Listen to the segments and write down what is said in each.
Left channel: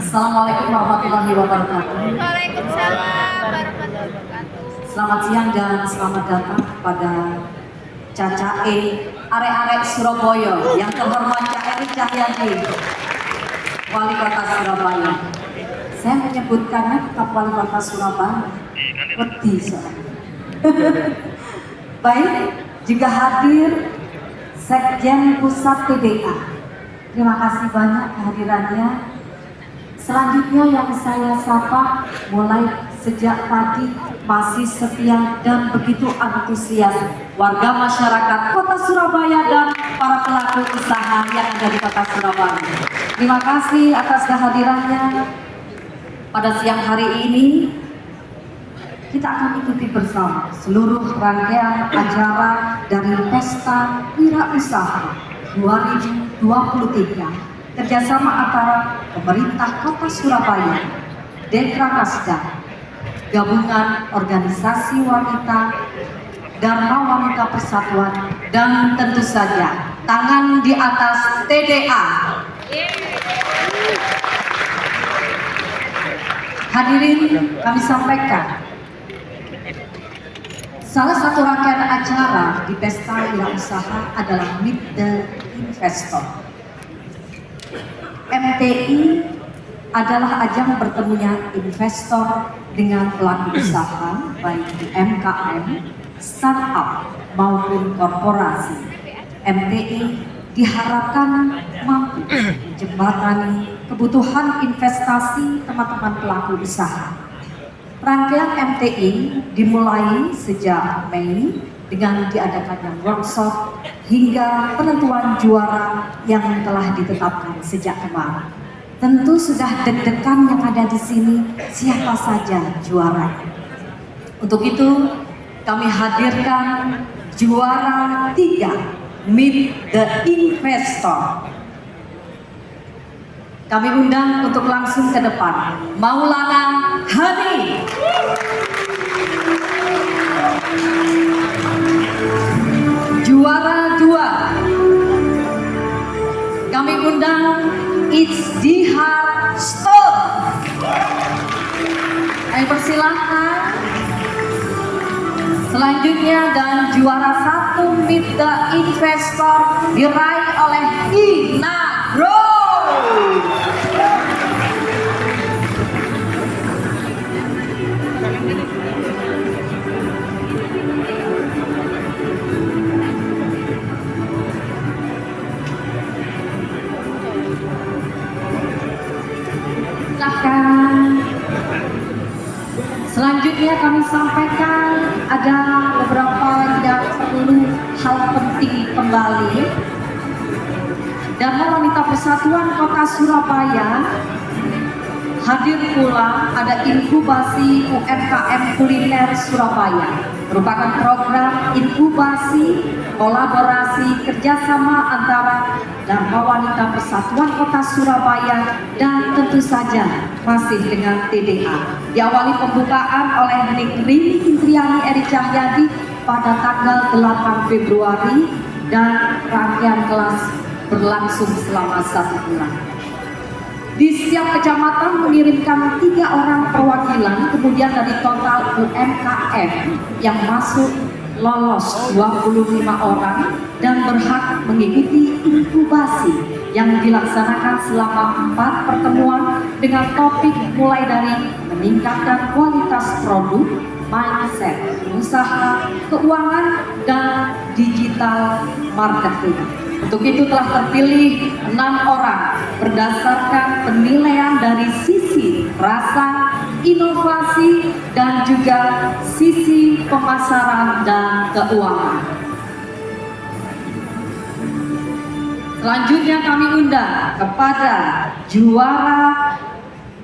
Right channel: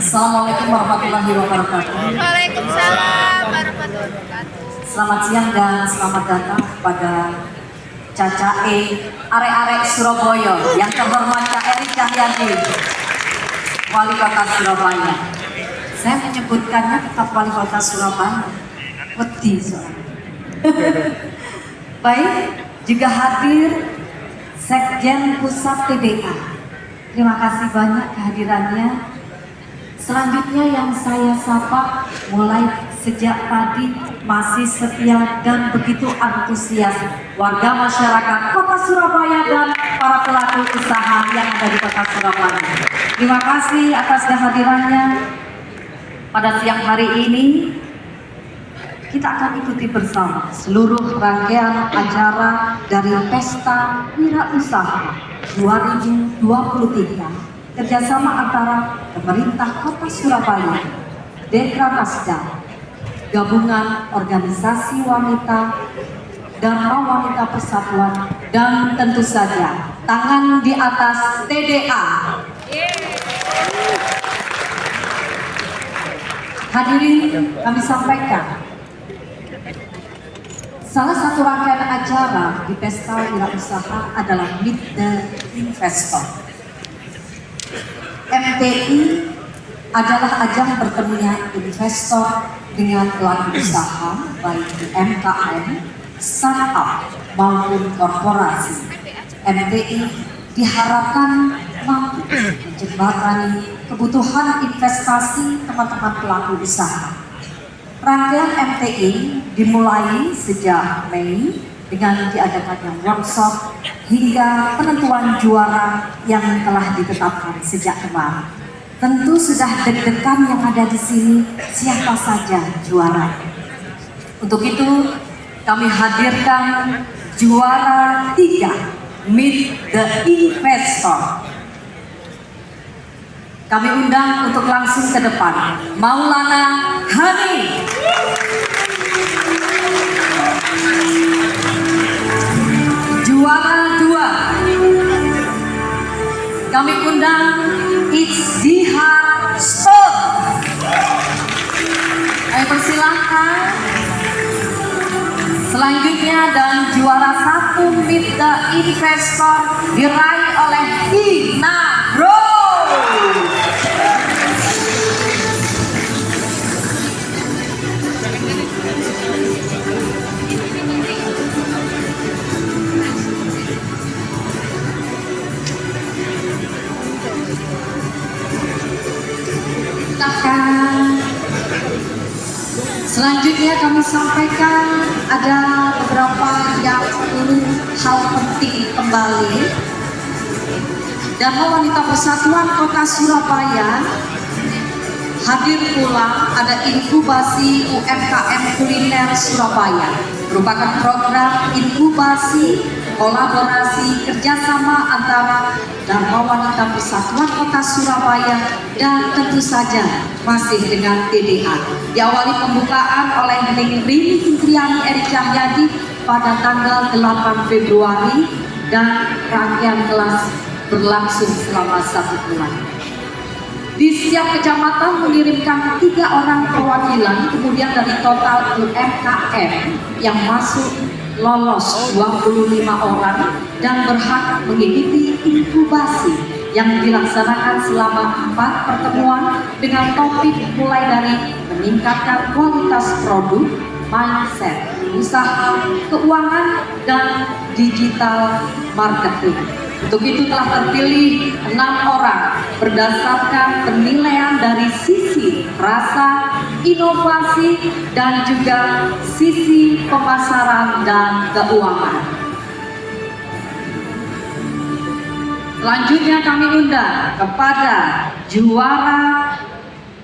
Assalamualaikum warahmatullahi wabarakatuh. Waalaikumsalam warahmatullahi wabarakatuh. Selamat siang dan selamat datang kepada Caca Arek-arek Surabaya yang terhormat Cak Erik Cahyadi, Wali Kota Surabaya. Saya menyebutkannya tetap Wali Kota Surabaya. Wedi soalnya. Baik, juga hadir Sekjen Pusat TDA. Terima kasih banyak kehadirannya. Selanjutnya yang saya sapa mulai sejak tadi masih setia dan begitu antusias warga masyarakat Kota Surabaya dan para pelaku usaha yang ada di Kota Surabaya. Terima kasih atas kehadirannya. Pada siang hari ini kita akan ikuti bersama seluruh rangkaian acara dari Pesta Wirausaha 2023 kerjasama antara pemerintah Kota Surabaya, Dekranasda, Gabungan Organisasi Wanita, Dharma Wanita Persatuan, dan tentu saja tangan di atas TDA. Hadirin, kami sampaikan salah satu rangkaian acara di Pesta Wirausaha adalah Meet the Investor. MTI adalah ajang bertemunya investor dengan pelaku usaha baik di UMKM, startup maupun korporasi. MTI diharapkan mampu menjembatani kebutuhan investasi teman-teman pelaku usaha. Rangkaian MTI dimulai sejak Mei dengan diadakannya workshop hingga penentuan juara yang telah ditetapkan sejak kemarin. Tentu sudah deg-degan yang ada di sini siapa saja juara. Untuk itu kami hadirkan juara 3 Meet the Investor. Kami undang untuk langsung ke depan Maulana Hani. Juara 2 kami undang Izdihar Stone. Persilahkan. Selanjutnya dan juara 1 Meet the Investor diraih oleh Ina Bro. Selanjutnya kami sampaikan ada beberapa yang perlu hal penting kembali. Dharma Wanita Persatuan Kota Surabaya hadir pula ada inkubasi UMKM kuliner Surabaya, merupakan program inkubasi kolaborasi kerjasama antara Dharma Wanita Persatuan Kota Surabaya dan tentu saja masih dengan TDA. Diawali pembukaan oleh Ning Intriani Erik Cahyadi pada tanggal 8 Februari dan rangkaian kelas berlangsung selama 1 bulan. Di setiap kecamatan mengirimkan 3 orang perwakilan, kemudian dari total UMKM yang masuk lolos 25 orang dan berhak mengikuti inkubasi yang dilaksanakan selama 4 pertemuan dengan topik mulai dari meningkatkan kualitas produk, mindset, usaha, keuangan, dan digital marketing. Untuk itu telah terpilih 6 orang berdasarkan penilaian dari sisi rasa, inovasi, dan juga sisi pemasaran dan keuangan. Selanjutnya kami undang kepada juara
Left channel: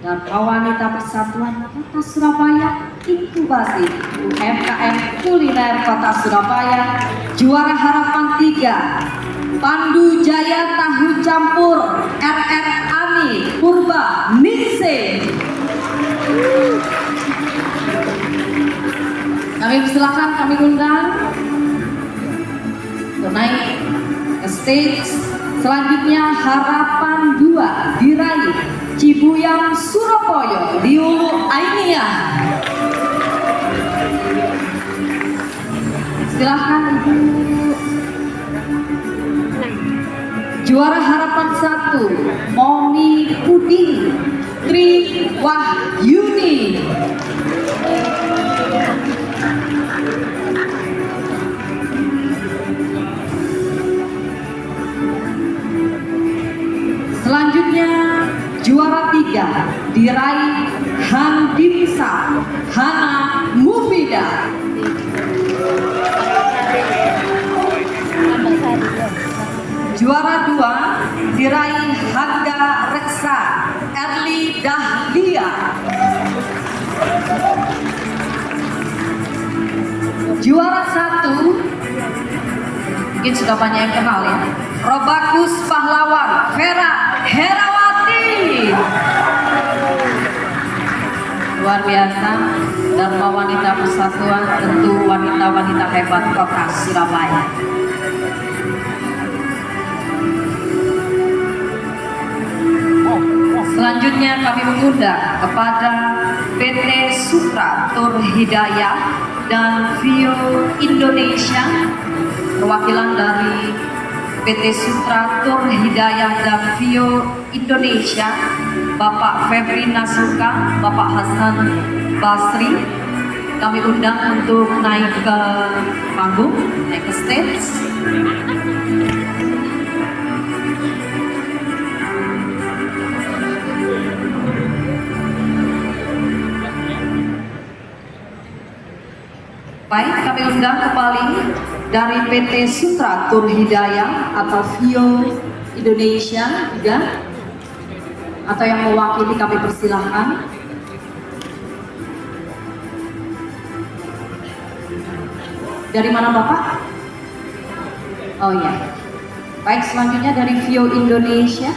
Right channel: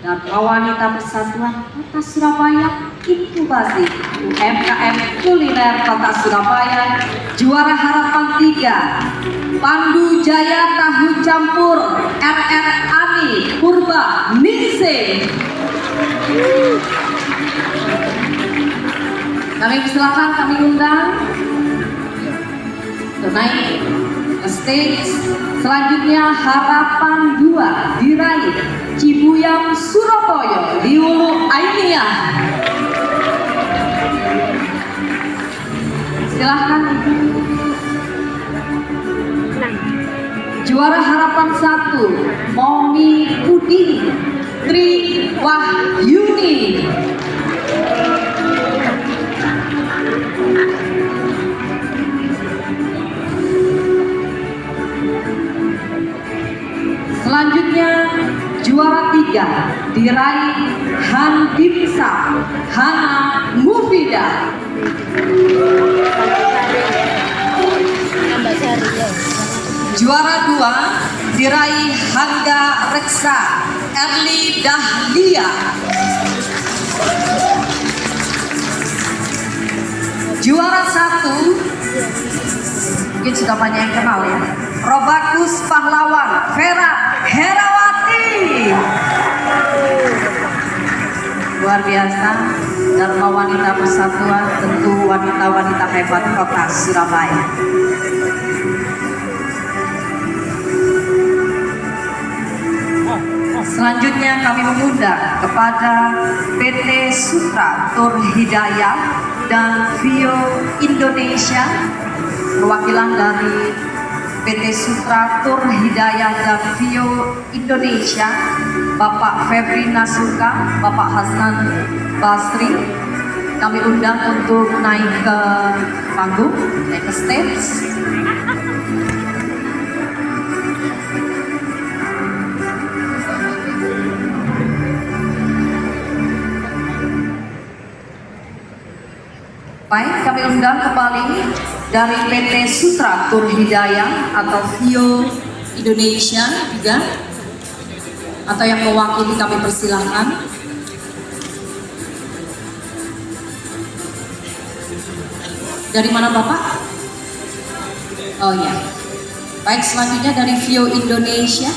Dharma Wanita Persatuan Kota Surabaya Inkubasi UMKM Kuliner Kota Surabaya, juara harapan 3 Pandu Jaya Tahu Campur RR Ani Purba Ningse. Kami silakan, kami undang naik ke stage. Selanjutnya harapan 2 diraih Cibuyam Momi Puding Tri Wahyuni. Selanjutnya juara 3 diraih Handimsa Hana Mufida. Juara 2 diraih Hangga Reksa Erli Dahlia. Juara 1 mungkin sudah banyak yang kenal ya, Robakus Pahlawan Vera Herawati. Luar biasa. Dharma Wanita Persatuan, tentu wanita-wanita hebat kota Surabaya. Selanjutnya kami mengundang kepada PT Sutra Tur Hidayah dan Vio Indonesia, perwakilan dari PT Sutra Tur Hidayah dan Vio Indonesia, Bapak Febri Nasuka, Bapak Hasan Basri, kami undang untuk naik ke panggung, naik ke stage. Baik, kami undang kembali dari PT Sutra Tur Hidayah atau Vio Indonesia juga, atau yang mewakili kami persilahkan. Dari mana Bapak? Oh ya. Baik, selanjutnya dari Vio Indonesia.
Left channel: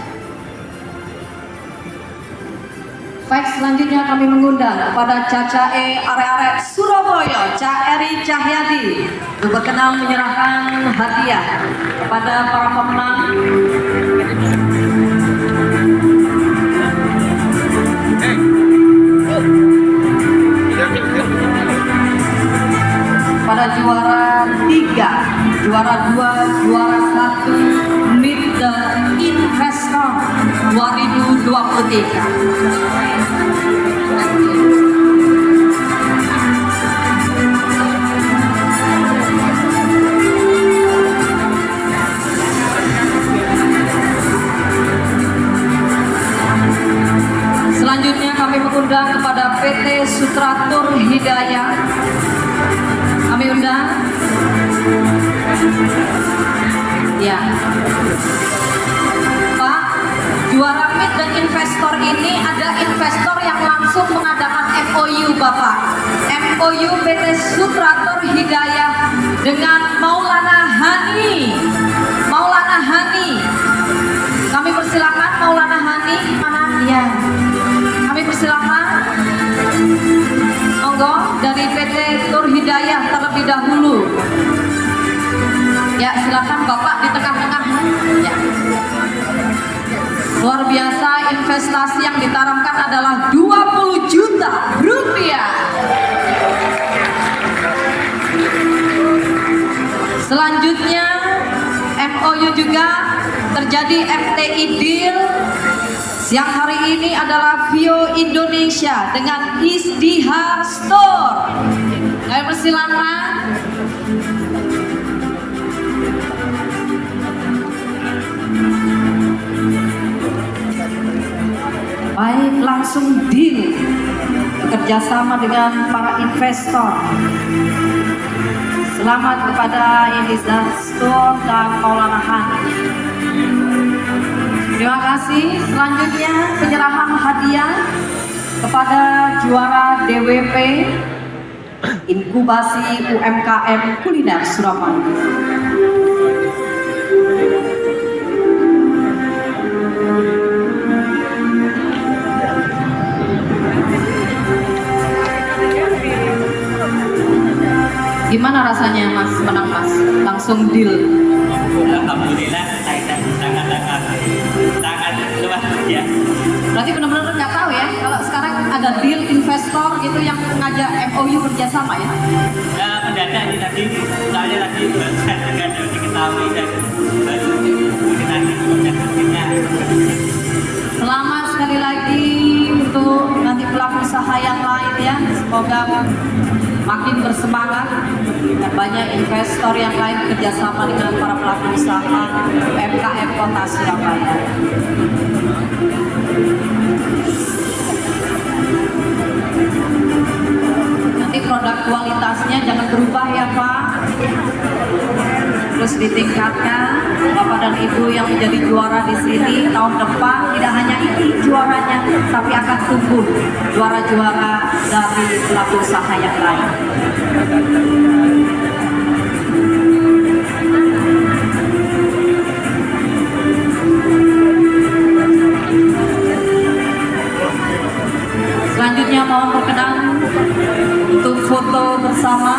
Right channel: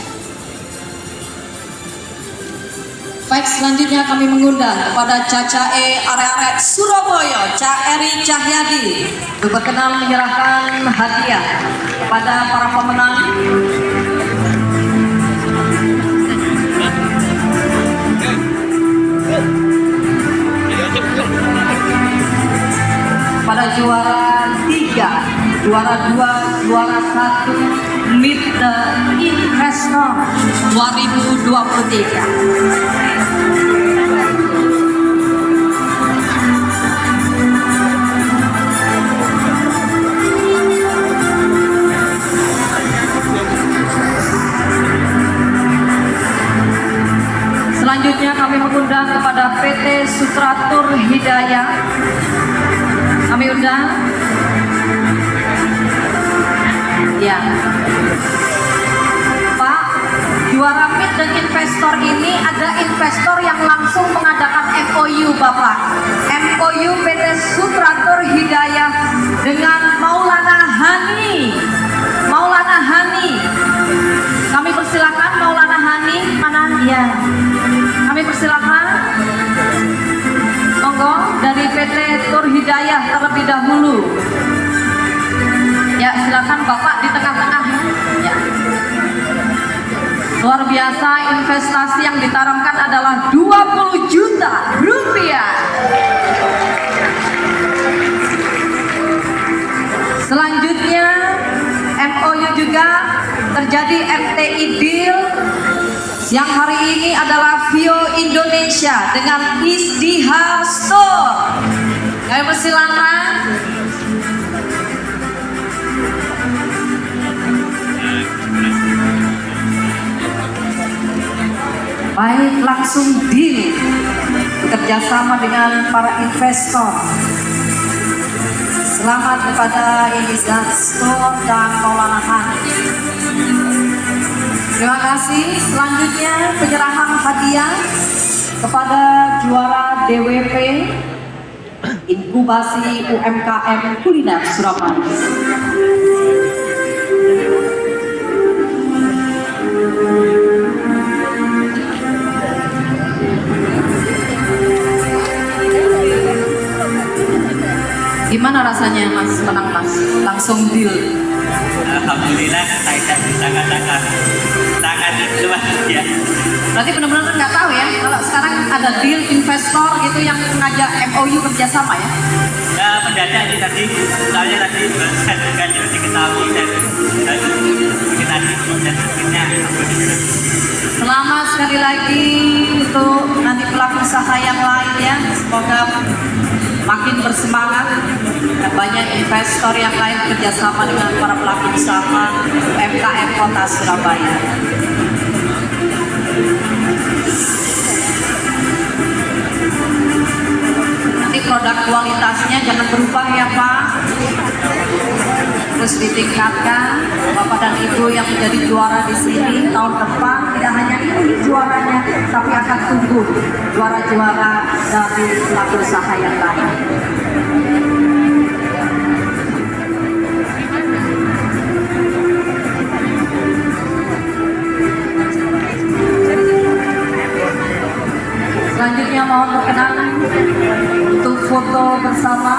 Baik, selanjutnya kami mengundang kepada Cacae Arek-arek Surabaya, Ca Eri Cahyadi, berkenan menyerahkan hadiah kepada para pemenang. Pada juara 3, juara 2, juara 1, Meet the Investor 2023. Selanjutnya kami mengundang kepada PT Sutra Tur Hidayah. Kami undang. Ya. Pak, juara Meet dan investor ini ada investor yang langsung mengadakan MOU Bapak. MOU PT Sutra Tur Hidayah dengan Maulana Hani. Maulana Hani. Kami persilakan Maulana Hani, mana? Ya. Kami persilakan. Monggo dari PT Tur Hidayah terlebih dahulu. Ya, silakan Bapak di tengah-tengah. Ya. Luar biasa, investasi yang ditanamkan adalah 20 juta rupiah. Selanjutnya MOU juga terjadi FTI deal. Siang hari ini adalah Vio Indonesia dengan Isdiha Store. Kami persilakan. Baik, langsung deal bekerjasama dengan para investor. Selamat kepada Isdiha Store dan Maulana Hani. Terima kasih. Selanjutnya penyerahan hadiah kepada juara DWP Inkubasi UMKM Kuliner Surabaya. Gimana rasanya Mas menang Mas? Langsung deal. Alhamdulillah saya sangat luar ya. Berarti benar-benar nggak tahu ya kalau sekarang ada deal investor gitu yang mengajak MOU kerjasama ya? Ya ada nih tadi, soalnya tadi kan diketahui dan mungkin tadi proses mungkinnya. Selamat sekali lagi untuk nanti pelaku usaha yang lain ya. Semoga makin bersemangat dan banyak investor yang lain kerjasama dengan para pelaku usaha UMKM Kota Surabaya. Nanti produk kualitasnya jangan berubah ya Pak. Terus ditingkatkan. Bapak dan Ibu yang menjadi juara di sini tahun depan tidak hanya ini juaranya, tapi akan tumbuh juara-juara dari pelaku usaha yang lain. Selanjutnya mohon berkenan untuk foto bersama.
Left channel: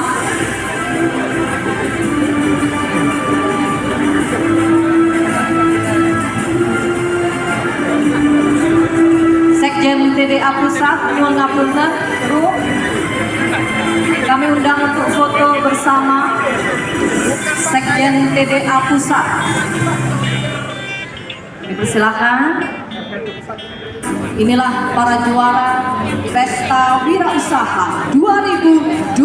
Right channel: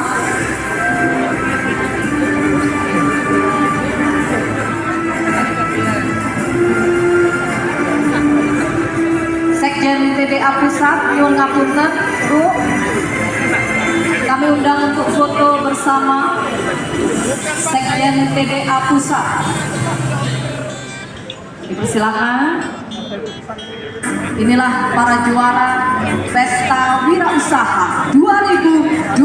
Sekjen TDA Pusat, nyuwun ngapunten, Bu. Kami undang untuk foto bersama Sekjen TDA Pusat. Dipersilakan. Inilah para juara Pesta Wirausaha 2023.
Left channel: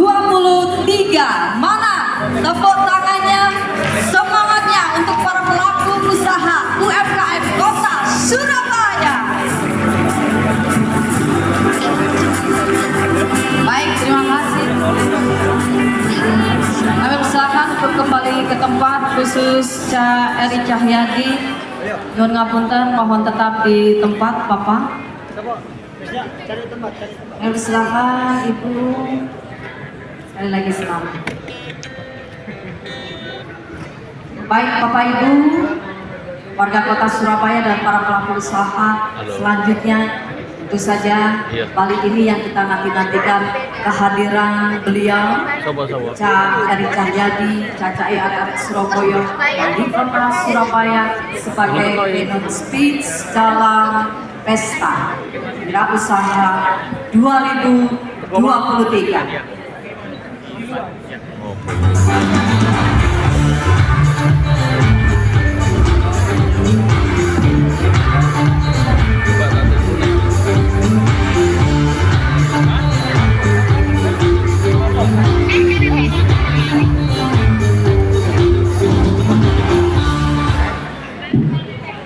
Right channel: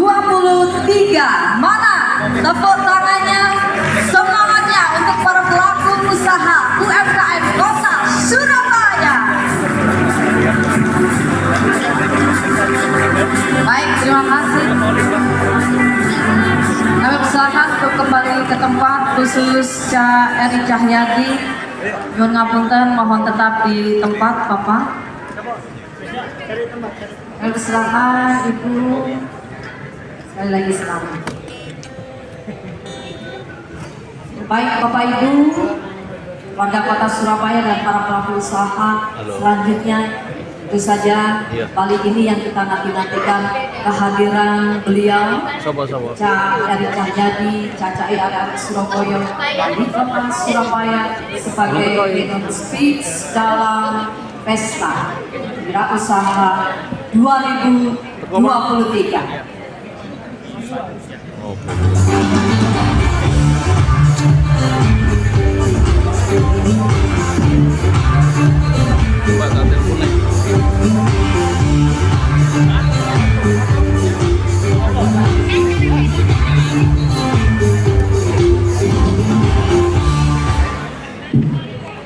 Mana tepuk tangannya, semangatnya untuk para pelaku usaha UMKM Kota Surabaya. Baik, terima kasih. Kami persilakan untuk kembali ke tempat, khusus Ca Eri Cahyadi. Nyuwun ngapunten, mohon tetap di tempat, Bapak. Kami persilakan Ibu. Sekali lagi selamat. Baik Bapak Ibu, warga Kota Surabaya dan para pelaku usaha, selanjutnya tentu saja kali ini yang kita nantikan kehadiran beliau Ca Eri Cahyadi, Caca Arek Surabaya di Kota Surabaya sebagai keynote speech dalam Pesta Wirausaha 2023.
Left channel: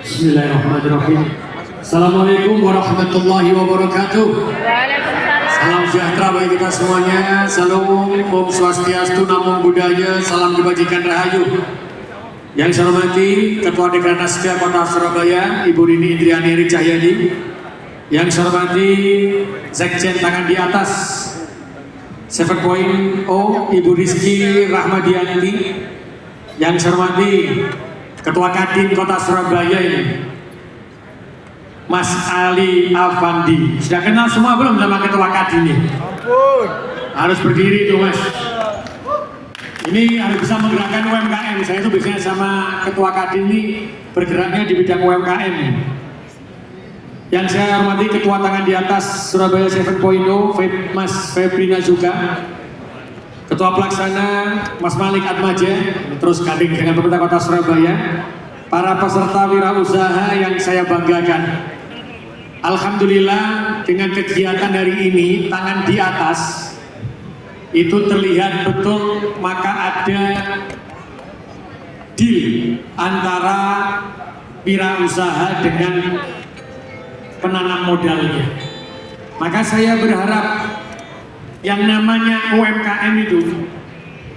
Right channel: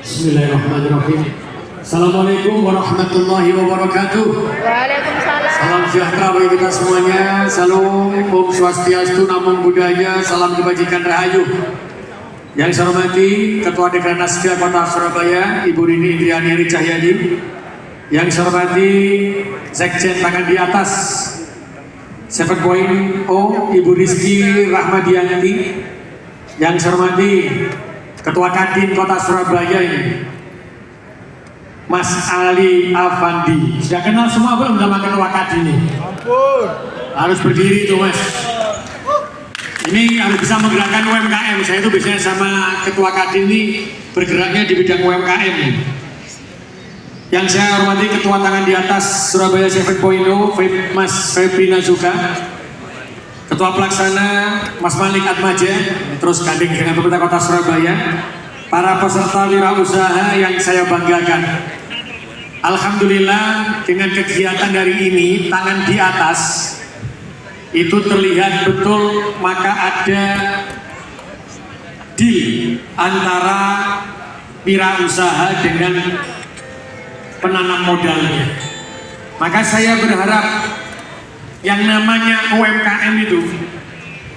Bismillahirrahmanirrahim. Assalamualaikum warahmatullahi wabarakatuh. Salam sejahtera bagi kita semuanya. Salam Om Swastiastu, Namo Buddhaya, salam kebajikan rahayu. Yang saya hormati Ketua Dekan Naskah Kota Surabaya, Ibu Rini Indriani Eri Cahyadi. Yang saya hormati Sekjen Tangan di Atas 7.0, Ibu Rizky Rahmadianti. Yang saya hormati Ketua Kadin Kota Surabaya ini, Mas Ali Afandi. Sudah kenal semua belum sama Ketua Kadin ini? Ampun. Harus berdiri tuh Mas. Ini harus bisa menggerakkan UMKM. Saya itu biasanya sama Ketua Kadin ini bergeraknya di bidang UMKM. Yang saya hormati Ketua Tangan di Atas Surabaya 7.0, Mas Febrina juga. Ketua Pelaksana Mas Malik Atmaja, terus gandeng dengan pemerintah Kota Surabaya, para peserta wirausaha yang saya banggakan. Alhamdulillah dengan kegiatan hari ini Tangan di Atas itu terlihat betul, maka ada deal antara wirausaha dengan penanam modalnya. Maka saya berharap yang namanya UMKM itu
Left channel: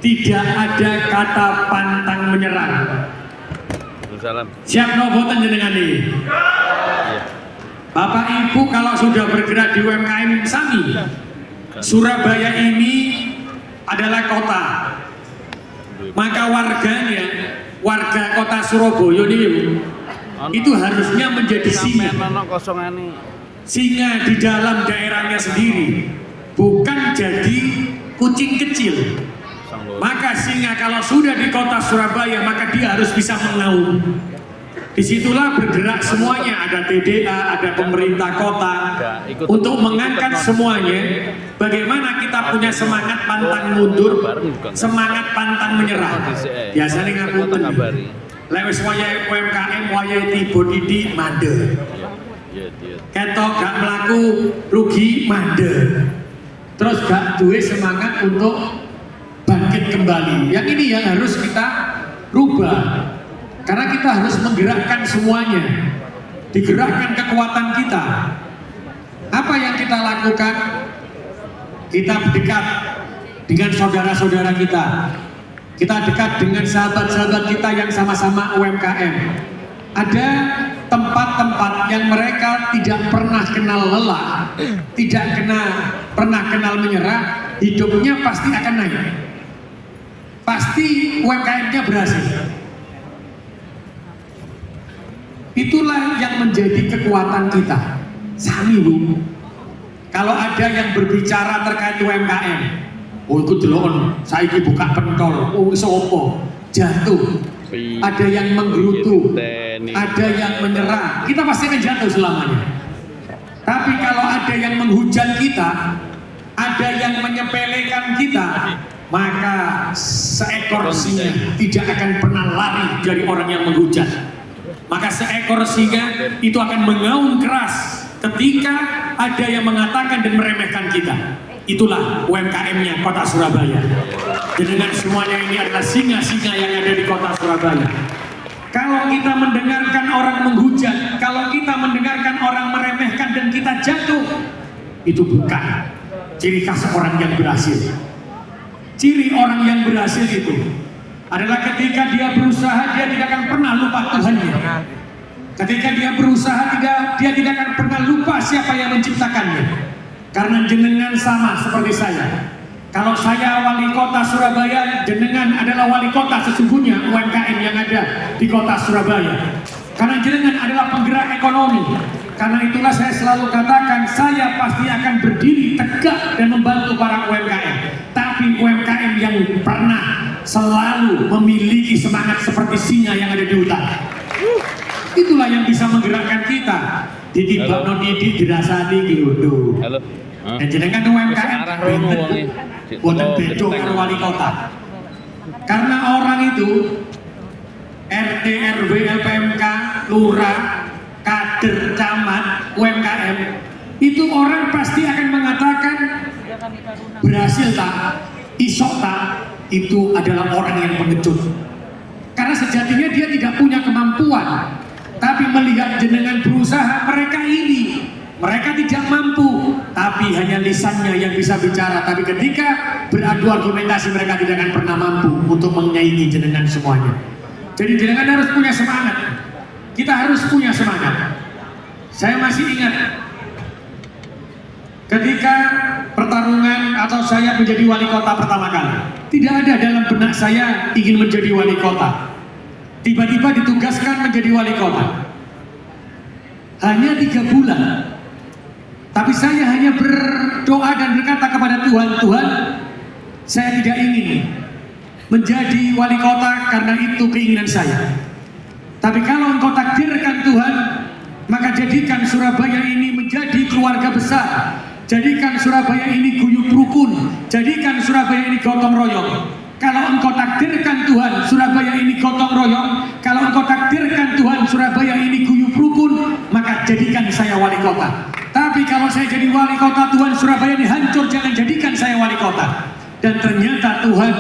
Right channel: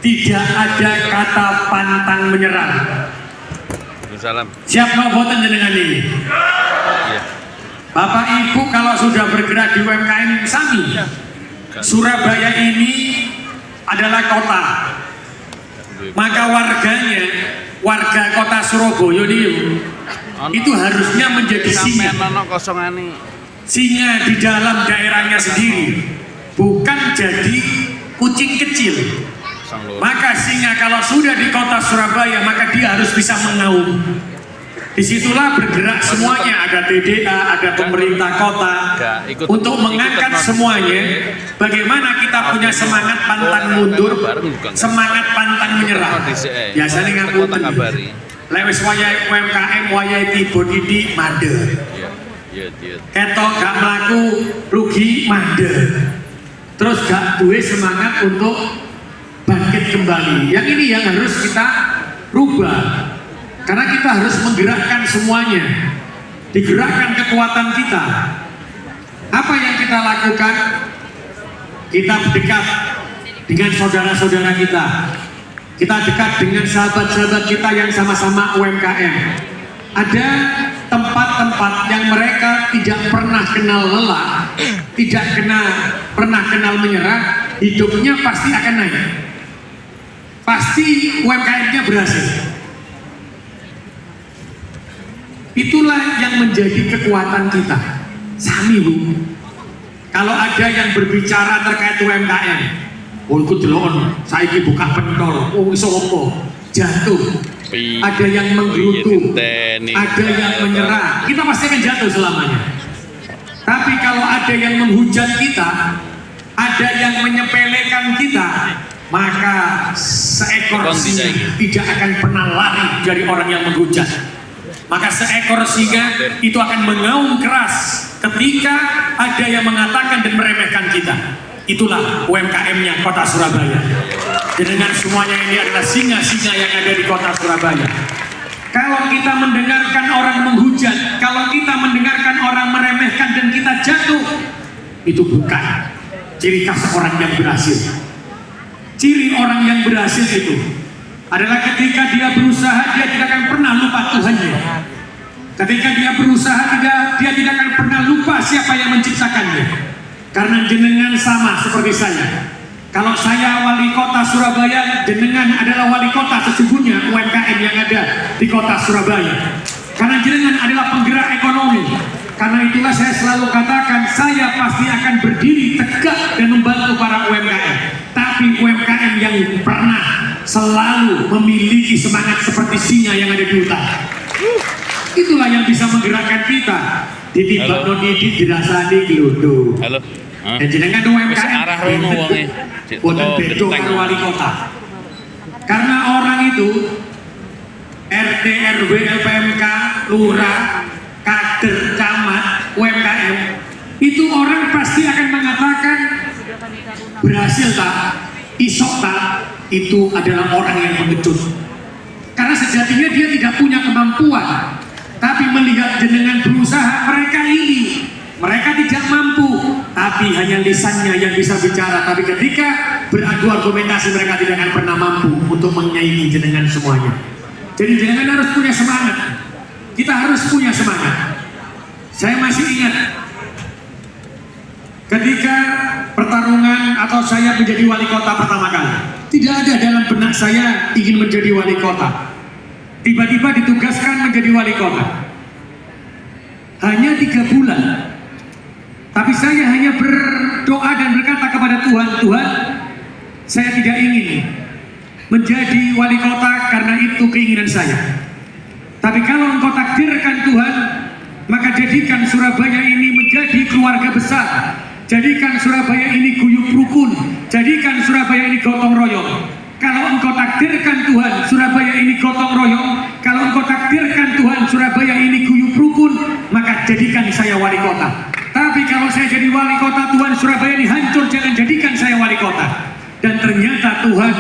tidak ada kata pantang menyerah. Salam. Siap boten jenengan ini? Iya. Bapak Ibu kalau sudah bergerak di UMKM sami, Surabaya ini adalah kota. Maka warganya, warga Kota Surabaya ini itu harusnya menjadi singa di dalam daerahnya sendiri. Bukan jadi kucing kecil. Maka singa kalau sudah di Kota Surabaya, maka dia harus bisa mengaum. Disitulah bergerak semuanya, ada TDA, ada pemerintah kota, untuk mengangkat semuanya. Bagaimana kita punya semangat pantang mundur, semangat pantang menyerah. Biasanya ngapunten, lewis wayai UMKM, wayai tiba didik mandek. Ketok gak melaku rugi mandek. Terus gak duwe semangat untuk bangkit kembali. Yang ini yang harus kita rubah. Karena kita harus menggerakkan semuanya, digerakkan kekuatan kita. Apa yang kita lakukan? Kita dekat dengan saudara-saudara kita. Kita dekat dengan sahabat-sahabat kita yang sama-sama UMKM. Ada tempat-tempat yang mereka tidak pernah kenal lelah, tidak pernah kenal menyerah, hidupnya pasti akan naik. Pasti UMKM-nya berhasil. Itulah yang menjadi kekuatan kita. Sami Bu, kalau ada yang berbicara terkait UMKM, oh ikut delon, saiki buka pentol, oh iso opo, jatuh. Ada yang menggerutu, ada yang menyerah, kita pasti akan jatuh selamanya. Tapi kalau ada yang menghujat kita, ada yang menyepelekan kita, maka seekor singa tidak akan pernah lari dari orang yang menghujat. Maka seekor singa itu akan mengaum keras ketika ada yang mengatakan dan meremehkan kita. Itulah UMKM-nya Kota Surabaya. Dengan semuanya ini adalah singa-singa yang ada di Kota Surabaya. Kalau kita mendengarkan orang menghujat, kalau kita mendengarkan orang meremehkan dan kita jatuh, itu bukan ciri khas orang yang berhasil. Ciri orang yang berhasil itu adalah ketika dia berusaha, dia tidak akan pernah lupa Tuhannya. Ketika dia berusaha, dia tidak akan pernah lupa siapa yang menciptakannya. Karena jenengan sama seperti saya. Kalau saya wali kota Surabaya, jenengan adalah wali kota sesungguhnya UMKM yang ada di kota Surabaya. Karena jenengan adalah penggerak ekonomi. Karena itulah saya selalu katakan, saya pasti akan berdiri tegak dan membantu para UMKM. Tapi UMKM yang pernah selalu memiliki semangat seperti singa yang ada di hutan. Itulah yang bisa menggerakkan kita. Ditibak nonidi dirasani geludu. Halo. Dan jenengan UMKM arah rono wonge. buatan bedo karo wali kota. Karena orang itu RT, RW, LPMK, lurah, kader, camat, UMKM, itu orang pasti akan mengatakan berhasil tak, isok tak, itu adalah orang yang pengecut. Karena sejatinya dia tidak punya kemampuan, tapi melihat jenengan berusaha, mereka iri. Mereka tidak mampu, tapi hanya lisannya yang bisa bicara. Tapi ketika beradu argumentasi, mereka tidak akan pernah mampu untuk menyaingi jenengan semuanya. Jadi jenengan harus punya semangat. Kita harus punya semangat. Saya masih ingat ketika pertarungan atau saya menjadi wali kota pertama kali. Tidak ada dalam benak saya ingin menjadi wali kota. Tiba-tiba ditugaskan menjadi wali kota. Hanya 3 bulan. Tapi saya hanya berdoa dan berkata kepada Tuhan, Tuhan, saya tidak ingin menjadi wali kota karena itu keinginan saya. Tapi kalau Engkau takdirkan Tuhan, maka jadikan Surabaya ini menjadi keluarga besar. Jadikan Surabaya ini guyup rukun. Jadikan Surabaya ini gotong royong. Kalau Engkau takdirkan Tuhan, Surabaya ini gotong royong. Kalau Engkau takdirkan Tuhan, Surabaya ini guyup rukun, maka jadikan saya wali kota. Tapi kalau saya jadi wali kota, Tuhan, Surabaya ini hancur, jangan jadikan saya wali kota. Dan ternyata Tuhan,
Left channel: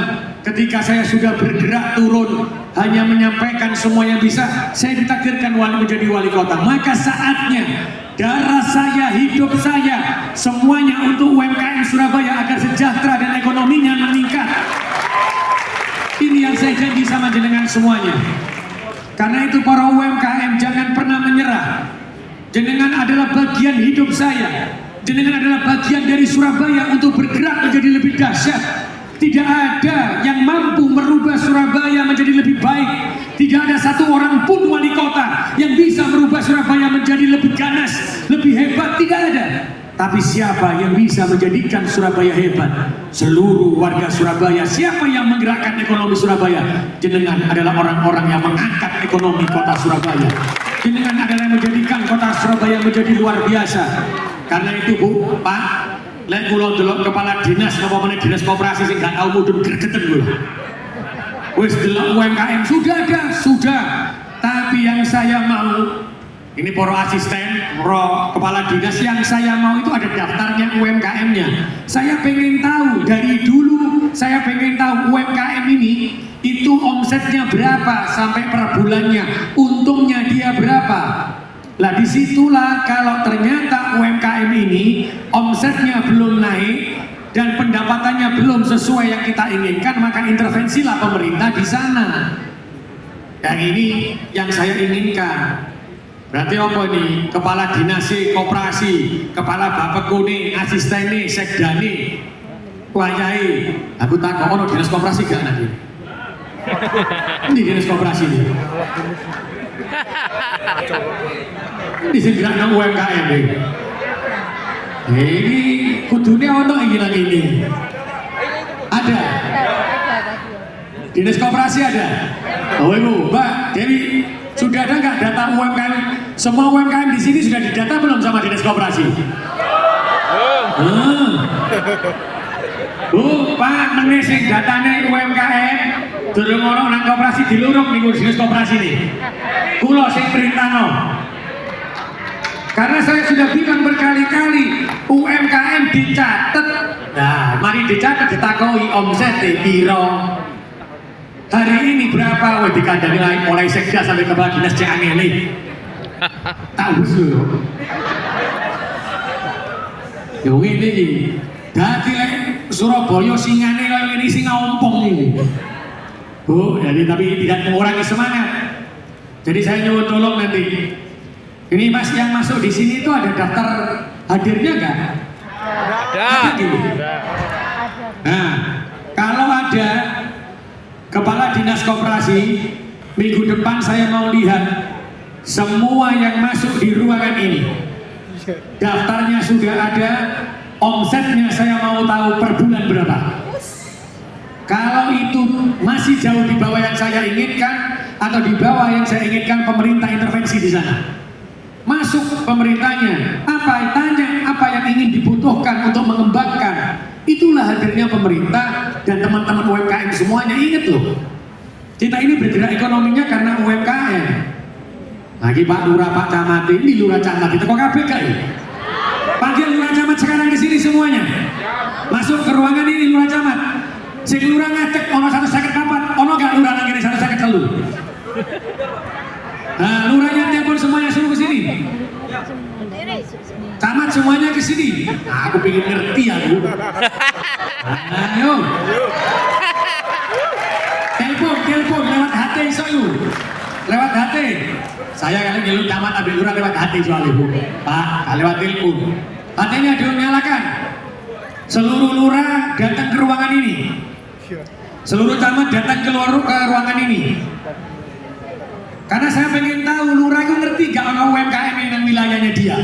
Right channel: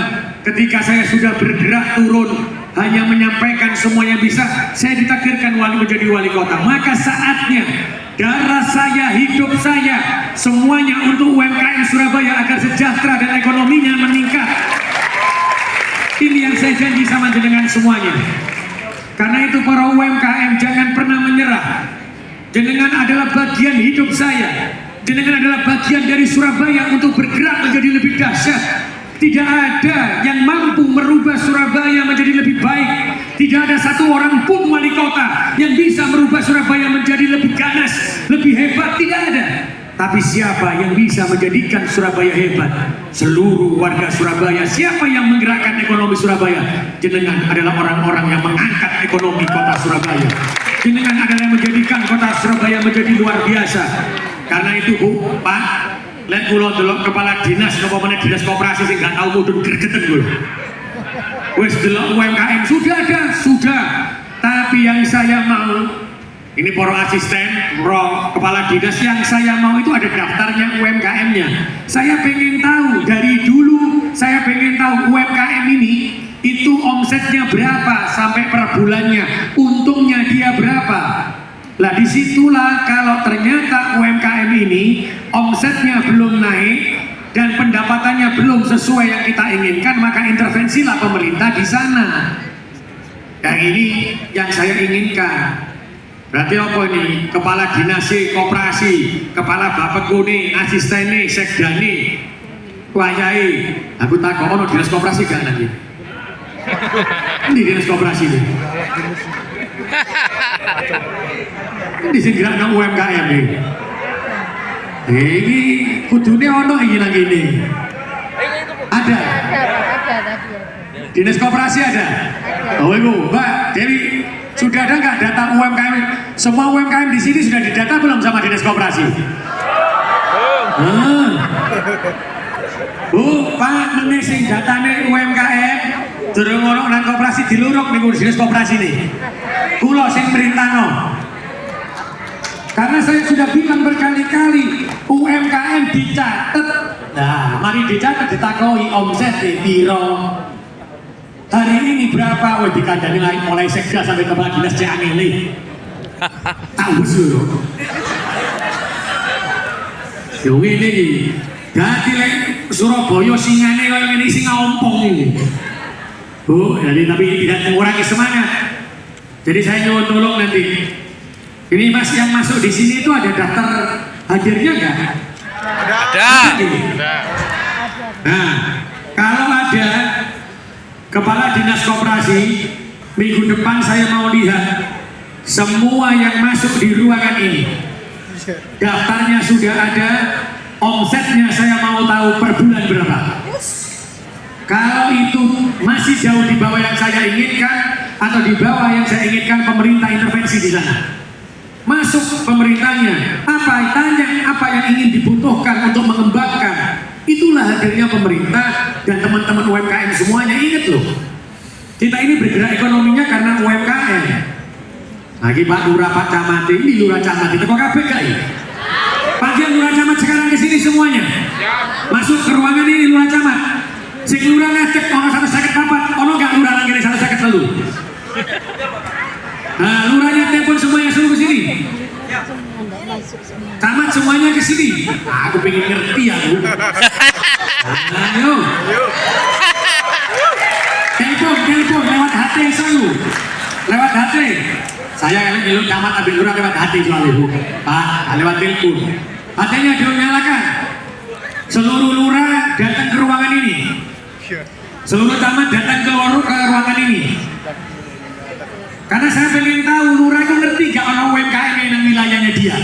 ketika saya sudah bergerak turun, hanya menyampaikan semua yang bisa, saya ditakdirkan menjadi wali kota. Maka saatnya darah saya, hidup saya, semuanya untuk UMKM Surabaya agar sejahtera dan ekonominya meningkat. Ini yang saya janji sama jenengan semuanya. Karena itu para UMKM jangan pernah menyerah. Jenengan adalah bagian hidup saya. Jenengan adalah bagian dari Surabaya untuk bergerak menjadi lebih dahsyat. Tidak ada yang mampu merubah Surabaya menjadi lebih baik. Tidak ada satu orang pun wali kota yang bisa merubah Surabaya menjadi lebih ganas, lebih hebat. Tidak ada. Tapi Tapi siapa yang bisa menjadikan Surabaya hebat? Seluruh warga Surabaya. Siapa yang menggerakkan ekonomi Surabaya? Jenengan adalah orang-orang yang mengangkat ekonomi kota Surabaya. Jenengan adalah yang menjadikan kota Surabaya menjadi luar biasa. Karena itu Bu, Pak, lek kula delok kepala dinas apa meneh dinas koperasi sing gak tau mudhun gregeten kula. Wis delok UMKM sudah ada, sudah. Tapi yang saya mau, ini para asisten, para kepala dinas, yang saya mau itu ada daftarnya UMKM-nya. Saya pengen tahu dari dulu, saya pengen tahu UMKM ini itu omsetnya berapa sampai per bulannya, untungnya dia berapa. Lah disitulah kalau ternyata UMKM ini omsetnya belum naik dan pendapatannya belum sesuai yang kita inginkan, maka intervensilah pemerintah di sana. Yang ini yang saya inginkan. Berarti apa ini? Kepala dinas koperasi, kepala bapekune, asistene, sekdane, wayai. Aku takut ono dinas koperasi gak nanti? Ini dinas koperasi ini. Ini segera UMKM ini. Ini kudunya ono ini lagi ini. Ada. Dinas koperasi ada. Oh ibu, Mbak, jadi sudah ada nggak data UMKM? Semua UMKM di sini sudah didata belum sama dinas koperasi? Bu, Pak, nene sing datane UMKM, durung ono nang koperasi diluruk ning dinas koperasi nih. Kulo sing perintahno. Karena saya sudah bilang berkali-kali UMKM dicatat. Nah, mari dicatat ditakoi omset piro. Hari ini berapa? Wah, dikandani lain mulai sekda sampai kepala dinas Ciangeli. Tahu dulu. Yang ini, dadi lek Surabaya singane kaya ngene sing ngompong ini. Bu, jadi tapi tidak mengurangi semangat. Jadi saya nyuwun tolong nanti. Ini Mas yang masuk di sini itu ada daftar hadirnya nggak? Ada. Nah, kalau ada kepala dinas koperasi, minggu depan saya mau lihat semua yang masuk di ruangan ini. Daftarnya sudah ada, omsetnya saya mau tahu per bulan berapa. Kalau itu masih jauh di bawah yang saya inginkan atau di bawah yang saya inginkan, pemerintah intervensi di sana. Masuk pemerintahnya, apa tanya apa yang ingin dibutuhkan untuk mengembangkan. Itulah hadirnya pemerintah dan teman-teman UMKM semuanya. Ingat loh, kita ini bergerak ekonominya karena UMKM. Lagi Pak Lurah, Pak Camat, ini Lurah Camat, itu kok KPK ya? Panggil Lurah Camat sekarang di sini semuanya. Masuk ke ruangan ini Lurah Camat. Sing Lurah ngecek ono 154, ono gak Lurah lagi 153. Nah, Lurahnya telepon semuanya suruh ke sini. Camat semuanya ke sini. Aku pengen ngerti aku. Ayo. Telepon lewat HT selalu. Lewat HT. Saya kalau ngilu camat ambil lurah lewat HT selalu. Pak, lewat telepon. HT-nya dinyalakan. Seluruh lurah datang ke ruangan ini. Seluruh camat datang ke ruangan ini. Karena saya pengen tahu lurah itu ngerti gak ono UMKM yang wilayahnya dia.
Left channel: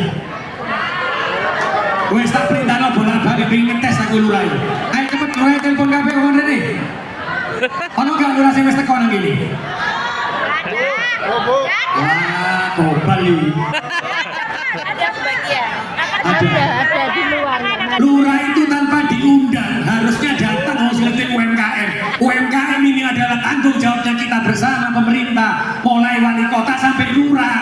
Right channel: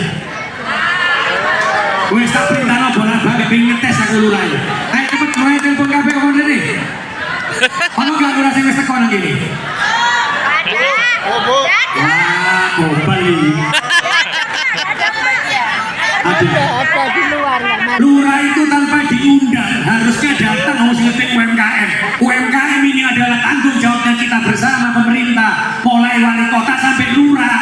Wes tak perintah bolak-balik pengen ngetes aku lurah. Ayo cepet lurah telepon kabeh kok ngene. Ono gak lurah sing wis teko nang kene? Oh, Bu. Wah, kopal iki. Ada di luar. Lurah itu tanpa diundang harusnya datang harus ngetik UMKM. UMKM ini adalah tanggung jawabnya kita bersama pemerintah, mulai wali kota sampai lurah.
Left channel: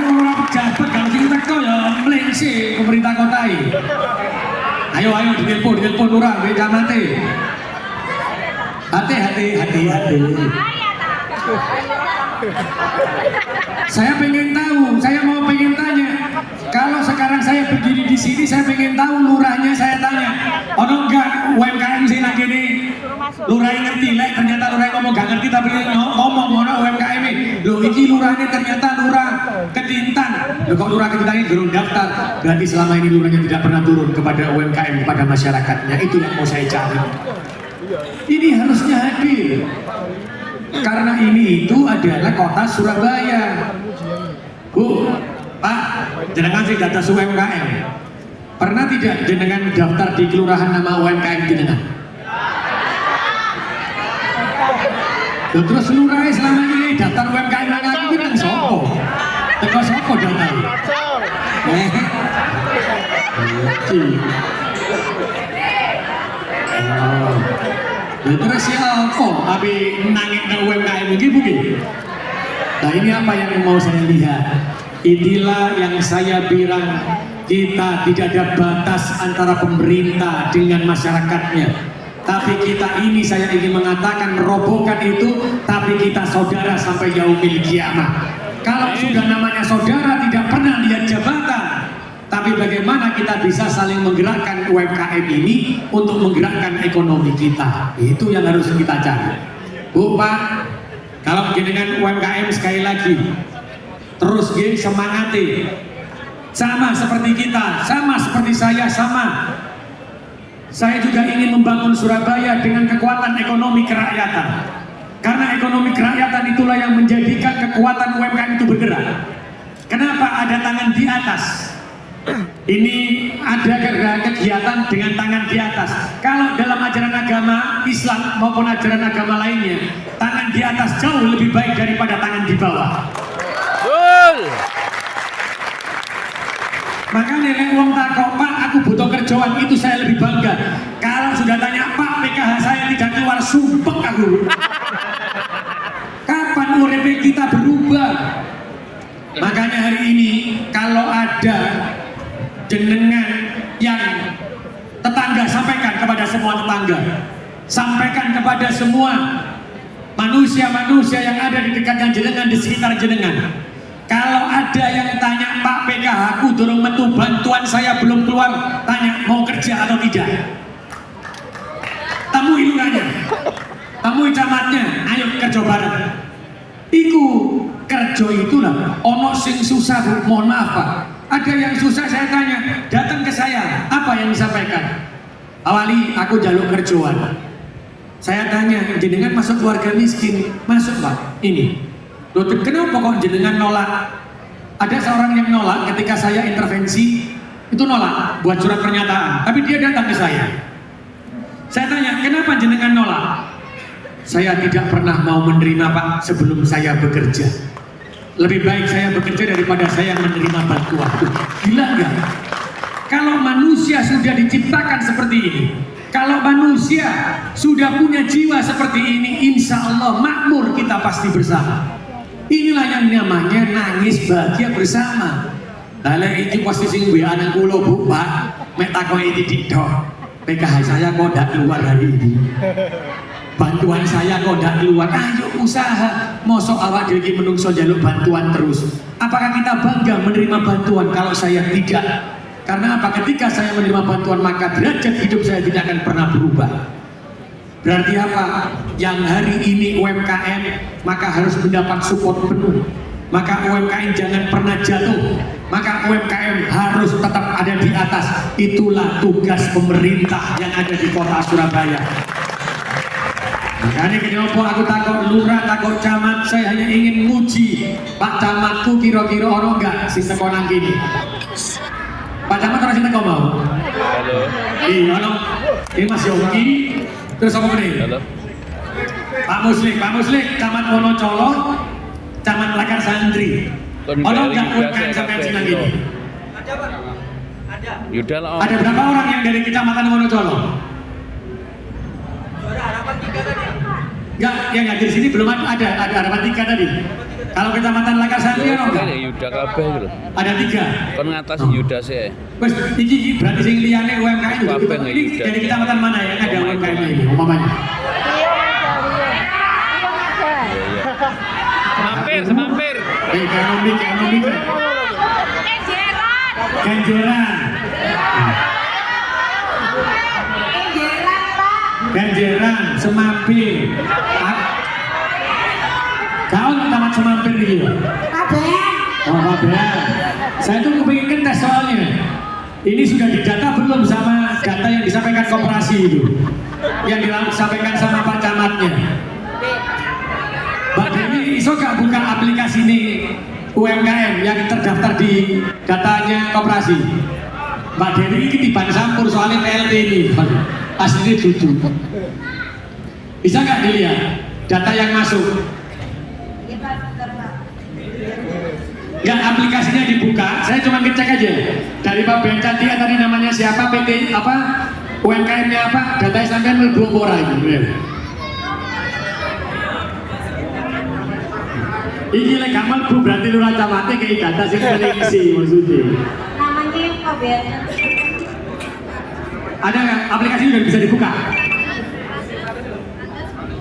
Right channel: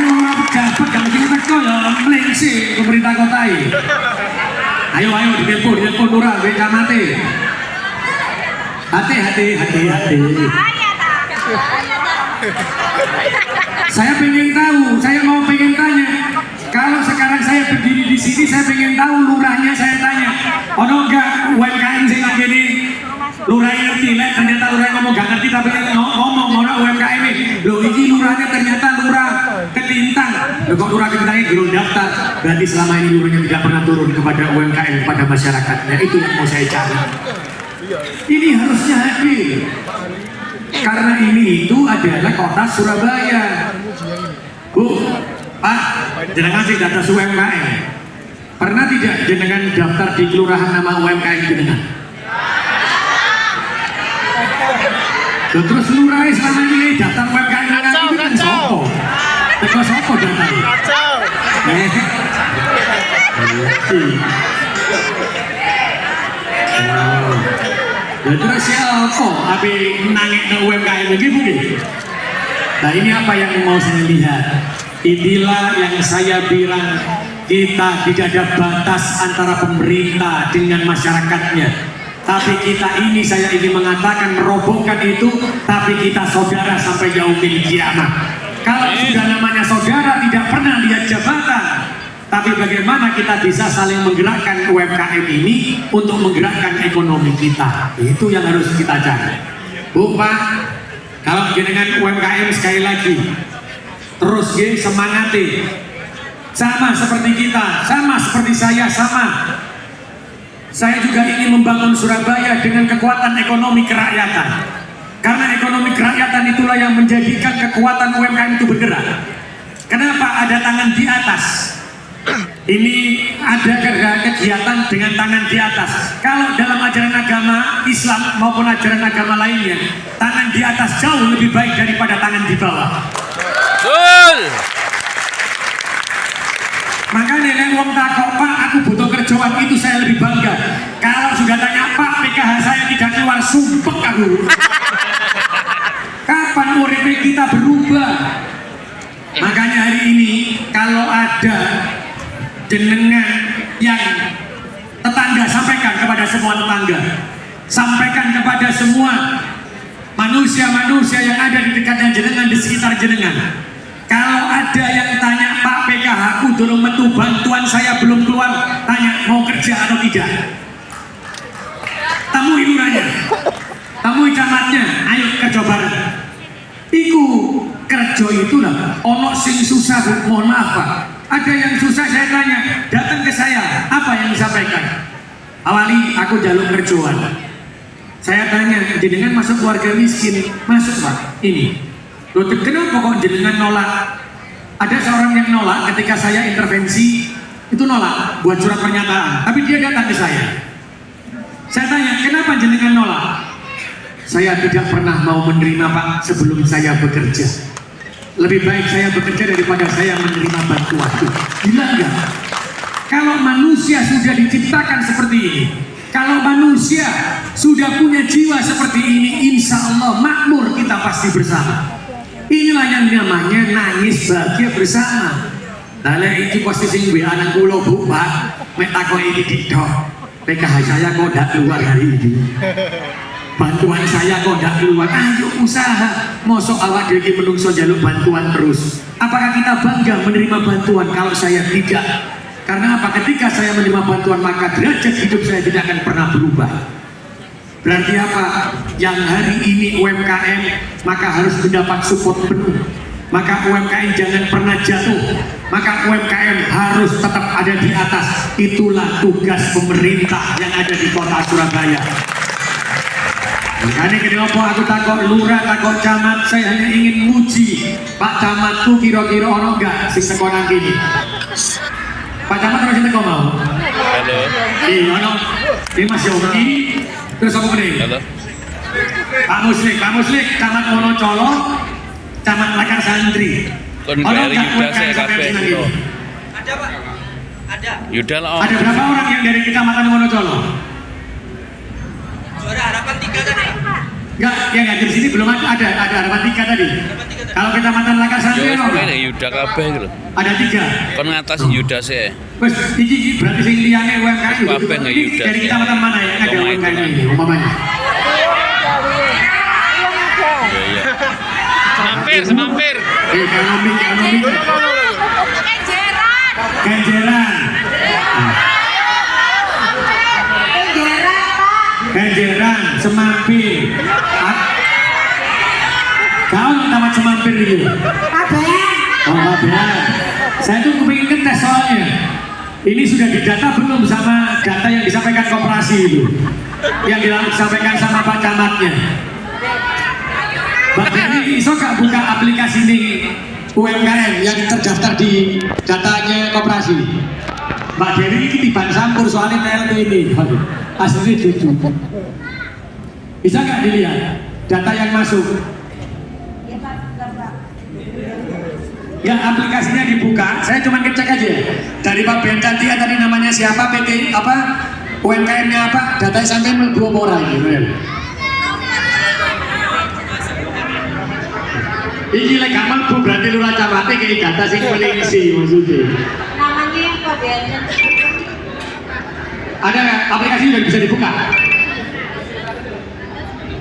Lurah pejabat kalau kita teko ya mlengse pemerintah kota ini. Ayo ditelepon lurah gue camate. Hati. Saya pengen tahu, saya mau pengen tanya. Kalau sekarang saya berdiri di sini, saya pengen tahu lurahnya, saya tanya, ono enggak UMKM sing lagi ini? Lurah ngerti, lah ternyata lurah ngomong gak ngerti tapi ngomong ono UMKM ini. Loh, ini lurahnya ternyata lurah Ketintang. Loh, kok lurah Ketintangnya belum daftar? Berarti selama ini lurahnya tidak pernah turun kepada UMKM, kepada masyarakatnya. Itu yang mau saya cari. Ini harusnya hadir. Karena ini itu adalah kota Surabaya. Bu, Pak, jenengan sih data UMKM. Pernah tidak jenengan daftar di kelurahan nama UMKM jenengan? Terus lurahnya selama ini daftar UMKM itu kan sopo? Teko sopo data ini? Kacau. Terus ya apa? Tapi nangis ke UMKM lagi mungkin. Nah ini apa yang mau saya lihat? Inilah yang saya bilang, kita tidak ada batas antara pemerintah dengan masyarakatnya. Tapi kita ini, saya ingin mengatakan, merobohkan itu, tapi kita saudara sampai yaumil kiamat. Kalau sudah namanya saudara, tidak pernah lihat jabatan, tapi bagaimana kita bisa saling menggerakkan UMKM ini untuk menggerakkan ekonomi kita. Itu yang harus kita cari. Bu, Pak, kalau dengan UMKM sekali lagi terus semangati, sama seperti kita, sama seperti saya, sama. Saya juga ingin membangun Surabaya dengan kekuatan ekonomi kerakyatan. Karena ekonomi kerakyatan itulah yang menjadikan kekuatan UMKM itu bergerak. Kenapa ada tangan di atas? Ini ada kegiatan dengan tangan di atas. Kalau dalam ajaran agama Islam maupun ajaran agama lainnya, tangan di atas jauh lebih baik daripada tangan di bawah. Betul. Makanya yang ngomong takut, Pak, aku butuh kerjaan, itu saya lebih bangga. Kalau sudah tanya, Pak, PKH saya tidak keluar, sumpah aku. Kapan URP kita berubah? Makanya hari ini kalau ada jenengan yang tetangga, sampaikan kepada semua tetangga, sampaikan kepada semua manusia-manusia yang ada di dekatnya jenengan, di sekitar jenengan. Kalau ada yang tanya, Pak, PKH aku dorong metu, bantuan saya belum keluar, tanya mau kerja atau tidak. Temui lurahnya, temui camatnya, ayo kerja bareng. Iku kerja itu lah, ono sing susah, mohon maaf Pak. Ada yang susah, saya tanya, datang ke saya, apa yang disampaikan? Awali aku jaluk kerjaan. Saya tanya, jenengan masuk keluarga miskin, masuk Pak, ini. Loh, kenapa kok jenengan nolak? Ada seorang yang nolak ketika saya intervensi, itu nolak buat surat pernyataan, tapi dia datang ke saya. Saya tanya, kenapa jenengan nolak? Saya tidak pernah mau menerima Pak sebelum saya bekerja. Lebih baik saya bekerja daripada saya menerima bantuan. Gila enggak? Kalau manusia sudah diciptakan seperti ini, kalau manusia sudah punya jiwa seperti ini, insya Allah makmur kita pasti bersama. Inilah yang namanya nangis bahagia bersama. Nah, ini posisi gue anak kulo Bu Pak, metakoi ini didok. PKH saya kok tidak keluar hari ini. Bantuan saya kok tidak keluar. Ayo usaha. Mosok awak dewi menungso jaluk bantuan terus. Apakah kita bangga menerima bantuan? Kalau saya tidak. Karena apa? Ketika saya menerima bantuan maka derajat hidup saya tidak akan pernah berubah. Berarti apa? Yang hari ini UMKM maka harus mendapat support penuh. Maka UMKM jangan pernah jatuh. Maka UMKM harus tetap ada di atas. Itulah tugas pemerintah yang ada di kota Surabaya. Makanya kenapa aku takut lurah, takut camat, saya hanya ingin muji Pak Camatku kira-kira orang enggak sing sekolah gini. Pak Camat harus kita mau. Halo. Iya, ini Mas Yogi. Terus apa nih? Halo. Pak Muslik, Camat Wonocolo, Camat Lakar Santri. Kon bayar Yuda saya kabeh itu. Ada Pak? Ada. Yuda lah. Ada berapa orang yang dari Kecamatan Wonocolo? Juara harapan 3 kan ya? Enggak, di sini belum ada harapan 3 tadi. Kalau Kecamatan Lakar Santri Yo, apa? ada Yuda kabeh gitu. Ada 3. Kon ngatasi Yuda sih. Wes, iki berarti sing liyane UMKM. Kabeh nggak Ini Yuda. dari Kecamatan mana ya? Ada Omah UMKM hitungan. ini, umpamanya. Iya, iya. Semampir. Ekonomi. Kenjeran. Kenjeran. Kenjeran, Semampir. Kau tamat Semampir itu? Oh, ada. Saya tuh kepingin ngetes soalnya. Ini sudah didata belum sama data yang disampaikan koperasi itu? Yang disampaikan sama Pak Camatnya. Mbak Dewi, iso gak buka aplikasi ini UMKM yang terdaftar di datanya koperasi. Mbak Dewi ini tiban sampur soalnya PLT ini. Aslinya jujur. Bisa nggak dilihat data yang masuk? Ya, aplikasinya dibuka, saya cuma ngecek aja. Dari Pak Ben Cantia tadi namanya siapa, PT apa, UMKM-nya apa, datanya sampai belum orang ini. Ini lagi gampang bu, berarti lu cawate kayak data sing koneksi maksudnya. Namanya Pak Ben. Ada nggak aplikasi udah bisa dibuka?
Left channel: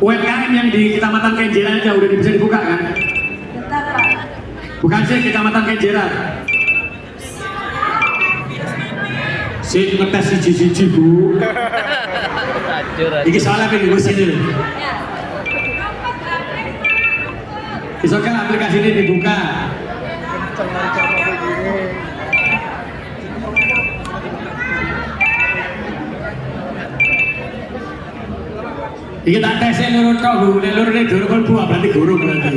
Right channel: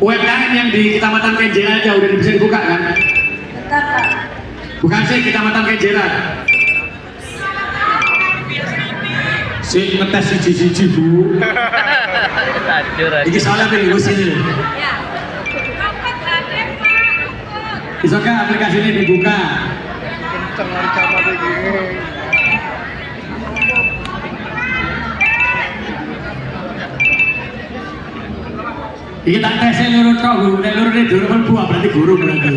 UMKM yang di Kecamatan Kenjeran aja udah bisa dibuka kan? Bentar Pak. Bukan sih Kecamatan Kenjeran. Si ngetes siji-siji bu. Ini soalnya pilih sini. Ya. Bisa kan aplikasi ini dibuka? Kenceng lari sama begini. Ini tak tesnya lurut kok bu, nek lurut ini durung buah berarti guru berarti.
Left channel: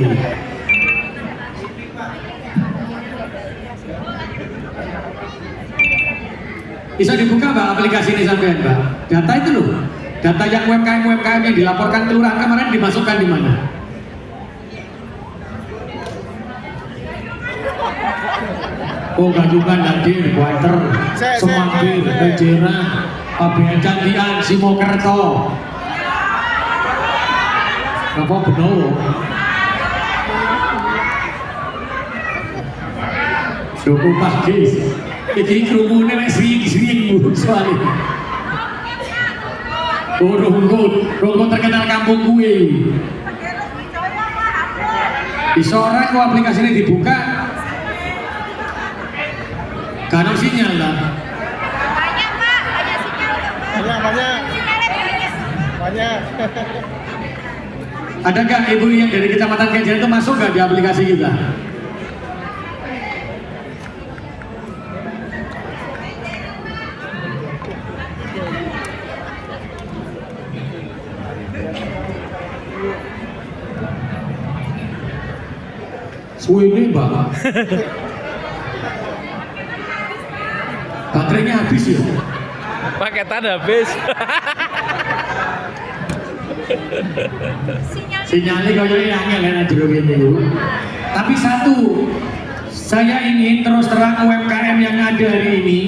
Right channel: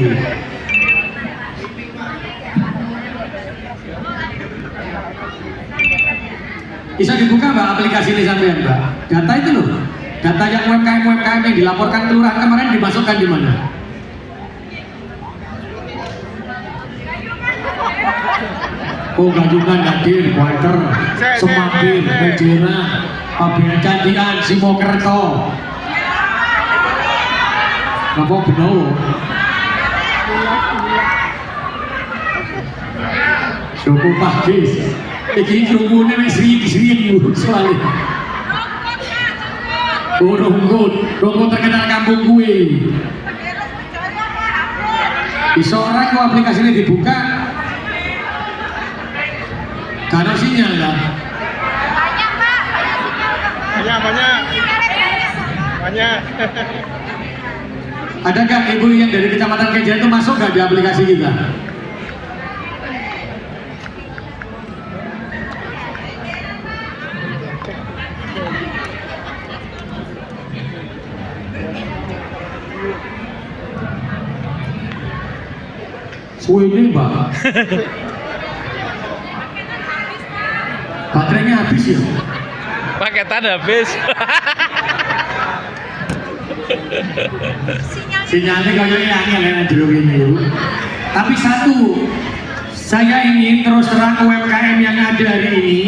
Bisa dibuka mbak aplikasi ini sampai mbak? Data itu loh, data yang UMKM yang dilaporkan kelurahan kemarin dimasukkan di mana? Oh Gadungan, Hadir, Kuarter, Semabir, Kenjeran, Pabean Cantian, Simokerto. Apa benar? Duku Pakis. Iki kerumunan yang sering soalnya. Oh Rongkut terkenal kampung gue. Bisa orang kalau aplikasi ini dibuka, karena sinyal kan? Banyak. Ada nggak ibu yang dari Kecamatan Kenjeran itu masuk nggak di aplikasi kita? Suwene mbak. Baterainya habis ya? Paketan habis. Sinyalnya kayaknya angel enak jeruk ini. Tapi satu, saya ingin terus terang UMKM yang ada hari ini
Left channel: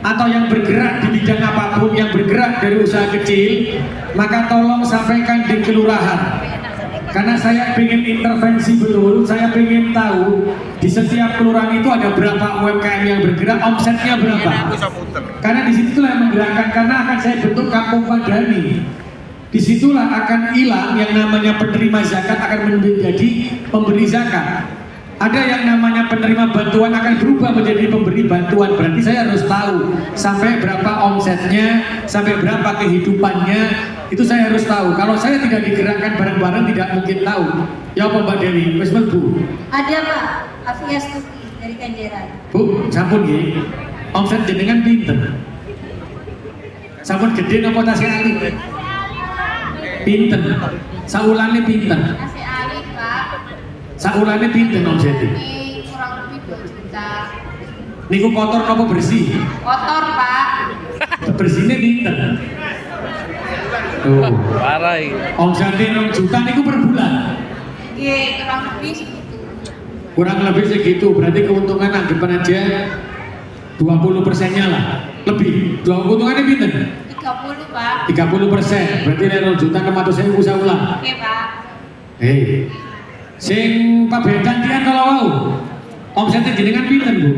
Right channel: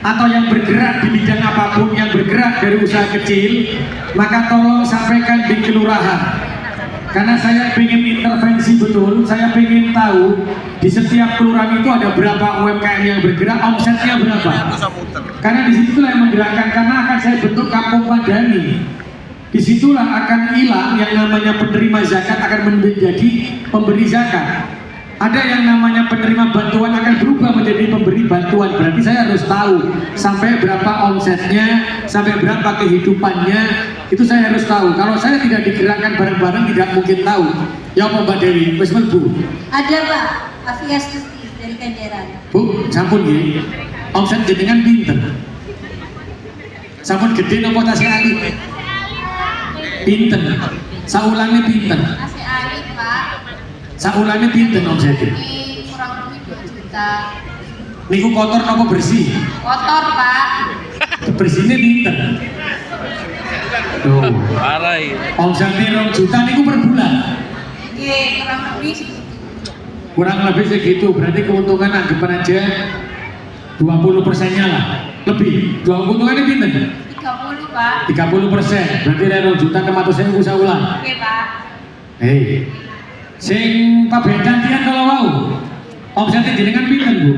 atau yang bergerak di bidang apapun, yang bergerak dari usaha kecil, maka tolong sampaikan di kelurahan. Karena saya ingin intervensi betul, saya ingin tahu di setiap kelurahan itu ada berapa UMKM yang bergerak, omsetnya berapa. Karena disitulah yang menggerakkan, karena akan saya bentuk kampung madani. Disitulah akan hilang yang namanya penerima zakat akan menjadi pemberi zakat. Ada yang namanya penerima bantuan akan berubah menjadi pemberi bantuan. Berarti saya harus tahu sampai berapa omsetnya, sampai berapa kehidupannya. Itu saya harus tahu. Kalau saya tidak digerakkan bareng-bareng tidak mungkin tahu. Ya apa Mbak Dewi? Wes Bu. Ada Pak, Afia Stuti dari Kenjeran. Bu, sampun nggih. Omset jenengan pinten? Sampun gede napa tasih alit? Pinten? Saulane pinten? Masih Ali Pak. Saulane pinten omsetnya? Ini kurang lebih 2 juta. Niku kotor napa bersih? Kotor Pak. Bersihnya pinten? Tuh. Parah iki. Omsetnya 2 juta niku per bulan. Iya, kurang lebih segitu. Kurang lebih segitu, berarti keuntungan anggapan aja 20%-nya lah. Lebih. Keuntungannya pinten? 30 Pak. 30%. Berarti dari 2 juta ke 100.000 bisa ulang. Oke Pak. Hei. Sing Pak Ben Cantian kalau mau. Omsetnya jenengan pinten, Bu?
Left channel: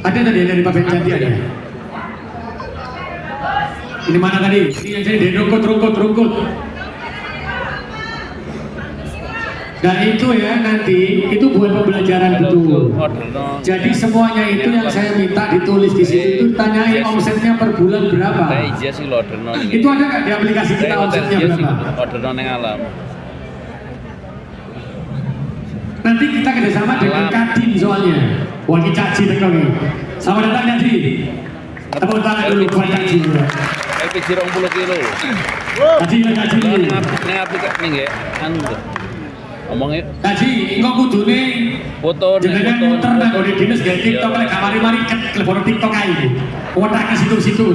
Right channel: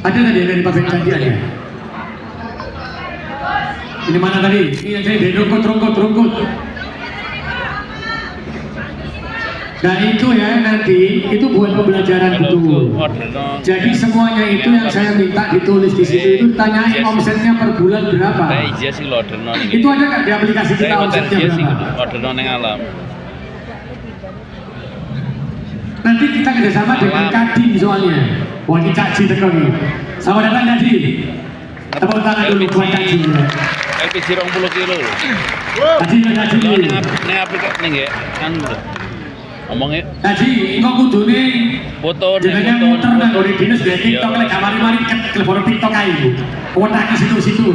Ada tadi dari Pak Ben Cantian ya? Ini mana tadi? Ini yang saya dari rungkut. Nah itu ya nanti, itu buat pembelajaran betul. Jadi semuanya itu yang saya minta ditulis di situ itu tanyain omsetnya per bulan berapa. Iya sih order non Itu ada nggak di aplikasi kita omsetnya berapa? Order non yang alam. Nanti kita kerjasama dengan Kadin soalnya. Wah ini Caci tekan nih. Selamat datang Caci. Tepuk tangan dulu buat Caci. LPG 20 kilo. Caci. Lo neng aplikasi nih ya, anu. Ngomongnya Jadi engko kudune foto jenengan muter nang gone dinas gawe TikTok lek gak mari-mari telepon TikTok ae. Wotak ke situ-situ.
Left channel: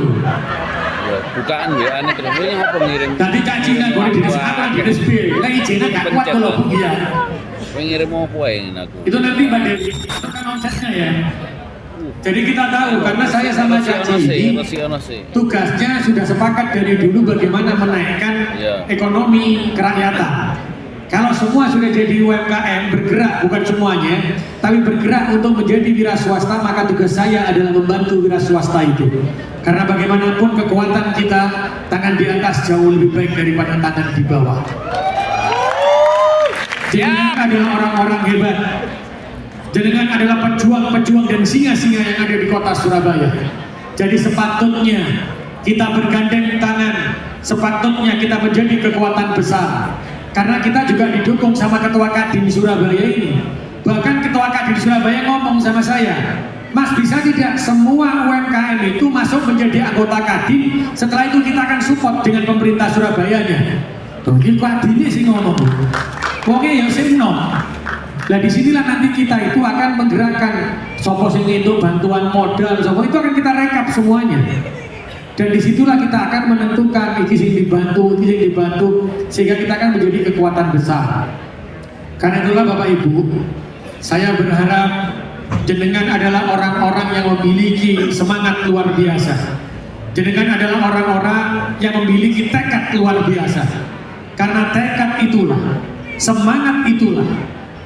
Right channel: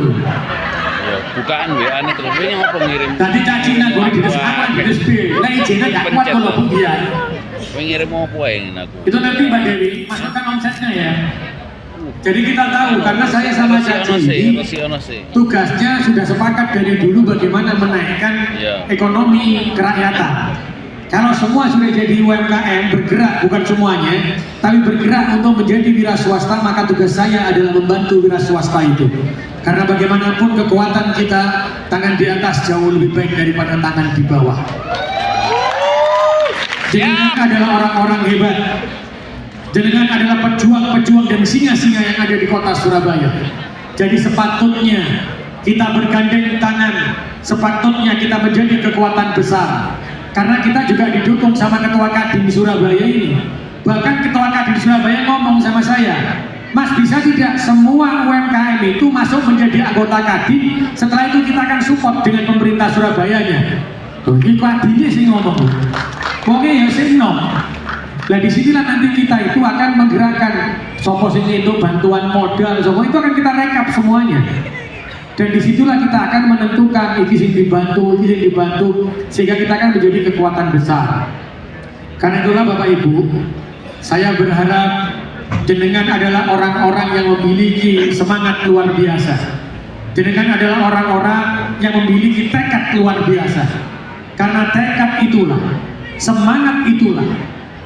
ya bukaan WA-ne terus ini apa ngirim. Dadi caci nang gone dinas apa dinas B. Lek ijine gak kuat kalau bugian. Kowe ngirim apa ae aku. Itu nanti Mbak Dewi, masukkan konsepnya ya. Jadi kita tahu karena saya sama Caci ini tugasnya sudah sepakat dari dulu bagaimana menaikkan Ya. ekonomi kerakyatan. Kalau semua sudah jadi UMKM bergerak, bukan semuanya, tapi bergerak untuk menjadi wira swasta, maka tugas saya adalah membantu wira swasta itu. Karena bagaimanapun kekuatan kita, tangan di atas jauh lebih baik daripada tangan di bawah. Jenengan adalah orang-orang hebat. Jenengan adalah pejuang-pejuang dan singa-singa yang ada di kota Surabaya. Jadi sepatutnya kita bergandeng tangan, sepatutnya kita menjadi kekuatan besar. Karena kita juga didukung sama Ketua Kadin Surabaya ini. Bahkan Ketua Kadin Surabaya ngomong sama saya, Mas bisa tidak semua UMKM itu masuk menjadi anggota Kadin, setelah itu kita akan support dengan pemerintah Surabayanya. Ini Kadinnya sih ngomong. Oke ya sing no. Nah disinilah nanti kita itu akan menggerakkan sopo sing itu bantuan modal, sopo itu akan kita rekap semuanya. Dan disitulah kita akan menentukan iki sing dibantu, sehingga kita akan menjadi kekuatan besar. Karena itulah Bapak Ibu, saya berharap jenengan adalah orang-orang yang memiliki semangat luar biasa. Jenengan adalah orang-orang yang memiliki tekad luar biasa. Karena tekad itulah, semangat itulah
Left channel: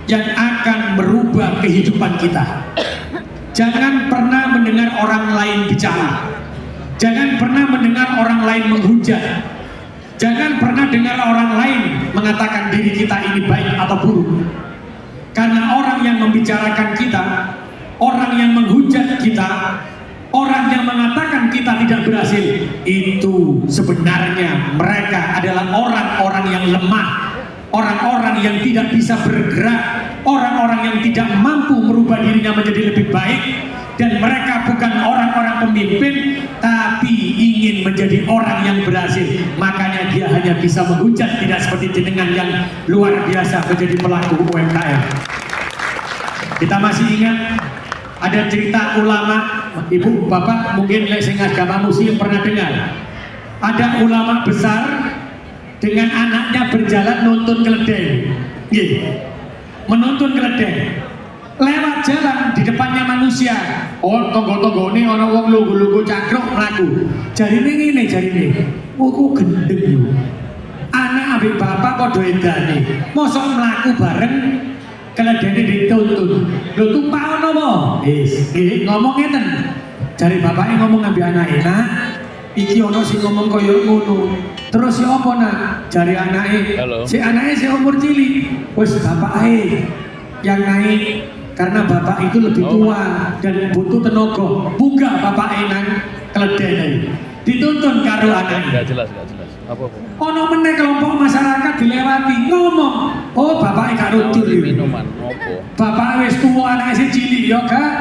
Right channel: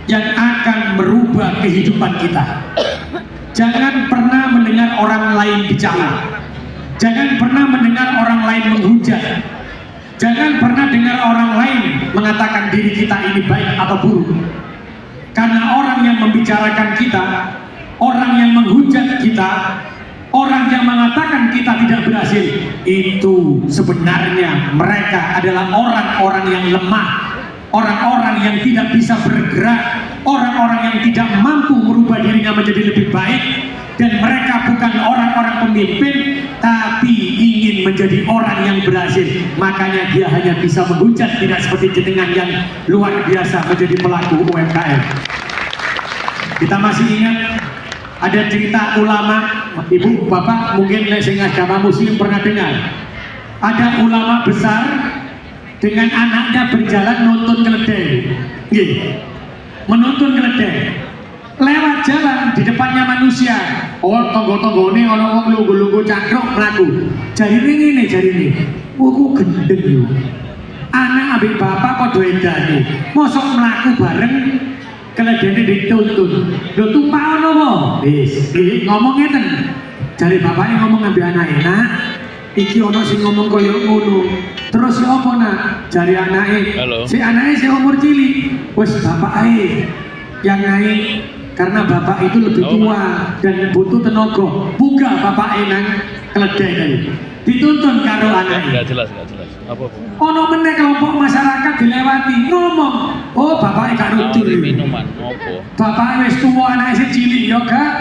yang akan merubah kehidupan kita. Jangan pernah mendengar orang lain bicara. Jangan pernah mendengar orang lain menghujat. Jangan pernah dengar orang lain mengatakan diri kita ini baik atau buruk. Karena orang yang membicarakan kita, orang yang menghujat kita, orang yang mengatakan kita tidak berhasil, itu sebenarnya mereka adalah orang-orang yang lemah, orang-orang yang tidak bisa bergerak, orang-orang yang tidak mampu merubah dirinya menjadi lebih baik. Dan mereka bukan orang-orang pemimpin, tapi ingin menjadi orang yang berhasil. Makanya dia hanya bisa menghujat, tidak seperti jenengan yang luar biasa menjadi pelaku UMKM. Kita masih ingat ada cerita ulama, ibu bapak mungkin sing agama muslim pernah dengar. Ada ulama besar dengan anaknya berjalan menuntun keledai. Menuntun keledai. Lewat jalan di depannya manusia. Oh tonggo-tonggo ini orang wong lugu-lugu cakruk melaku. Jari ini jari ini. Aku gendeng lu. Anak abik bapak kok doedane. Mosok melaku bareng keledai dituntun. Lu tumpah nopo? Ngomong ngeten. Jari bapaknya ngomong ambil anak enak. Iki ono sing ngomong koyo ngono. Terus si apa nak? Jari anake. Si anake si umur cilik. Wes bapak ae yang naik. Karena bapak itu lebih tua dan butuh tenaga. Buka bapak enang keledai tadi. Dituntun karo anak. Enggak jelas. Apa? Ono meneh kelompok masyarakat dilewati ngomong, "Oh, bapak gak nudul." Minuman opo? Bapak wis tuwa anake sing cilik ya gak.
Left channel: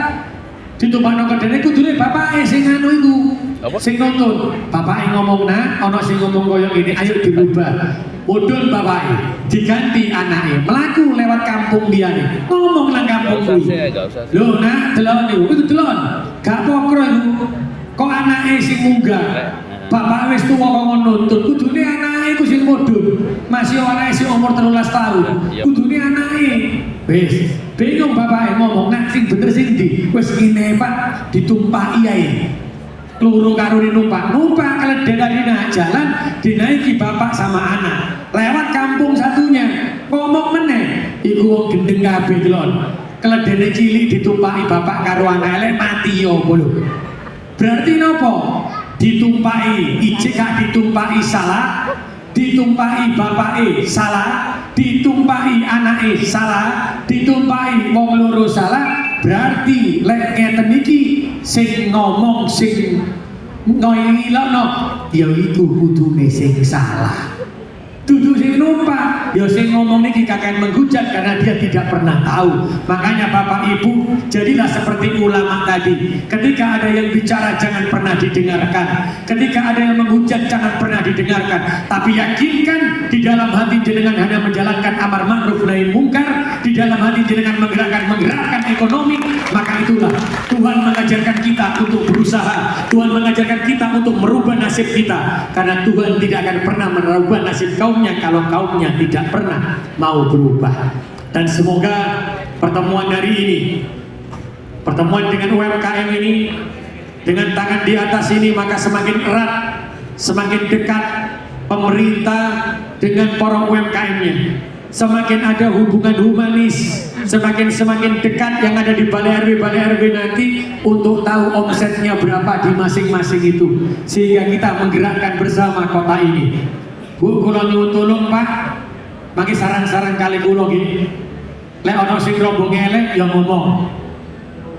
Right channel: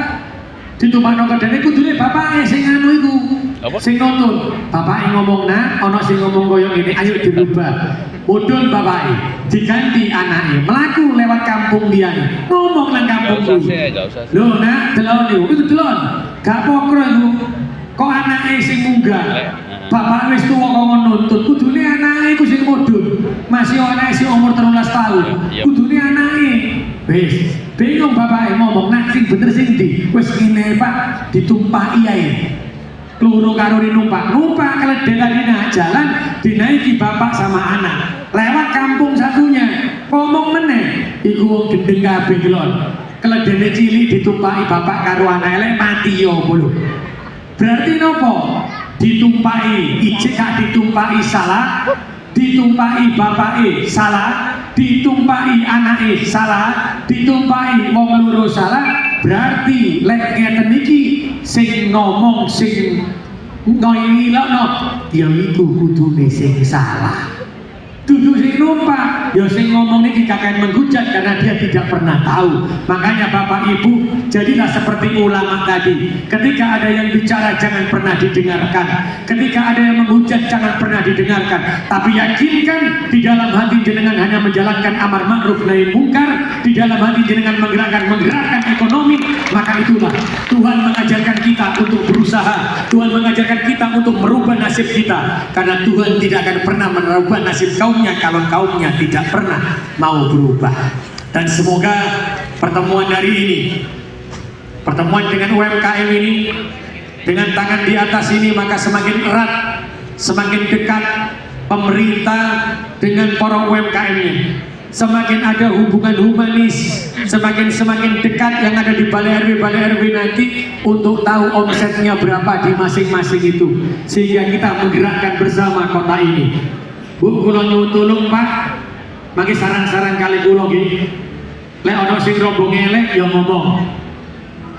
Ditumpakno kedene kudune bapak sing anu iku. Sing nuntun. Bapak ngomong nah, ono sing ngomong koyo ngene, ayo dirubah. Mudun bapake, diganti anake, melaku lewat kampung liyane, ngomong nang kampung kuwi. Gak usah. Lho nak, delon niku, itu delon. Gak pokro iku. Kok anake sing munggah? Bapak wis tuwa kok nuntut, kudune anake iku sing mudun. Masih anake sing umur 13 tahun. Kudune anake. Wis, bingung bapake ngomong, nak sing bener sing ndi? Wis ngene Pak, ditumpahi ae. Loro karo numpak keledai tadi naik jalan dinaiki bapak sama anak lewat kampung satunya ngomong meneh iku wong gendeng kabeh delon keledai cilik ditumpaki bapak karo anak elek mati yo lho berarti nopo ditumpaki ijek gak ditumpaki salah ditumpaki bapake salah ditumpaki anake salah ditumpaki wong loro salah berarti lek ngeten iki sing ngomong sing ngilokno ya iku kudune sing salah. Dudu sing numpak, ya sing ngomong niki kakek menghujat karena dia tidak pernah tahu. Makanya Bapak Ibu, jadilah seperti ulama tadi. Ketika ada yang bicara jangan pernah didengarkan. Ketika ada yang menghujat jangan pernah didengarkan. Tapi yakinkan di dalam hati jenengan hanya menjalankan amar ma'ruf nahi mungkar, di dalam hati jenengan menggerakkan ekonomi. Maka itulah Tuhan mengajarkan kita untuk berusaha. Tuhan mengajarkan kita untuk merubah nasib kita. Karena Tuhan tidak akan pernah merubah nasib kaumnya kalau kaumnya tidak pernah mau berubah. Dan semoga pertemuan hari ini, pertemuan dengan UMKM ini, dengan tangan di atas ini, maka semakin erat, semakin dekat pemerintah dengan para UMKM-nya. Semakin ada hubungan humanis, semakin dekat yang ada di balai RW nanti untuk tahu omsetnya berapa di masing-masing itu, sehingga kita menggerakkan bersama kota ini. Bu, kula nyuwun tulung Pak, mangke saran-saran kali kula nggih. Lek ana sing rombong elek ya ngomong.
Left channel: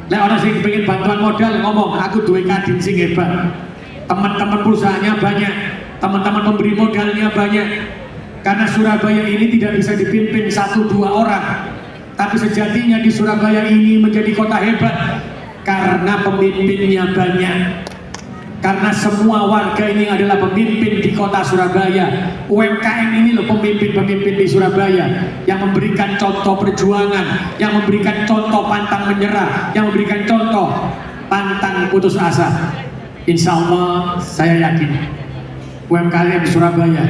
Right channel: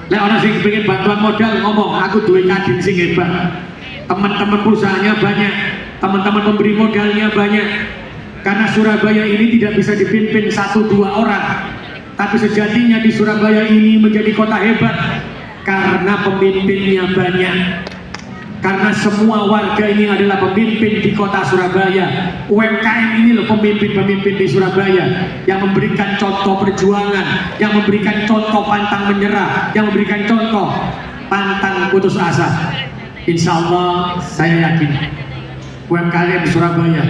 Lek ana sing kepengin bantuan modal ngomong, aku duwe kadin sing hebat. Teman-teman perusahaannya banyak, teman-teman pemberi modalnya banyak. Karena Surabaya ini tidak bisa dipimpin 1-2 orang, tapi sejatinya di Surabaya ini menjadi kota hebat karena pemimpinnya banyak. Karena semua warga ini adalah pemimpin di kota Surabaya. UMKM ini loh pemimpin-pemimpin di Surabaya yang memberikan contoh perjuangan, yang memberikan contoh pantang menyerah, yang memberikan contoh pantang putus asa. Insya Allah saya yakin UMKM di Surabaya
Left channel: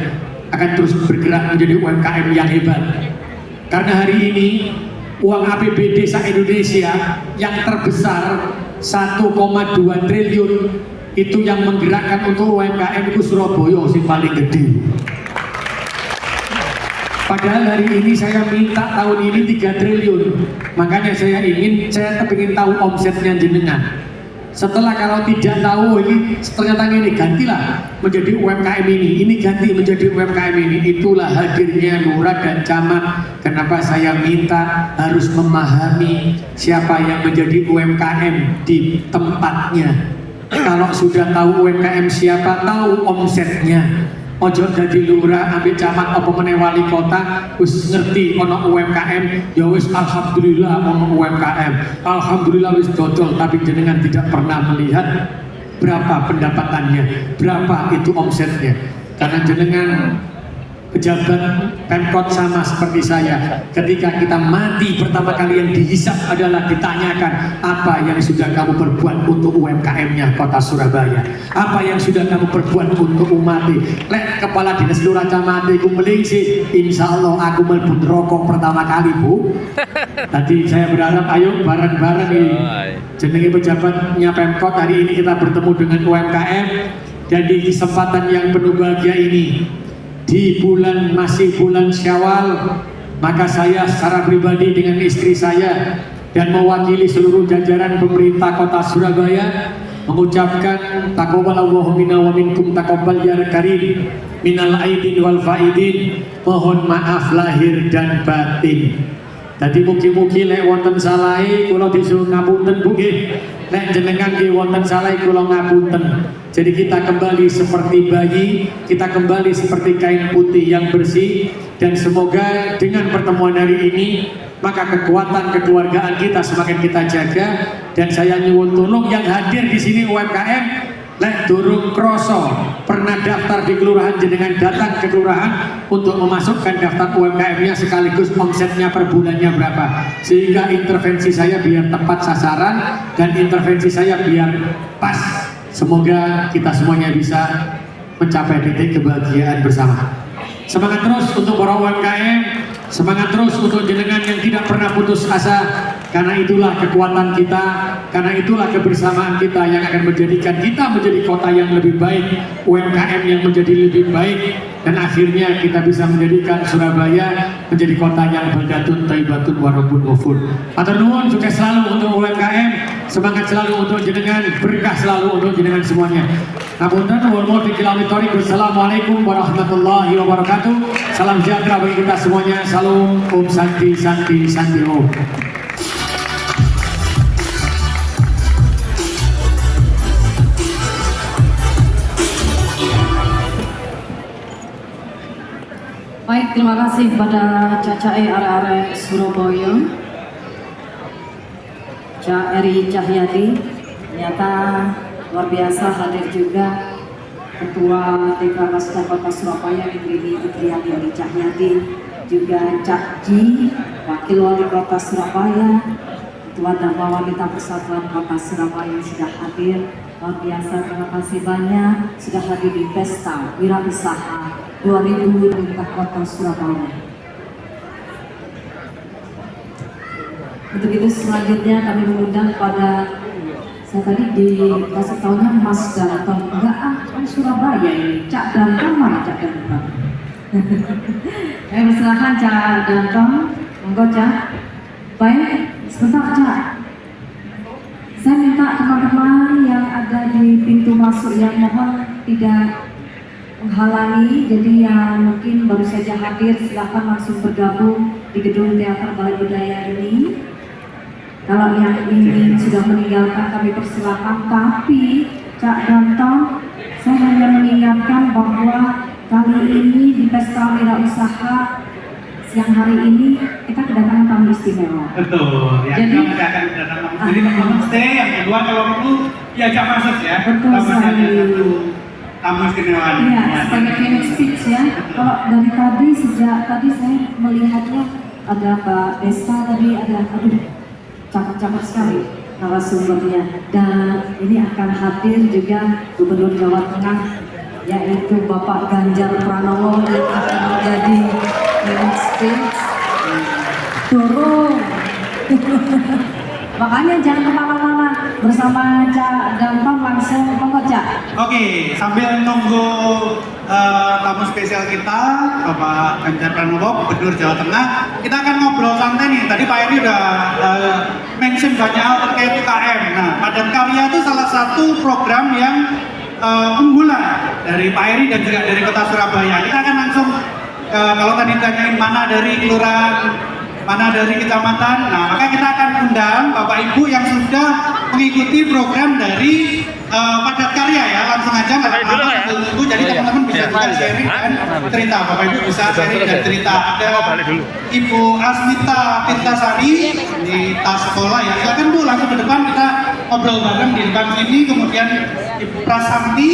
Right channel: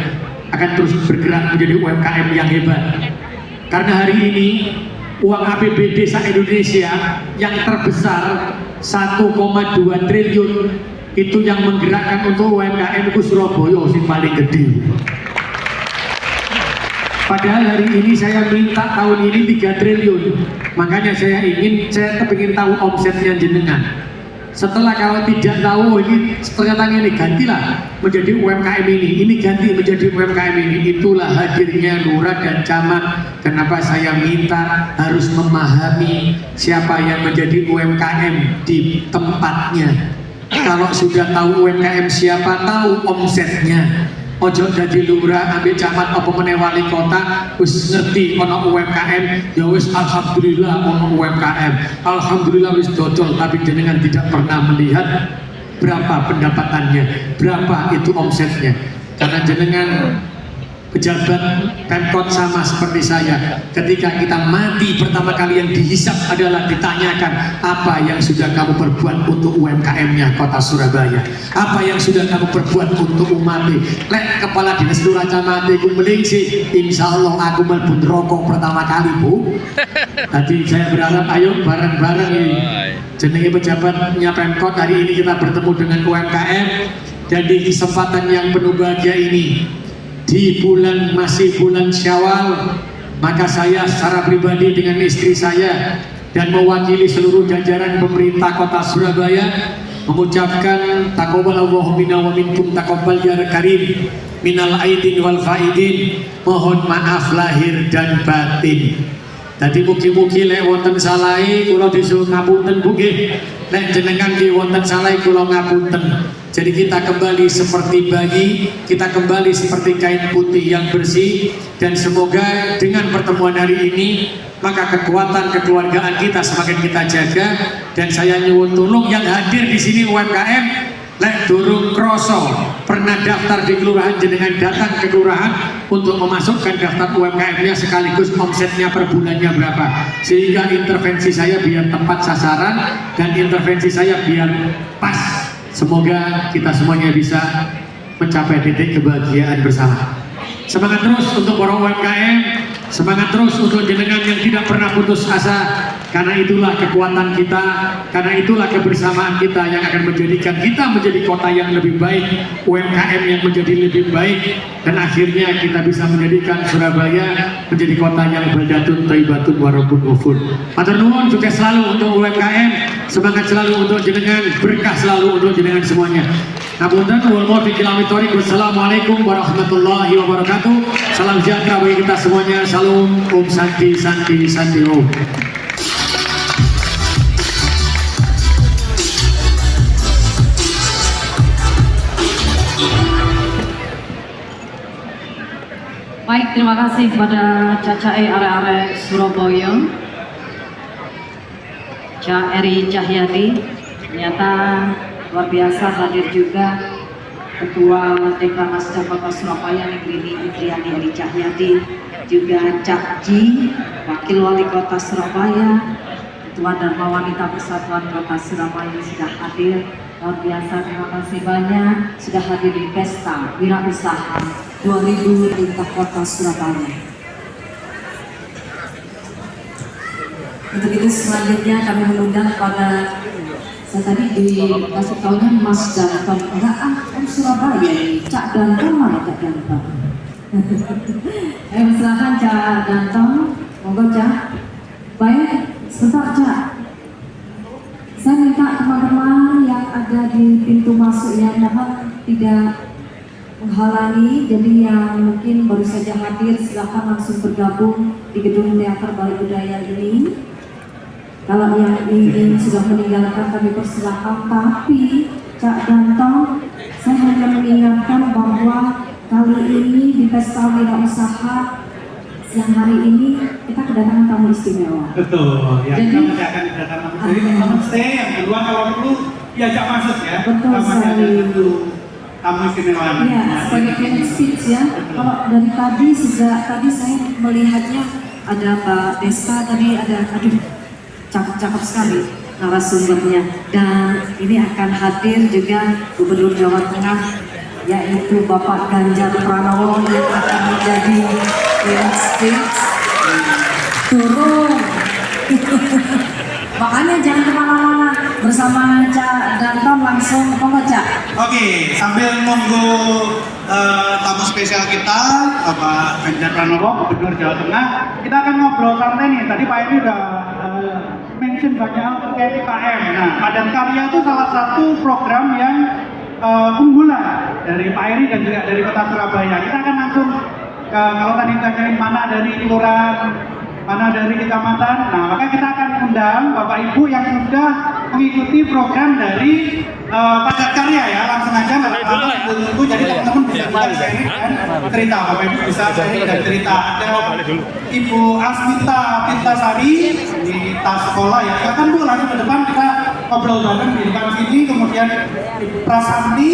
akan terus bergerak menjadi UMKM yang hebat. Karena hari ini uang APBD se-Indonesia yang terbesar 1,2 triliun itu yang menggerakkan untuk UMKM itu Surabaya sing paling gede. Padahal hari ini saya minta tahun ini 3 triliun. Makanya saya ingin tahu omsetnya jenengan. Setelah kalau tidak tahu ini ternyata ini gantilah menjadi UMKM ini ganti menjadi UMKM ini. Itulah hadirnya Lurah dan Camat. Kenapa saya minta harus memahami siapa yang menjadi UMKM di tempatnya. Kalau sudah tahu UMKM siapa, tahu omsetnya. Ojo jadi lurah ambil camat apa meneh wali kota wis ngerti ono UMKM ya wis alhamdulillah ono UMKM, alhamdulillah wis dodol, tapi jenengan tidak pernah melihat berapa pendapatannya, berapa itu omsetnya. Karena jenengan pejabat Pemkot sama seperti saya, ketika kita mati pertama kali yang dihisap adalah ditanyakan apa yang sudah kamu perbuat untuk UMKM-nya kota Surabaya, apa yang sudah kamu perbuat untuk umat. Lek kepala dinas lurah camat iku melingsi, insya Allah aku mlebu rokok pertama kali Bu. Tadi saya berharap ayo bareng-bareng ini jenenge pejabatnya Pemkot hari ini kita bertemu dengan UMKM dan di kesempatan yang penuh bahagia ini di masih bulan Syawal, maka saya secara pribadi dengan istri saya dan mewakili seluruh jajaran pemerintah kota Surabaya mengucapkan taqabbalallahu minna wa minkum taqabbal ya karim minal aidin wal faidin, mohon maaf lahir dan batin. Tadi mugi-mugi lek wonten salahe kula disuwun ngapunten Bu nggih. Lek jenengan nggih wonten salahe kula ngapunten. Jadi kita kembali seperti bayi, kita kembali seperti kain putih yang bersih, dan semoga dengan pertemuan hari ini maka kekuatan kekeluargaan kita semakin kita jaga. Dan saya nyuwun tulung yang hadir di sini UMKM, lek durung kroso pernah daftar di kelurahan, jenengan datang ke kelurahan untuk memasukkan daftar UMKM-nya sekaligus omsetnya per bulannya berapa, sehingga intervensi saya biar tepat sasaran dan intervensi saya biar pas. Semoga kita semuanya bisa mencapai titik kebahagiaan bersama. Semangat terus untuk para UMKM, semangat terus untuk jenengan yang tidak pernah putus asa. Karena itulah kekuatan kita, karena itulah kebersamaan kita yang akan menjadikan kita menjadi kota yang lebih baik, UMKM yang menjadi lebih baik, dan akhirnya kita bisa menjadikan Surabaya menjadi kota yang baldatun thayyibatun wa rabbun ghafur. Matur nuwun, sukses selalu untuk UMKM, semangat selalu untuk jenengan, berkah selalu untuk jenengan semuanya. Ngapunten, wal muwaffiq ila aqwamit thoriq. Wassalamualaikum warahmatullahi wabarakatuh. Salam sejahtera bagi kita semuanya. Salam, Om Santi Santi Santi Om. terima kasih kepada Cacae Are-Are Surabaya, Cak Eri Cahyati. Ternyata luar biasa hadir juga Ketua Deklarasi Kota Surabaya Negeri Indriani Eri Cahyati, juga Cak Ji, Wakil Wali Kota Surabaya, Ketua Dharma Wanita Persatuan Kota Surabaya sudah hadir. Luar biasa, terima kasih banyak sudah hadir di Pesta Wirausaha 2000 tingkat Kota Surabaya. Untuk itu selanjutnya kami mengundang pada, saya tadi dikasih tahunya Mas Danton, enggak kan Surabaya ini, Cak Danton mana Cak Danton? Silakan Cak Danton, monggo Cak. Baik, sebentar Cak. Saya minta teman-teman yang ada di pintu masuk yang mohon tidak menghalangi, jadi yang mungkin baru saja hadir silakan langsung bergabung di gedung teater Balai Budaya ini. Kalau yang ingin sudah meninggalkan kami persilakan, tapi Cak Danton, saya hanya mengingatkan bahwa kali ini di Pesta Wirausaha siang hari ini kita kedatangan tamu istimewa. Betul, yang jadi kita akan kedatangan jadi homestay, yang kedua kalau perlu diajak masuk ya. Betul sekali. Tamu istimewa. Iya, sebagai keynote speech ya. Kalau dari tadi sejak tadi saya melihatnya ada Pak Desta tadi ada, aduh cakep-cakep sekali narasumbernya, dan ini akan hadir juga Gubernur Jawa Tengah yaitu Bapak Ganjar Pranowo yang akan menjadi keynote speech. Turun. Makanya jangan kemana-mana, bersama Cak Danton langsung Cak. Oke, sambil nunggu tamu spesial kita, Bapak Ganjar Pranowo, Gubernur Jawa Tengah, kita akan ngobrol santai nih. Tadi Pak Eri udah mention banyak hal terkait UKM. Nah, Padat Karya itu salah satu program yang unggulan dari Pak Eri dan juga dari Kota Surabaya. Kita akan langsung kalau tadi tanyain mana dari kelurahan, mana dari kecamatan, nah maka kita akan undang Bapak Ibu yang sudah mengikuti program dari Padat Karya ya. Langsung aja nggak apa-apa tunggu, jadi teman-teman bisa sharing dan cerita. Bapak Ibu bisa sharing dan cerita. Ada Ibu Asmita Tirtasari di tas sekolah ya, silakan Bu langsung ke depan, kita ngobrol bareng di depan sini. Kemudian Ibu Prasanti,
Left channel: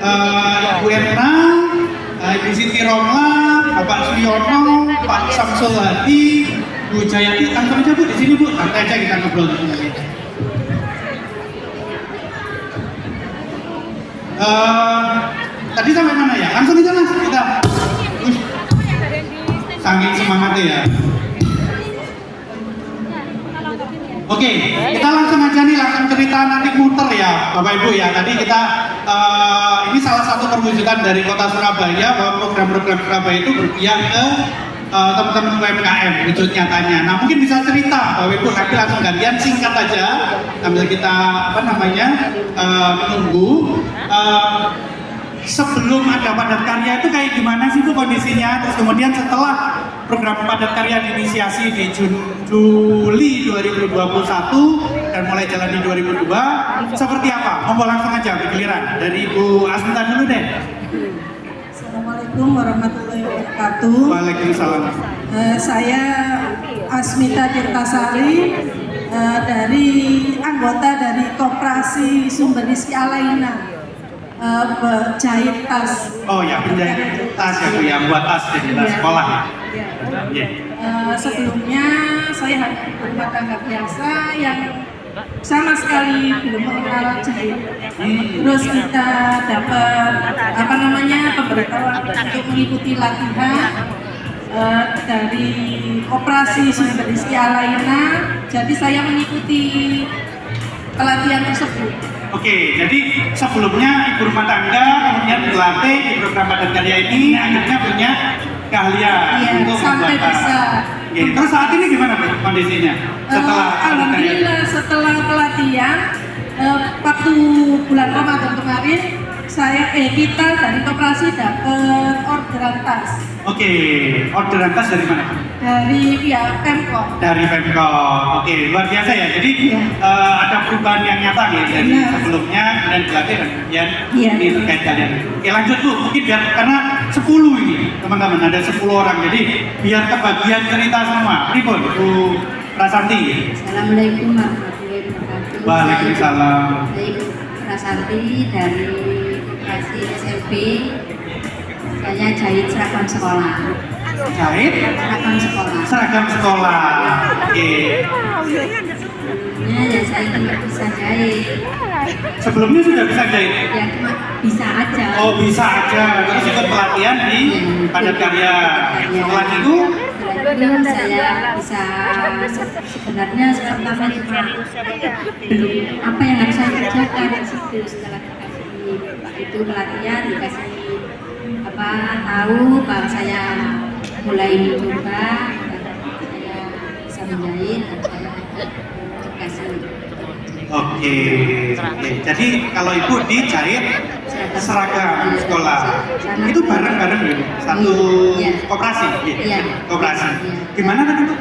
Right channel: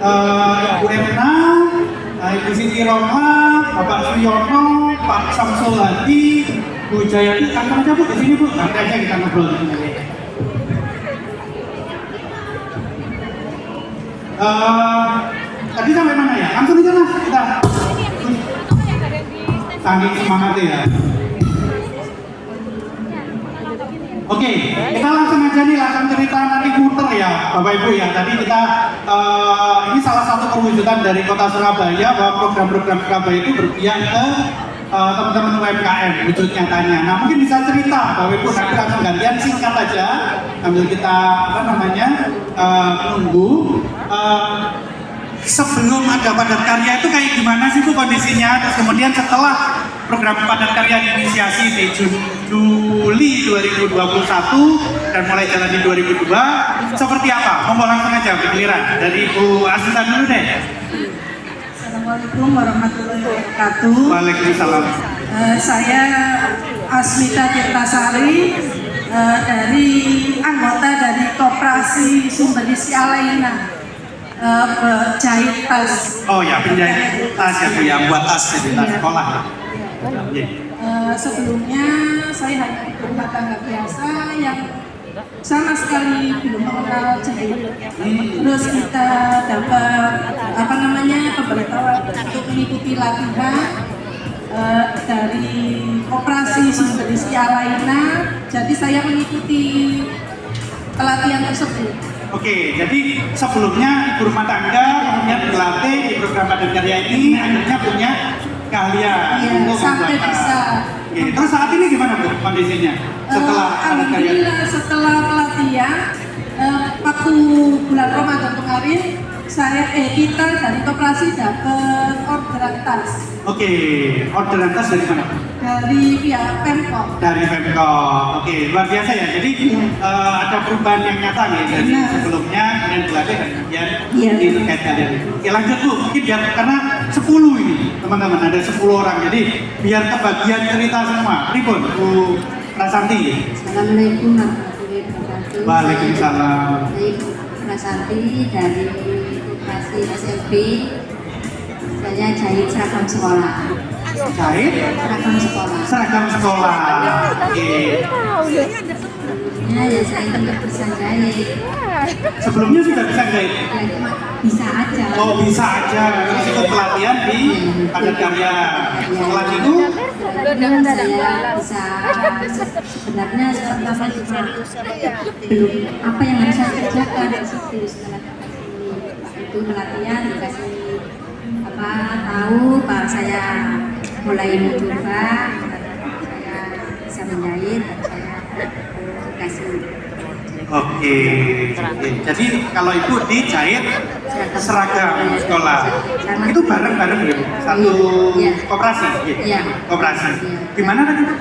Ibu Erna, Ibu Siti Roma, Bapak Suyono, Pak Samsul Hadi, Bu Jayati, langsung aja Bu di sini Bu, nanti aja kita ngobrol dulu. Tadi sampai mana ya? Langsung aja Mas, kita. Saking semangatnya ya. Oke, kita langsung aja nih, langsung cerita nanti muter ya Bapak Ibu ya. Tadi kita ini salah satu perwujudan dari Kota Surabaya bahwa program-program Surabaya itu berpihak ke teman-teman UMKM wujud nyatanya. Nah mungkin bisa cerita Bapak Ibu, nanti langsung gantian singkat aja sambil kita menunggu. Sebelum ada Padat Karya itu kayak gimana sih Bu kondisinya? Terus kemudian setelah program Padat Karya diinisiasi di Juli 2021 dan mulai jalan di 2002, seperti apa? Mau langsung aja giliran dari Ibu Asmita dulu deh. Assalamualaikum warahmatullahi wabarakatuh. Waalaikumsalam. Saya Asmita Tirtasari dari anggota dari Koperasi Sumber Isi Alaina. Jahit tas. Oh ya, penjahit tas ya Bu, yang buat tas jadi tas sekolah. Ya. Sebelumnya saya hanya ibu rumah tangga biasa yang sama sekali belum mengenal jahit. Terus kita dapat pemberitahuan untuk mengikuti latihan dari Operasi Sumber Isi Alaina. Jadi saya mengikuti pelatihan tersebut. Oke, jadi sebelumnya ibu rumah tangga kemudian dilatih di program Padat Karya ini, akhirnya punya keahlian untuk sampai bisa. Oke, terus saat ini gimana Bu kondisinya? Alhamdulillah setelah pelatihan waktu bulan Ramadan kemarin kita dari koperasi dapat orderan tas. Oke, orderan tas dari mana? Dari pihak Pemkot. Dari Pemkot. Oke, luar biasa ya. Jadi ada perubahan yang nyata ya dari sebelumnya dan dilatih dan kemudian ini terkait kalian. Oke, lanjut Bu. Mungkin biar karena 10 ini teman-teman, ada 10 orang. Jadi biar kebagian cerita semua. Ribon, Bu Prasanti. Assalamualaikum warahmatullahi wabarakatuh. Waalaikumsalam. Saya Ibu Prasanti dari Koperasi SMP. Saya jahit seragam sekolah. Jahit Seragam sekolah. seragam sekolah. Oke. Sebelumnya ya saya tidak bisa jahit. Sebelumnya sudah bisa jahit. Ya cuma bisa aja. Oh bisa aja, terus ikut pelatihan di Padat Karya. Setelah itu, Setelah saya bisa sebenarnya saya juga belum apa yang harus saya kerjakan di situ. Setelah dikasih itu pelatihan, dikasih apa tahu, baru saya mulai mencoba, saya bisa menjahit, dan saya dikasih oke. Jadi kalau ibu dijahit seragam sekolah, itu bareng-bareng ya? Satu Iya. koperasi? Iya. Koperasi. Iya. Gimana kan itu?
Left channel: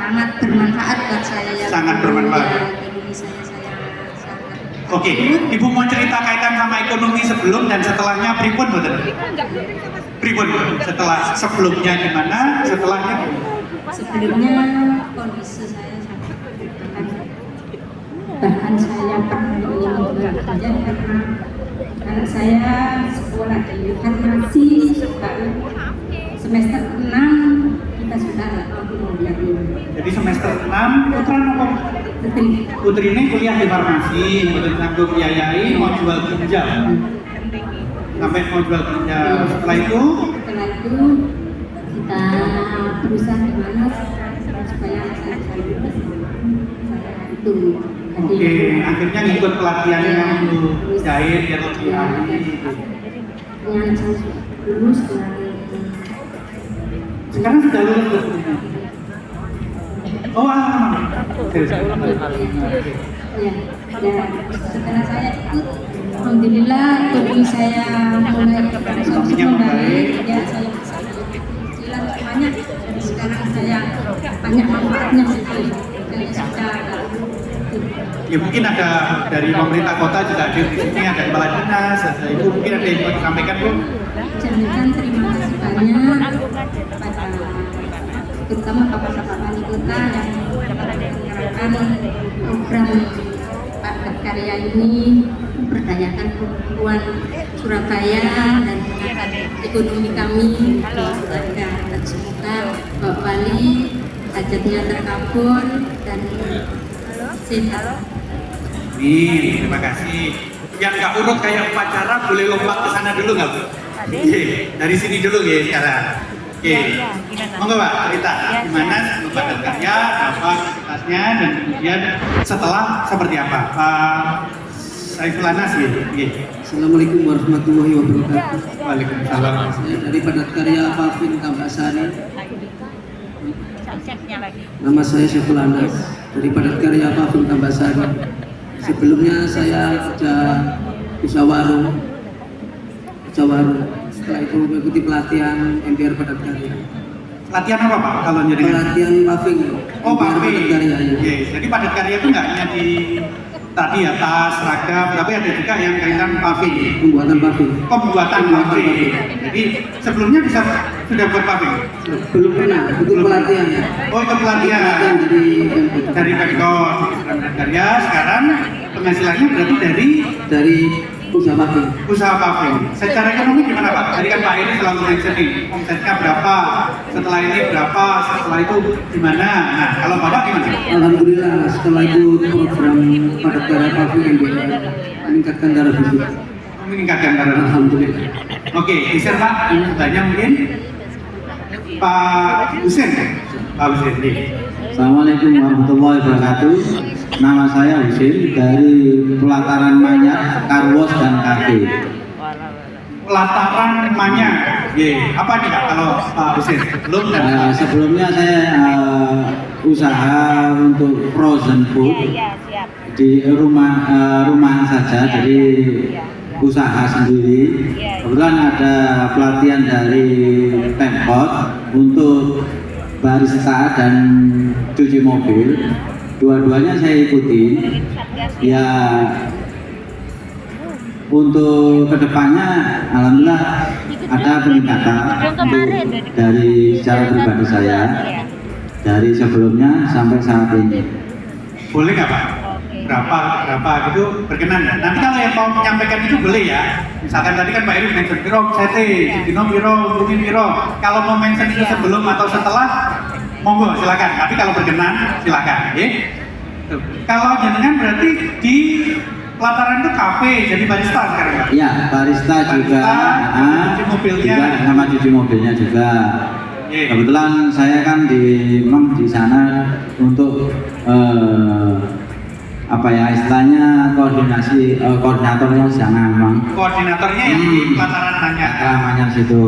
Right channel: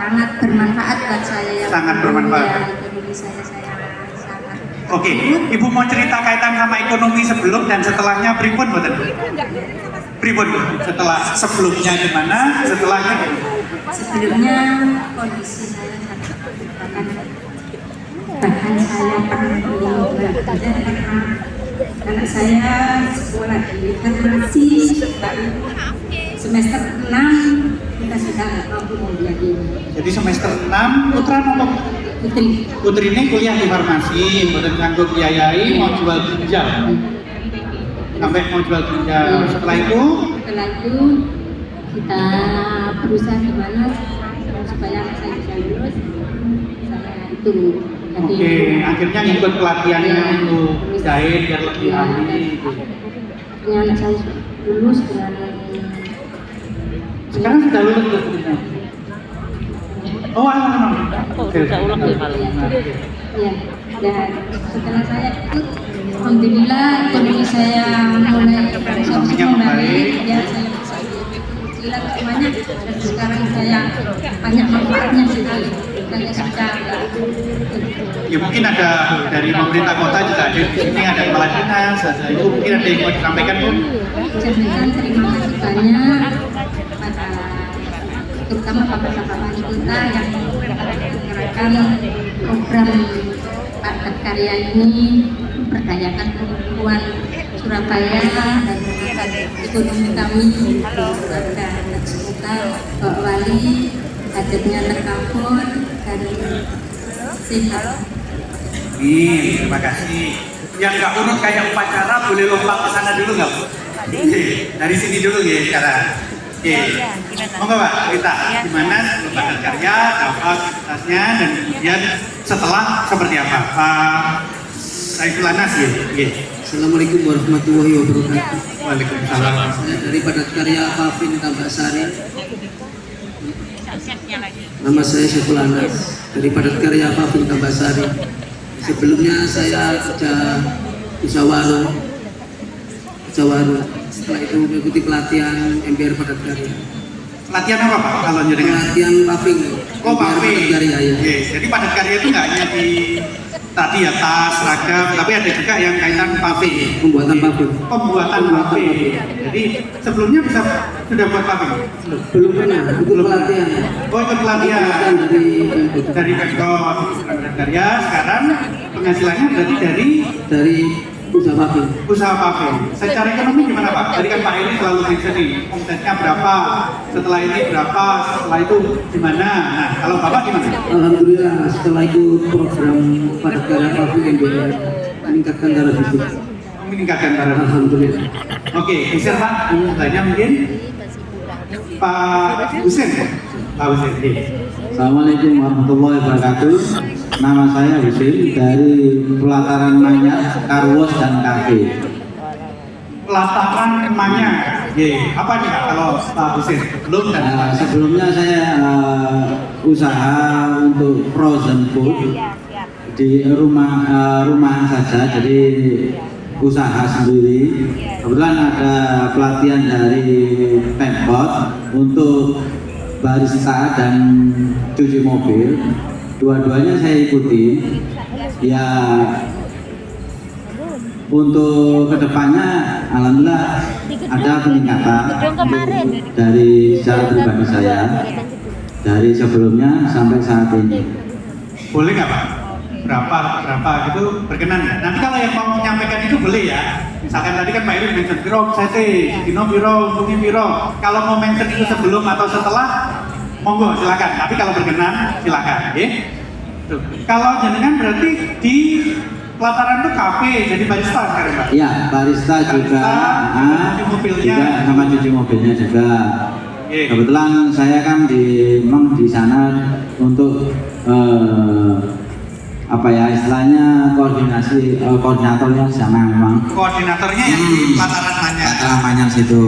sangat bermanfaat buat saya yang Sangat dulu bermanfaat. ya, ekonomi saya sangat Oke, ibu mau cerita kaitan sama ekonomi sebelum dan setelahnya pripun mboten? Pripun setelah sebelumnya gimana, setelahnya gimana? sebelumnya kondisi saya sangat bahkan saya pernah bekerja pernah karena saya sekolah ini kan masih baru semester 6 kita sudah nggak mampu membiayai. Jadi semester 6 putra nopo? Putri Putri ini kuliah di farmasi, mboten nganggo biayai, mau jual ginjal. Sampai mau jual ginjal. Setelah itu setelah itu kita berusaha gimana supaya saya bisa lulus saya itu jadi oke, akhirnya ngikut pelatihan ya, untuk terus- jahit yang lebih ya, ahli. yang saya lulus dengan Sekarang sudah lulus belum? Oh, bisa ulang ya, dan setelah saya ikut alhamdulillah ekonomi saya mulai Ekonominya membaik membaik. ya saya bisa cicilan semuanya dan sekarang saya banyak manfaatnya sekali dan sudah Ya mungkin ada dari pemerintah kota juga ada di sini, ada kepala dinas, ada ibu mungkin ada yang mau disampaikan Bu? Jangan terima kasih banyak pada terutama bapak-bapak wali kota yang menggerakkan program Padat Karya ini memberdayakan perempuan Surabaya dan mengangkat ekonomi kami. Ada cita Pak Wali hajatnya terkabul dan sehat. Amin, terima kasih. Yang nggak urut kayak upacara boleh lompat ke sana dulu nggak Bu? Oke, dari sini dulu ya sekarang. Oke, monggo Pak cerita gimana Padat Karya, apa aktivitasnya dan kemudian setelah seperti apa? Pak Saiful Anas ya. Assalamualaikum warahmatullahi wabarakatuh. Waalaikumsalam. Saya dari Padat Karya Alvin Tambasari. Nama saya Saiful Anas dari Padat Karya Alvin Tambasari. Sebelumnya saya sudah usaha warung. Setelah itu mengikuti pelatihan MPR Padat Karya. Latihan apa Pak kalau jenengan? Pelatihan paving. Oh MPR paving. Padat Karya ya. Yes. Jadi Padat Karya itu nggak hanya di tadi ya tas, seragam, tapi ada juga yang kaitan paving. Pembuatan paving. Pembuatan paving. Jadi sebelumnya sudah buat paving? Belum pernah ikut pelatihan. Oh itu pelatihan dari Pemkot Padat Karya. Sekarang penghasilannya berarti dari usaha paving. usaha paving. Secara ekonomi gimana Pak? Tadi kan Pak Eri selalu mention nih, omsetnya berapa, setelah ini berapa, setelah itu gimana? Nah kalau Bapak gimana? Alhamdulillah setelah itu program Padat Karya paving MPR meningkatkan taraf hidup. Meningkatkan darah. Alhamdulillah. Oke, bisa Pak, ini tanya mungkin Pak Husin. Pak Husin, nih. Assalamualaikum warahmatullahi wabarakatuh. Nama saya Husin dari Pelataran Manyar, Karwos dan Kafe. Pelataran Manyar. Apa nih Pak kalau Pak Husin? Belum dan Sebelumnya saya usaha untuk frozen food di rumah saja, jadi usaha sendiri. Kebetulan ada pelatihan dari Pemkot untuk barista dan cuci mobil. Dua-duanya saya ikuti. Ya untuk kedepannya, alhamdulillah ada peningkatan dari secara pribadi saya dari sebelumnya sampai saat ini. Boleh nggak Pak? Berapa gitu berkenan ya? Nanti kalau yang mau menyampaikan itu boleh ya. Misalkan tadi kan Pak Eri mention Biro, Sete, Dino Biro, Bumi Biro. Kalau mau mention itu sebelum atau setelah, monggo silakan. Tapi kalau berkenan silakan. Okay? Tuh. Kalau jenengan berarti di pelataran itu kafe, jadi barista sekarang Pak? Iya, barista juga, cuci mobilnya. juga sama cuci mobilnya juga. Kebetulan saya kan memang di sana untuk apa ya istilahnya koordinasi koordinatornya di sana memang. Koordinatornya yang di pelataran Manyar. Pelataran Manyar situ.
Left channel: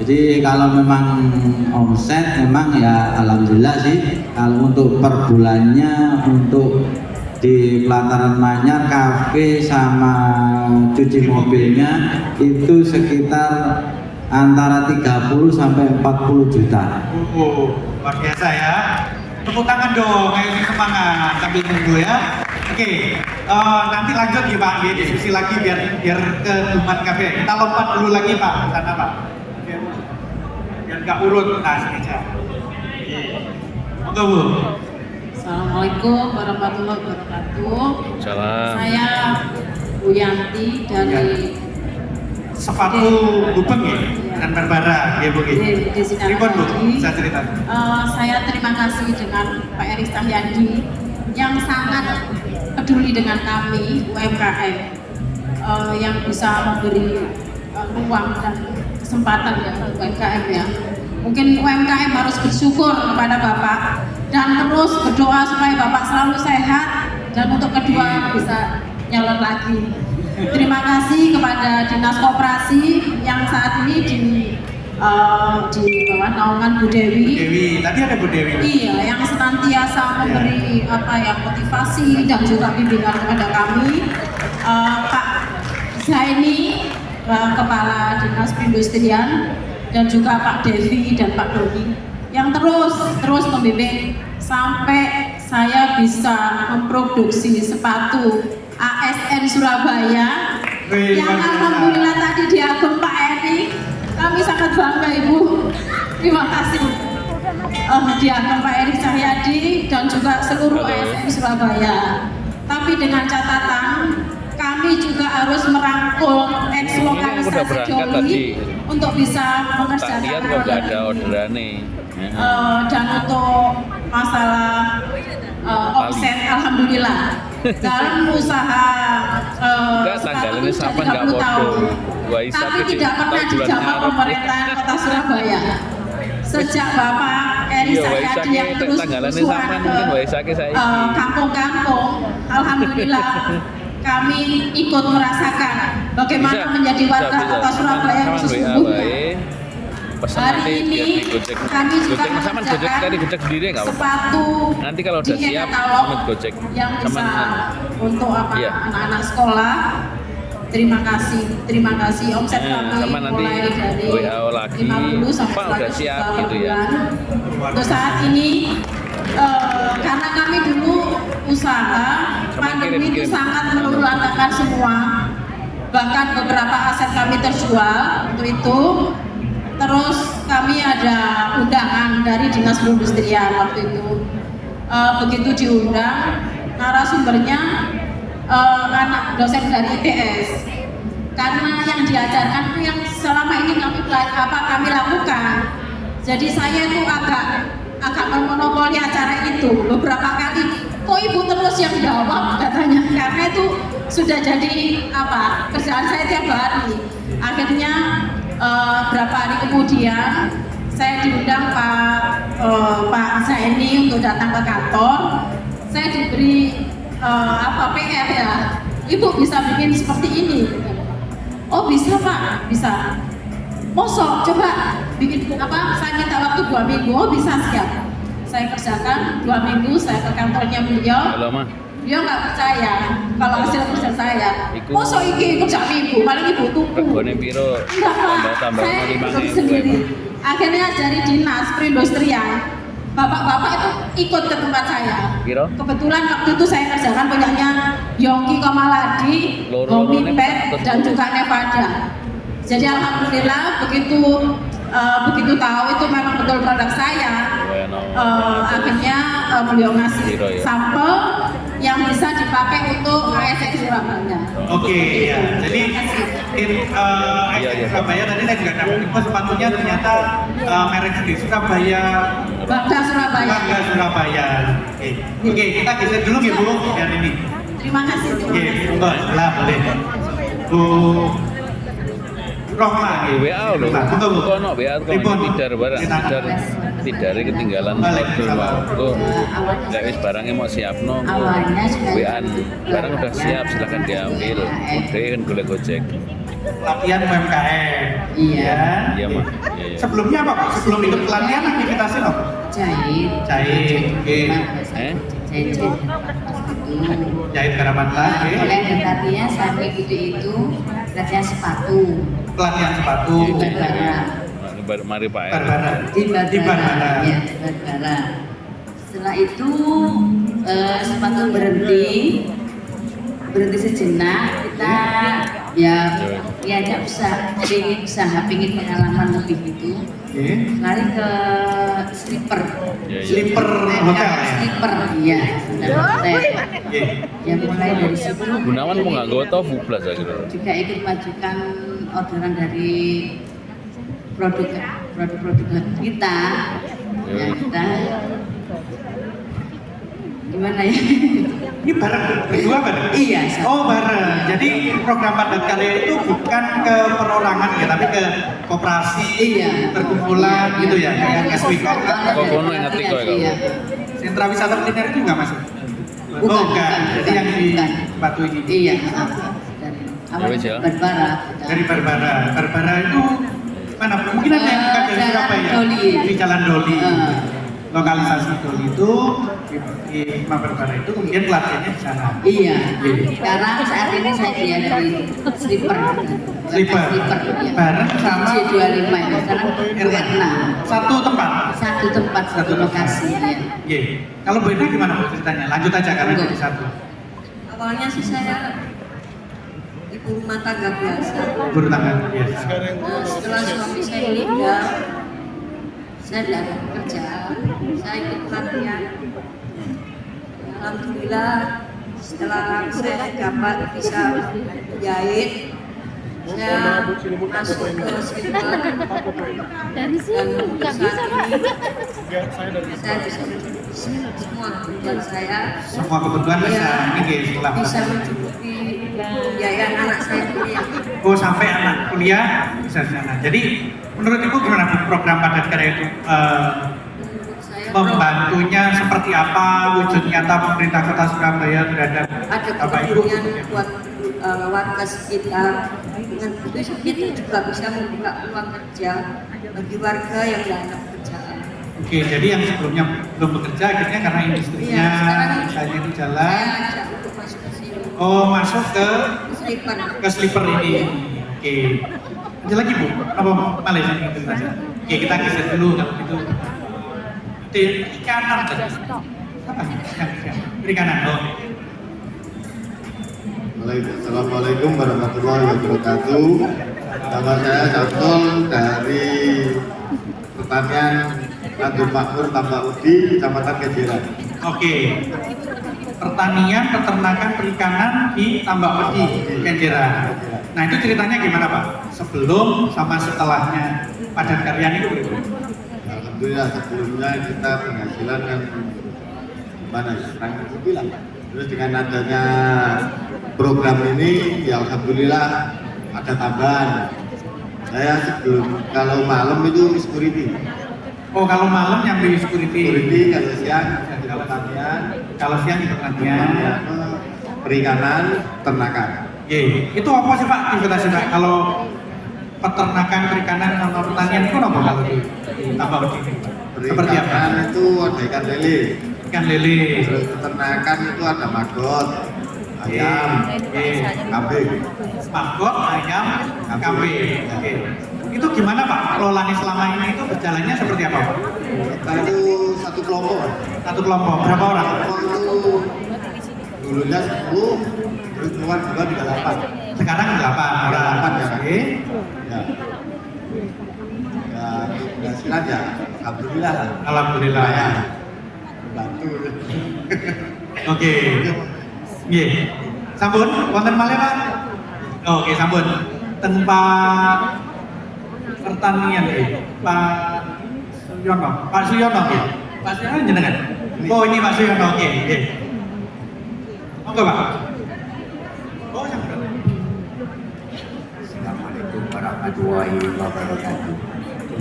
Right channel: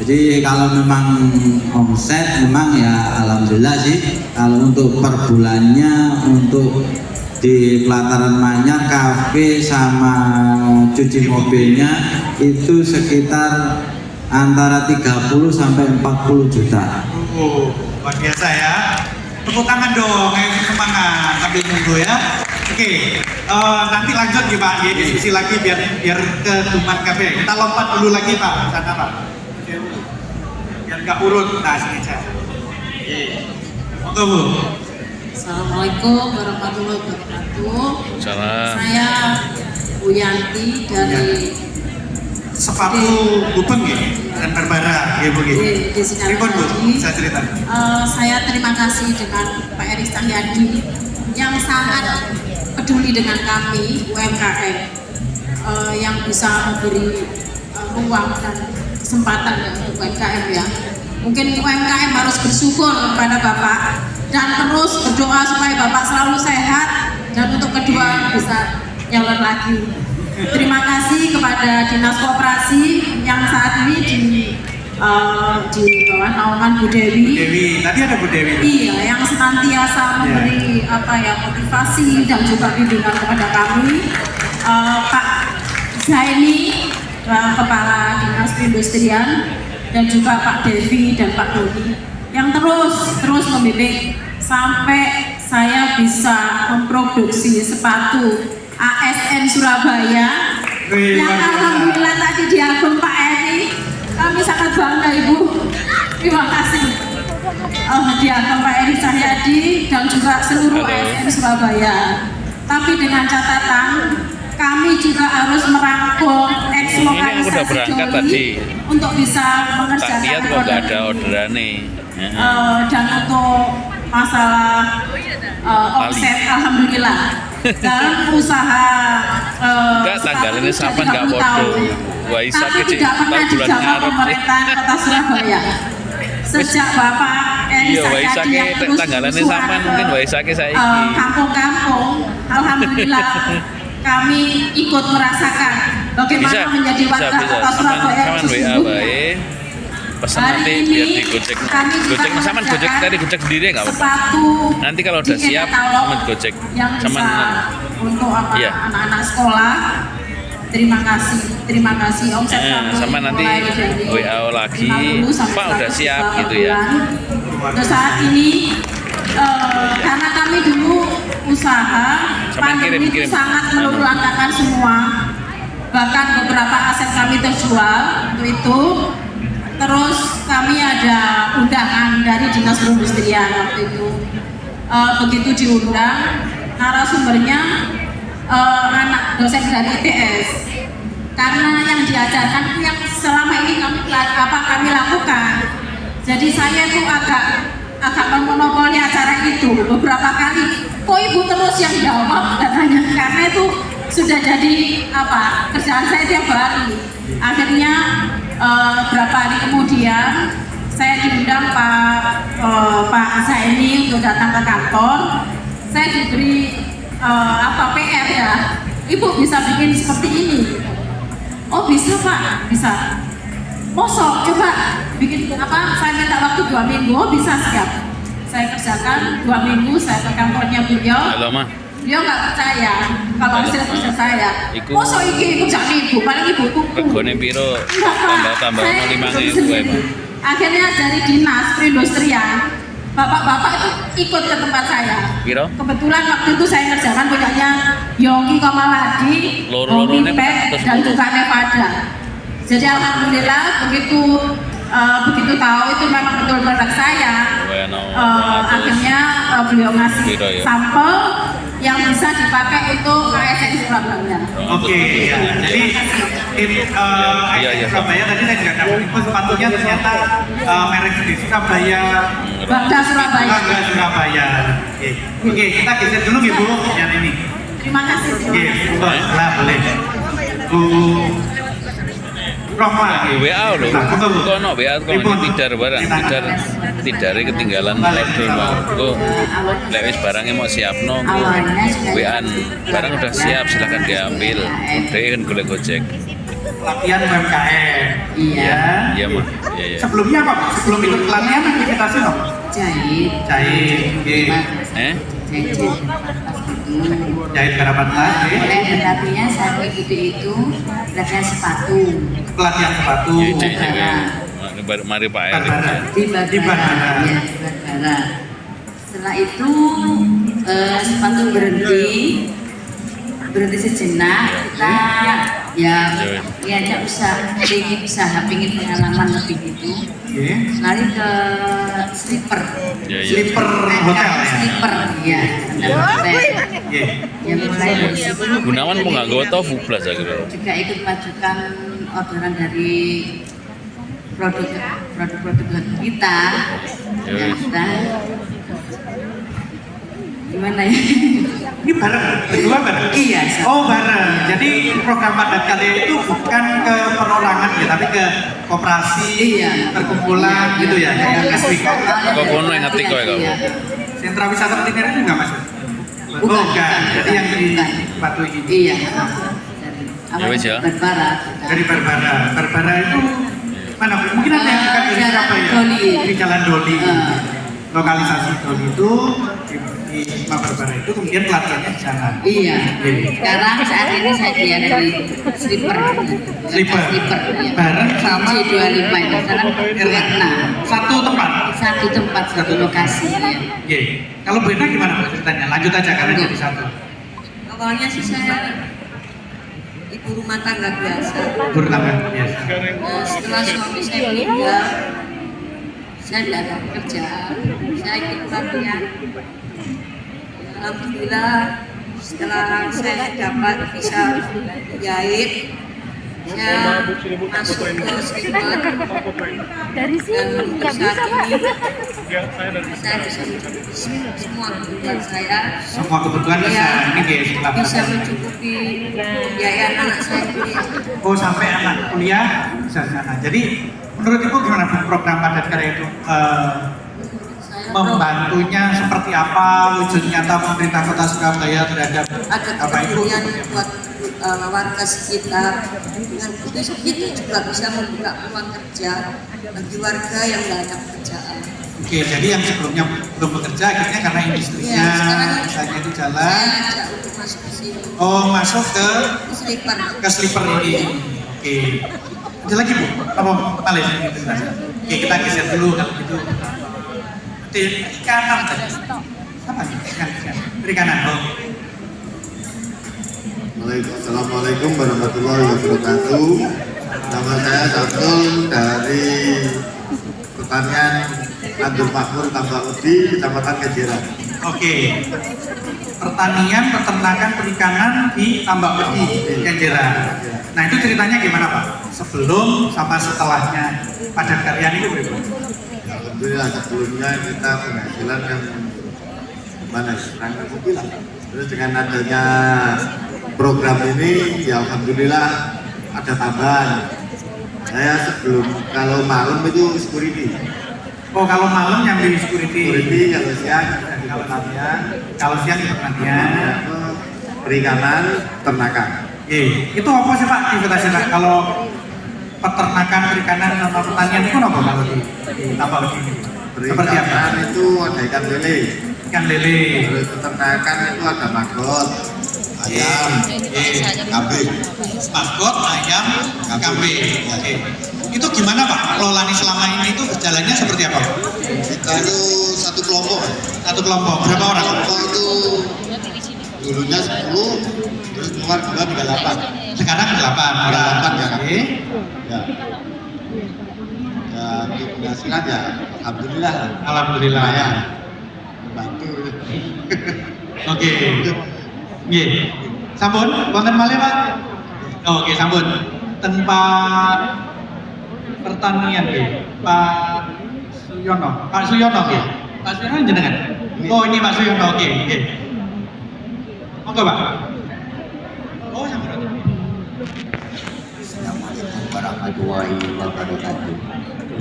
Jadi kalau memang omset memang ya alhamdulillah sih. Kalau untuk per bulannya untuk di pelataran Manyar kafe sama cuci mobilnya itu sekitar antara 30 sampai 40 juta. Luar biasa ya. Tepuk tangan dong, ayo semangat sambil nunggu ya. Oke, nanti lanjut ya Pak, ya, diskusi lagi biar ke Tuman Cafe. Kita lompat dulu lagi Pak, sana Pak. Biar nggak urut, nah sini saya. Monggo Bu. Assalamualaikum warahmatullahi wabarakatuh. Salam. Saya Bu Yanti dari Sepatu Gubeng ya, dan Barbara ya Bu. di Sinar Ribon Bu, Haji. saya cerita. Saya terima kasih dengan Pak Eri Cahyadi yang sangat peduli dengan kami UMKM yang bisa memberi ruang dan kesempatan untuk UMKM ya. Mungkin UMKM harus bersyukur kepada Bapak dan terus berdoa supaya Bapak selalu sehat dan untuk kedua bisa nyalon lagi. Terima kasih kepada Dinas Koperasi yang saat ini di bawah naungan Bu Dewi. Bu Dewi, tadi ada Bu Dewi. Iya, yang senantiasa memberi motivasi dan juga bimbingan kepada kami. Pak Zaini, Kepala Dinas Perindustrian, dan juga Pak Devi dan Pak Doni yang terus membimbing sampai saya bisa memproduksi sepatu ASN Surabaya yang alhamdulillah tadi diagem Pak Eri. Kami sangat bangga Ibu. Terima kasih. Diagem Pak Eri Cahyadi dan juga seluruh ASN Surabaya. Tapi dengan catatan kami juga harus merangkul Ini udah berangkat tadi. untuk bisa mengerjakan Tak lihat kok nggak ada orderan nih. dan untuk masalah omset alhamdulillah dan usaha Enggak, tanggalannya sampai nggak bodoh. Waisak kecil, tahu bulan Maret. Pemerintah Kota Surabaya. Sejak Bapak Eri Iya, Cahyadi Waisake yang terus tanggalannya bersuara sama mungkin Waisake saiki. Kampung-kampung, alhamdulillah kami ikut merasakan bagaimana Bisa, menjadi warga bisa. Kota Surabaya yang Saman WA sesungguhnya. baik. Pesan nanti biar digojek. Gojek sama gojek tadi gojek sendiri nggak apa-apa. Nanti kalau udah siap sama gojek sama untuk iya. anak-anak sekolah. Terima kasih omset kami sama nanti mulai dari WA lagi 50 sampai Pak udah 100 siap gitu ya. Untuk saat ini karena kami dulu usaha Sama pandemi kirim. itu sangat meluluhlantakan semua, bahkan beberapa aset kami terjual untuk itu. Terus kami ada undangan dari Dinas Perindustrian waktu itu. Begitu diundang, narasumbernya anak dosen dari ITS. Karena yang diajarkan itu yang selama ini kami lakukan. Jadi saya itu agak memonopoli acara itu beberapa kali. Kok Ibu terus yang jawab katanya? Karena itu sudah jadi kerjaan saya tiap hari. Akhirnya berapa hari kemudian saya diundang Pak Zaini untuk datang ke kantor. Saya diberi PR ya, Ibu bisa bikin seperti ini. Oh bisa Pak, bisa. Mosok coba bikin saya minta waktu 2 minggu. Oh bisa, siap. Saya kerjakan 2 minggu. Saya ke kantornya beliau. Halo Ma. Beliau nggak percaya kalau hasil kerja saya. Mosok iki kerjaan Ibu, paling Ibu kuku. Regone piro? Tambah 5.000 ya Pak. Akhirnya dari Dinas Perindustrian, bapak-bapak itu ikut ke tempat saya. Piro? Kebetulan waktu itu saya kerjakan punyanya Yongki Kamaladi, Loro-lorone Homi Pet, dan juga Nevada. Jadi alhamdulillah begitu tahu itu memang betul produk saya, akhirnya beliau ngasih sampel yang bisa dipakai untuk ASN Surabaya. Oke, ya. Jadi ASN Surabaya tadi saya juga dapat info sepatunya ternyata merek di Surabaya. Bangga Surabaya. Bangga Surabaya. Oke, kita geser dulu ya Bu, yang ini. Terima kasih. Oke, boleh. Bu Roma. WA lho. Kono WA kono tidar barang, tidare ketinggalan order mau. Kok lek wis barangnya mau siapno kok WA barang udah siap silakan diambil. Udah kan golek Gojek. Latihan UMKM. Iya. Iya, Mak. Iya. Sebelumnya apa? Sebelum ikut pelatihan aktivitasnya apa? Jahit. Oke. Jahit karapan lagi. Terapinya saya mengikuti itu pelatihan sepatu. Pelatihan sepatu. Mari Pak Erik. Di Barbara. Ya, di Barbara. Setelah itu sepatu berhenti sejenak, kita ya pingin pengalaman lebih gitu. Lari ke slipper. Slipper hotel ya. Slipper ya. Ya mulai dari situ. Gunawan mau nggak gue tau Fublas akhirnya. Juga ikut majukan orderan dari produk kita. Ya kita gimana ya? Ini berdua bareng? Iya. Oh bareng. Jadi program padat karya itu bukan ke perorangan ya, tapi ke koperasi, perkumpulan gitu ya, kayak SWK. Kok kono yang ngetik kok ya kamu? Sentra wisata kuliner itu nggak masuk? Bukan. Jadi yang di Batu ini. Iya. Ya wes ya. Dari Barbara itu mana? Mungkin ada yang bukan dari Surabaya. Di Jalan Doli. Lokalisasi Doli itu di Barbara itu kemudian pelatihannya di sana. Iya. Sekarang saat ini saya dia dari slipper. Ya. Bareng sama G25 itu sekarang R6. Satu lokasi ya. Iya. Kalau beda gimana ceritanya? Lanjut aja karena jadi satu. Awalnya sih saya ibu rumah tangga biasa. Setelah suami saya meninggal, saya tidak ada pekerjaan. Saya ikut pelatihan. Alhamdulillah setelah saya dapat bisa jahit, saya masuk ke slipper dan untuk saat ini saya bisa mencukupi semua kebutuhan saya. Semua kebutuhan bisa mencukupi biaya anak saya kuliah. Oh sampai anak kuliah bisa di sana. Jadi menurut Ibu gimana program padat karya itu? Membantunya seperti apa wujud nyata pemerintah Kota Surabaya terhadap Bapak Ibu? Buat warga sekitar, dengan itu juga bisa membuka peluang kerja bagi warga yang tidak ada pekerjaan. Oke, jadi yang sebelumnya belum bekerja akhirnya karena industrinya misalnya itu jalan. Masuk ke sini. Oh masuk ke slipper ini. Oke. Ada lagi Bu? Apa Malaysia gitu? Oke kita geser dulu kalau gitu. Perikanan tadi. Sama perikanan. Assalamualaikum warahmatullahi wabarakatuh. Nama saya Zatul dari pertanian Anggur Makmur Tambak Udi, Kecamatan Kenjeran. Oke. Pertanian, peternakan, perikanan di Tambak Udi, Kenjeran. Nah itu ceritanya gimana Pak? Sebelum sama setelahnya padat karya ini Bu? Alhamdulillah sebelumnya kita penghasilan yang mana yang bilang. Terus dengan adanya program ini ya alhamdulillah ada tambahan. Saya sebelum kalau malam itu security. Oh kalau malam yang di security. Kalau siang di pertanian. Kalau siang di pertanian. Perikanan, ternakan. Itu apa sih Pak aktivitasnya? Kalau peternakan, perikanan, sama pertanian itu apa Pak? Tambah begini. Seperti apa? Itu ada ikan lele. Ikan lele. Terus peternakan itu ada maggot. Kambing. Maggot, ayam, kambing. Itu gimana Pak? Pengelolaan selama ini itu berjalannya seperti apa? Kita itu satu kelompok. Satu kelompok. Berapa orang? Kelompok itu dulunya 10, terus keluar 38. Sekarang 8 ya. Ya. penghasilan ya alhamdulillah lah. Alhamdulillah. Ya. Bantu. Oke. Nggih. Sampun wonten malih Pak? Oke, sampun. Tanpa pertanian nggih. Pak Suyono nggih. Pak Suyono jenengan. Oh, ini Pak Suyono. Oke, nggih. Monggo, Pak. Oh, sampun. Assalamualaikum warahmatullahi wabarakatuh.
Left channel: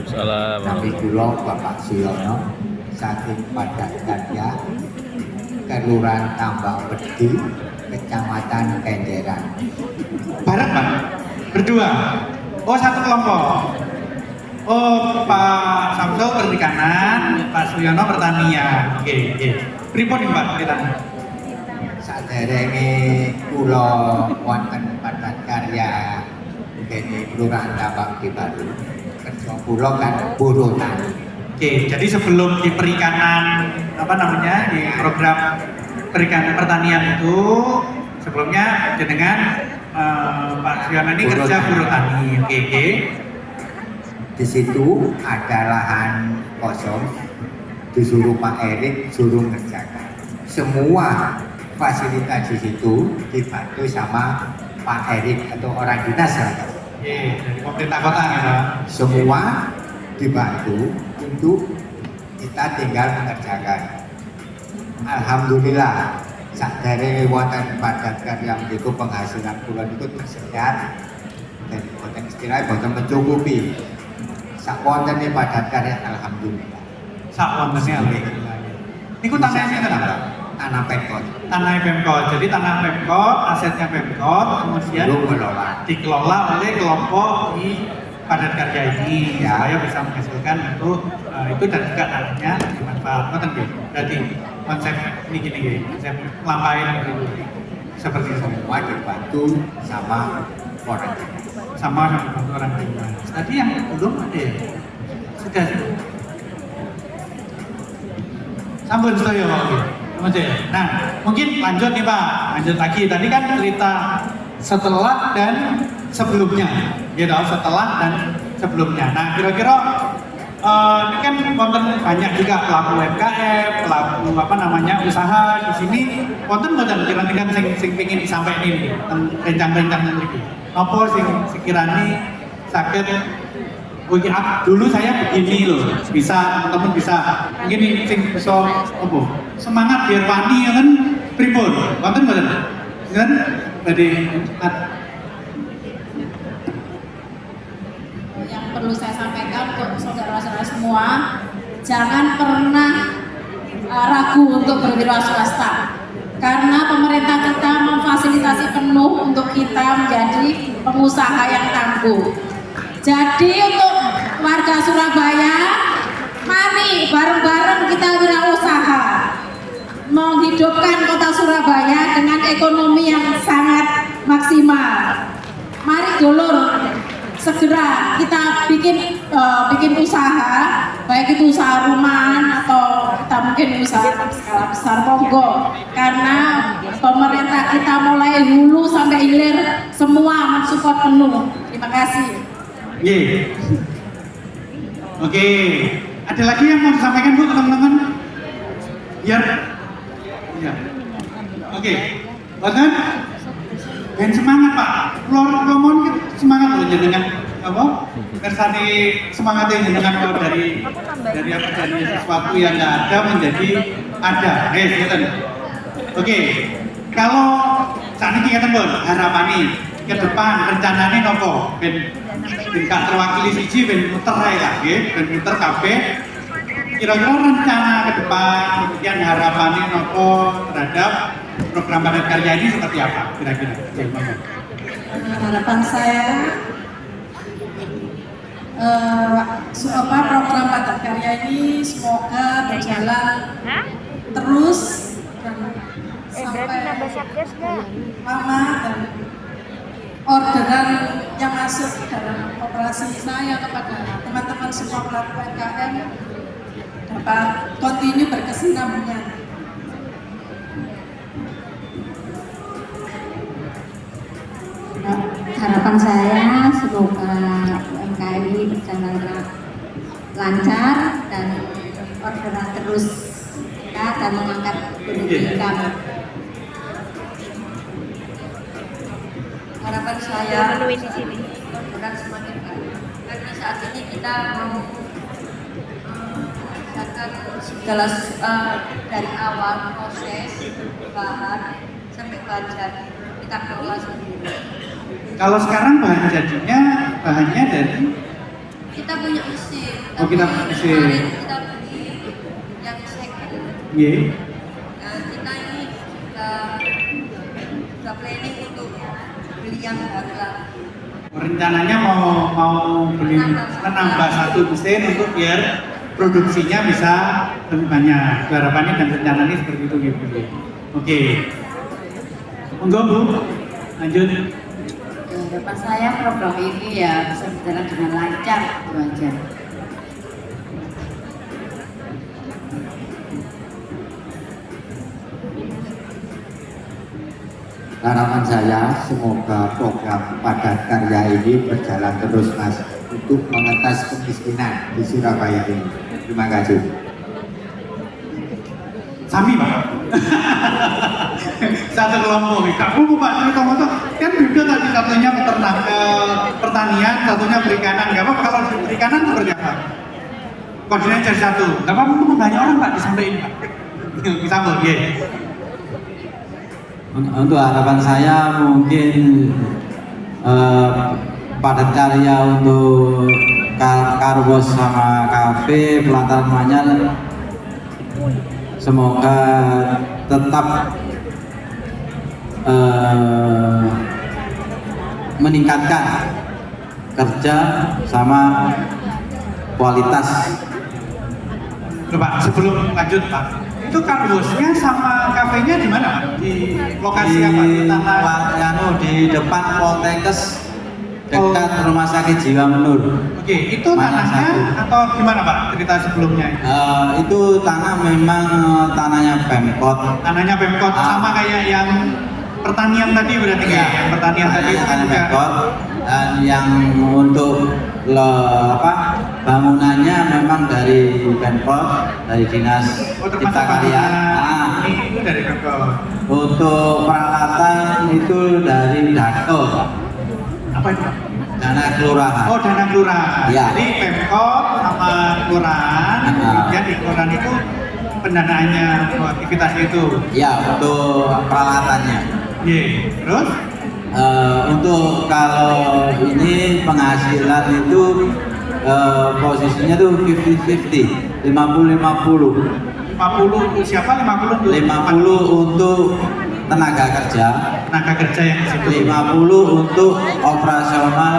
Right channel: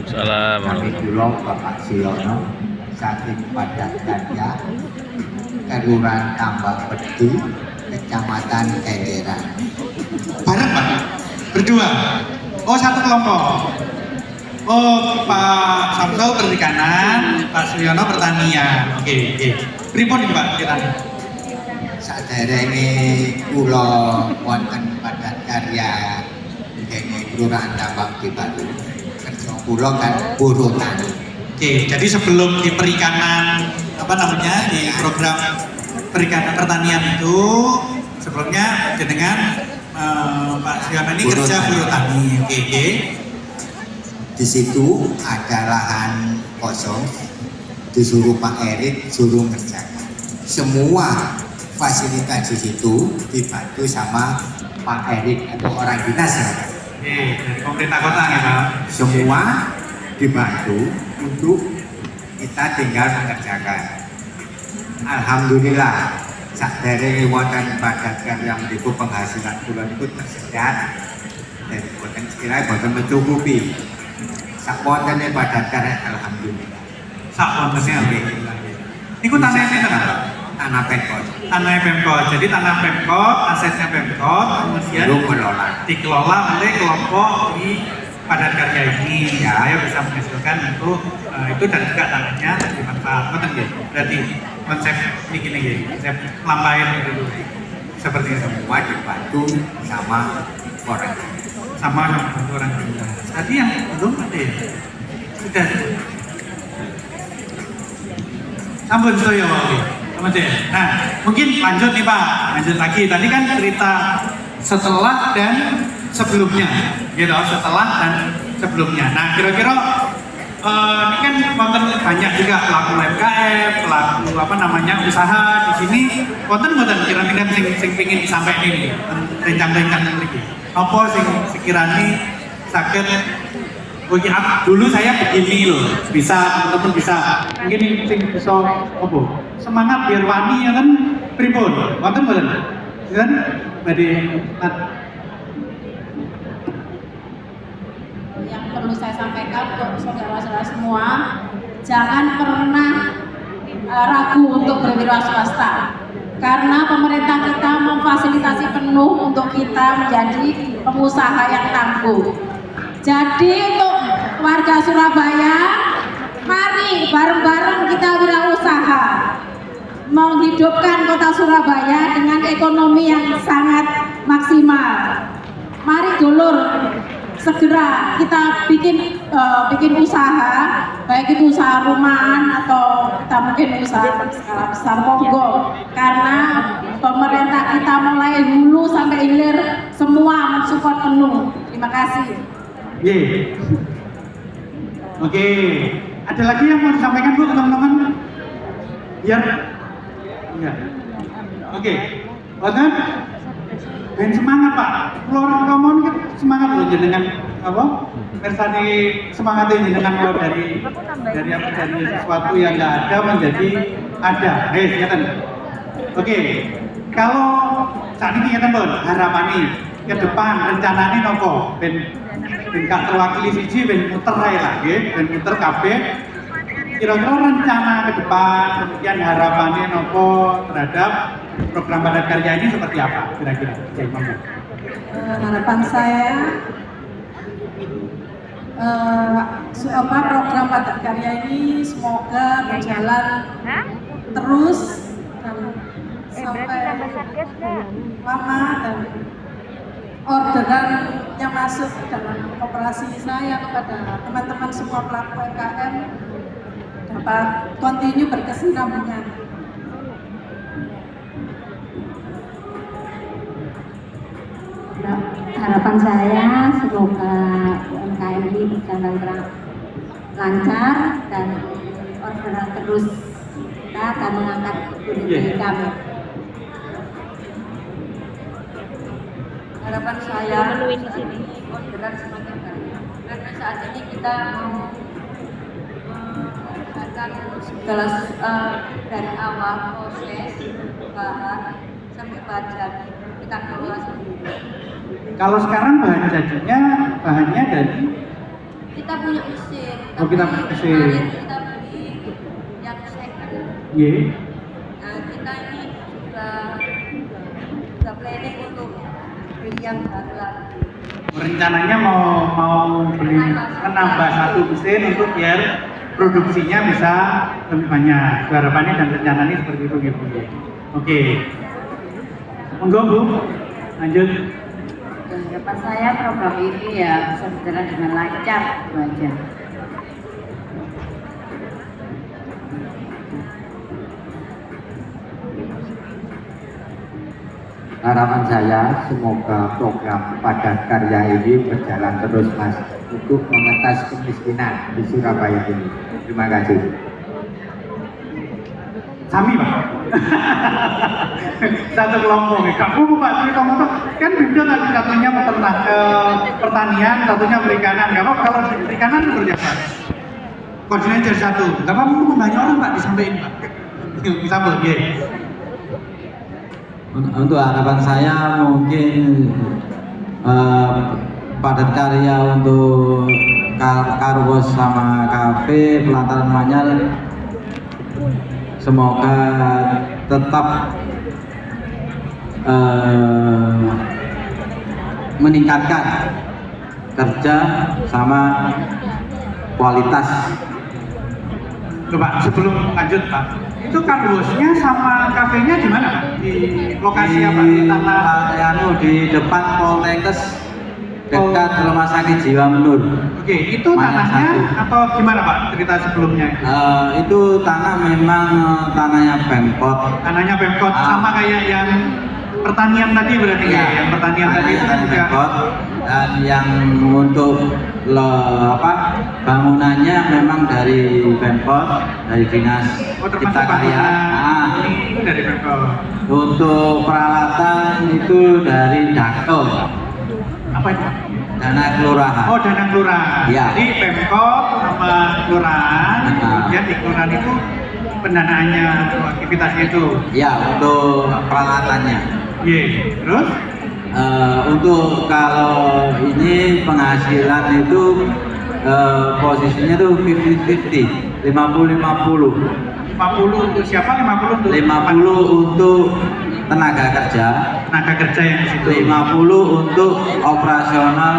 Salam. Kami kula Bapak Suyono saking Padat Karya, Kelurahan Tambak Pedi, Kecamatan Kenjeran. Bareng Pak? Berdua? Oh, satu kelompok? Oh, Pak Samsul perikanan, Pak Suyono pertanian. Oke, oke. Pripun nih Pak ceritanya? Saderenge kula wonten Padat Karya dene Kelurahan Tambak Pedi. Kerja kula kan buruh tani. Oke, jadi sebelum di perikanan apa namanya di program perikanan pertanian itu sebelumnya jenengan Pak Suyono ini kerja buruh tani. Oke, oke. Di situ ada lahan kosong, disuruh Pak Erik suruh ngerjakan. Semua fasilitas di situ dibantu sama Pak Erik atau orang dinas ya. Oke, dari pemerintah kota ya Pak. Semua dibantu untuk kita tinggal mengerjakan. Alhamdulillah, dari wonten Padat Karya itu penghasilan bulan itu tersedat dan boten sekiranya boten mencukupi. Sakwontennya Padat Karya alhamdulillah. Sakwontennya alhamdulillah. Niku tanahnya sinten Pak? Tanah Pemkot. Tanah Pemkot. Jadi tanah Pemkot, asetnya Pemkot, kemudian dikelola oleh kelompok di Padat Karya ini ya, supaya bisa menghasilkan untuk itu dan juga tanahnya dimanfaatkan gitu. Berarti konsep ini gini gitu, konsep lampain itu seperti itu. Semua dibantu sama orang sama orang dinas. Tadi yang belum ada ya? Sudah. Sampun saya. Oke. Nah, mungkin lanjut nih Pak. Lanjut lagi. Tadi kan cerita setelah dan sebelumnya. Gitu, setelah dan sebelumnya. Nah, kira-kira ini kan konten banyak juga pelaku UMKM, pelaku apa namanya usaha di sini. Konten kira-kira sing pengin disampaikan ini, rencang-rencang ini. Apa sing sekiranya sakit? Dulu saya begini loh, bisa teman-teman bisa. Mungkin sing bisa apa? Semangat biar wani ya kan pripun? Konten mboten? Kan badhe yang perlu saya sampaikan untuk saudara-saudara semua, jangan pernah ragu untuk berwira swasta karena pemerintah kita memfasilitasi penuh untuk kita menjadi pengusaha yang tangguh. Jadi untuk warga Surabaya, mari bareng-bareng kita wirausaha menghidupkan kota Surabaya dengan ekonomi yang sangat maksimal. Mari dulur segera kita bikin usaha, baik itu usaha rumahan atau kita mungkin usaha skala besar, monggo, karena pemerintah kita mulai hulu sampai hilir semua mensupport penuh. Terima kasih. Oke, ada lagi yang mau disampaikan Bu teman-teman? Biar, ya. Oke, Badan, dan semangat Pak. Keluar ngomong semangat loh jenengan apa? Versani semangat ini dengan keluar dari apa dari sesuatu yang nggak ada menjadi ada. Ngeten. Oke, kalau saat ini ngeten Bu, harapan ke depan rencananya nopo? Ben gak terwakili siji ben muter ae lagi, ben muter kabeh. Kira-kira rencana ke depan, kemudian harapannya nopo terhadap program Padat Karya ini seperti apa kira-kira? Harapan saya program Padat Karya ini semoga berjalan terus dan sampai lama dan orderan yang masuk dalam operasi saya kepada teman-teman semua pelaku UMKM dapat kontinu berkesinambungan. Harapan saya semoga UMKM ini berjalan lancar dan mengangkat pendidikan. Harapan saya benar semakin baik karena saat ini kita melaksanakan segala dari awal proses bahan sampai bahan jadi kita kelola sendiri. Kalau sekarang bahannya dari Kita punya mesin. Oh, kita punya mesin. Kita beli yang second. Iya. Nah, kita ini juga planning untuk beli yang baru. Rencananya mau beli menambah satu mesin untuk biar produksinya bisa lebih banyak. Harapannya dan rencananya seperti itu ya Bu. Oke. Monggo Bu, lanjut. Harapan saya program ini ya bisa berjalan dengan lancar, itu aja. Harapan saya semoga program padat karya ini berjalan terus Mas untuk mengetas kemiskinan di Surabaya ini. Terima kasih. Sami Pak. Satu kelompok nih. Kamu Pak, ini kamu tuh kan beda tadi satunya peternak pertanian, satunya perikanan. Gak apa kalau di perikanan itu seperti apa? Koordinasi jadi satu. Gak apa-apa banyak orang Pak disampaikan Pak. Bisa boleh. Untuk harapan saya mungkin padat karya untuk Karwos sama kafe pelataran Manyar semoga tetap meningkatkan kerja sama kualitas. Pak, sebelum lanjut Pak, itu kardusnya sama kafenya di mana Pak? Di lokasi apa? Di tanah di depan Poltekkes dekat Rumah Sakit Jiwa Menur. Oke, itu tanahnya atau gimana Pak cerita sebelumnya? Itu tanah memang tanahnya Pemkot. Tanahnya Pemkot sama kayak yang pertanian tadi berarti ya? Yang pertanian tadi itu kan juga. Pemkot, dan yang untuk bangunannya memang dari Pemkot, dari Dinas Cipta Karya. Itu dari Pemkot. Untuk peralatan itu dari Dato. Apa itu? Dana kelurahan. Oh, dana kelurahan. Ya. Jadi Pemkot sama kelurahan, kemudian di kelurahan itu pendanaannya untuk aktivitas itu. Ya, untuk peralatannya. Iya. Terus? Untuk kalau ini penghasilan itu posisinya tuh 50-50, 50-50. 50 untuk siapa? 50 untuk 50 untuk tenaga kerja yang di situ. 50 untuk operasional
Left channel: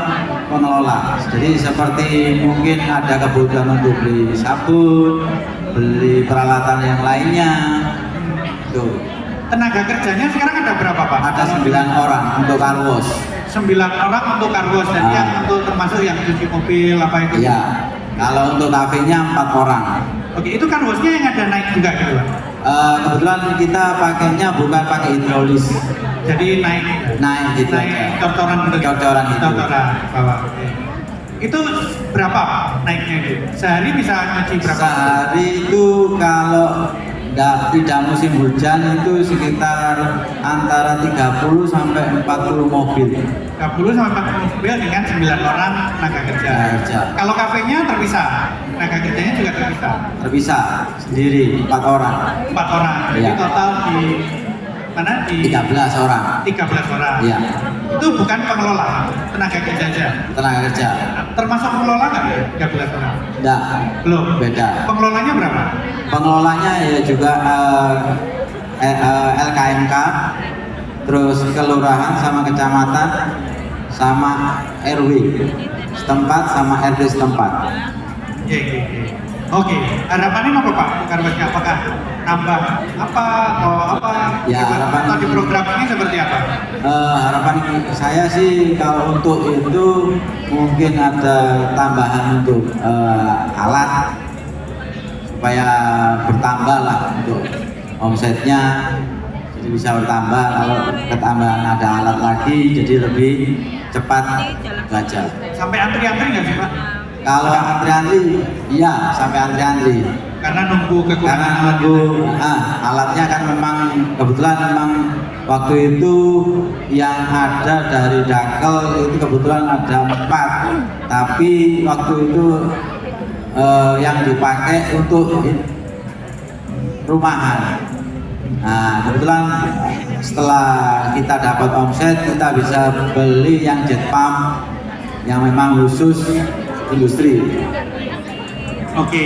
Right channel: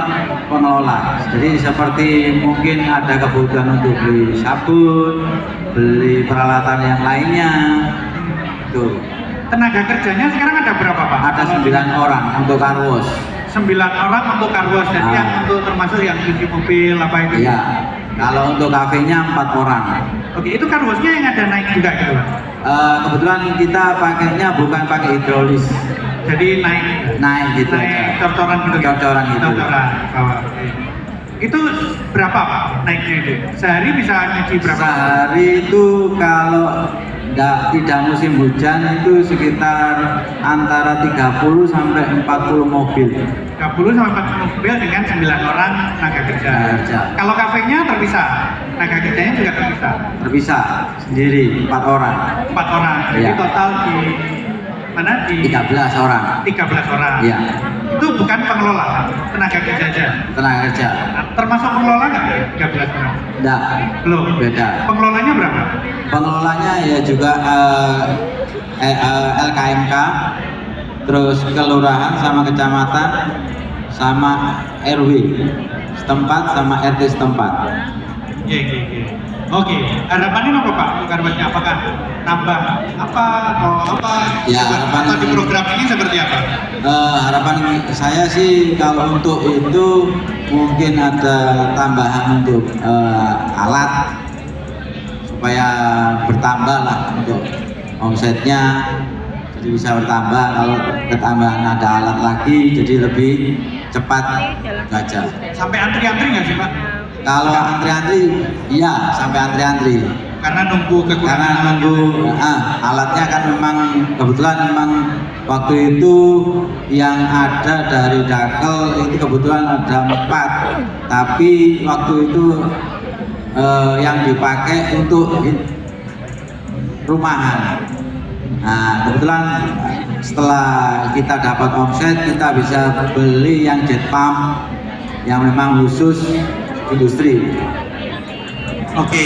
pengelola. Jadi seperti mungkin ada kebutuhan untuk beli sabun, beli peralatan yang lainnya. Tuh. Tenaga kerjanya sekarang ada berapa Pak? Ada 9 orang untuk Karwos. 9 orang untuk Karwos, jadi yang untuk termasuk yang cuci mobil apa itu? Iya. Kalau untuk kafenya 4 orang. Oke, itu Karwosnya yang ada naik juga gitu? Kebetulan kita pakainya bukan pakai hidrolis. Jadi naik gitu. Naik cocoran gitu. Cocoran gitu. Cocoran. Oh, okay. Itu berapa Pak naiknya itu? Sehari bisa nyuci berapa? Sehari itu kalau tidak musim hujan itu sekitar antara 30 sampai 40 mobil. 30 sampai 40 mobil dengan 9 orang tenaga kerja. Kalau kafenya terpisah, tenaga kerjanya juga terpisah. Terpisah sendiri 4 orang. 4 orang. Jadi Ya. total di mana di 13 orang. 13 orang. Iya. Itu bukan pengelola, tenaga kerja aja. Tenaga kerja. Termasuk pengelola nggak 13 orang? Enggak. Belum. Beda. Pengelolanya berapa? Pengelolanya ya juga LKMK, terus kelurahan sama kecamatan sama RW setempat sama RT setempat. Iya. Oke, harapannya apa Pak? Karwosnya apakah nambah apa atau apa? Ya, harapan atau di program ini seperti apa? Harapan saya sih kalau untuk itu mungkin ada tambahan untuk alat supaya bertambah lah untuk omsetnya, jadi bisa bertambah. Kalau ketambahan ada alat lagi jadi lebih cepat saja. Sampai antri-antri nggak sih Pak? Kalau antri-antri, iya sampai antri-antri. karena nunggu kekurangan alatnya kan memang kebetulan memang waktu itu yang ada dari Dakel itu kebetulan ada 4, tapi waktu itu yang dipakai untuk rumahan. Nah, kebetulan setelah kita dapat omset, kita bisa beli yang jet pump yang memang khusus industri. Oke,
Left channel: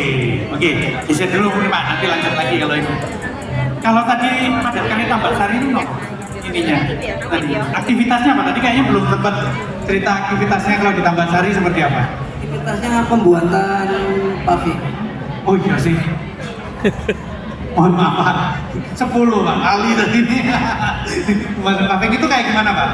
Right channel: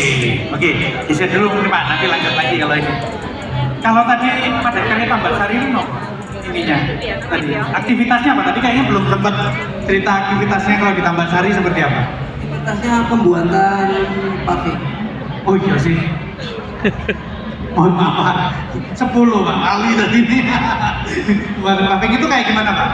bisa dulu nih Pak, nanti lanjut lagi kalau ini. Kalau tadi Padat Karya Tambak-Sari ininya, tadi aktivitasnya apa? Tadi kayaknya belum sempat cerita aktivitasnya kalau di Tambak-Sari seperti apa? Aktivitasnya pembuatan paving. Oh iya sih. Mohon maaf, 10 Pak, Ali tadi ini. Pembuatan paving itu kayak gimana Pak?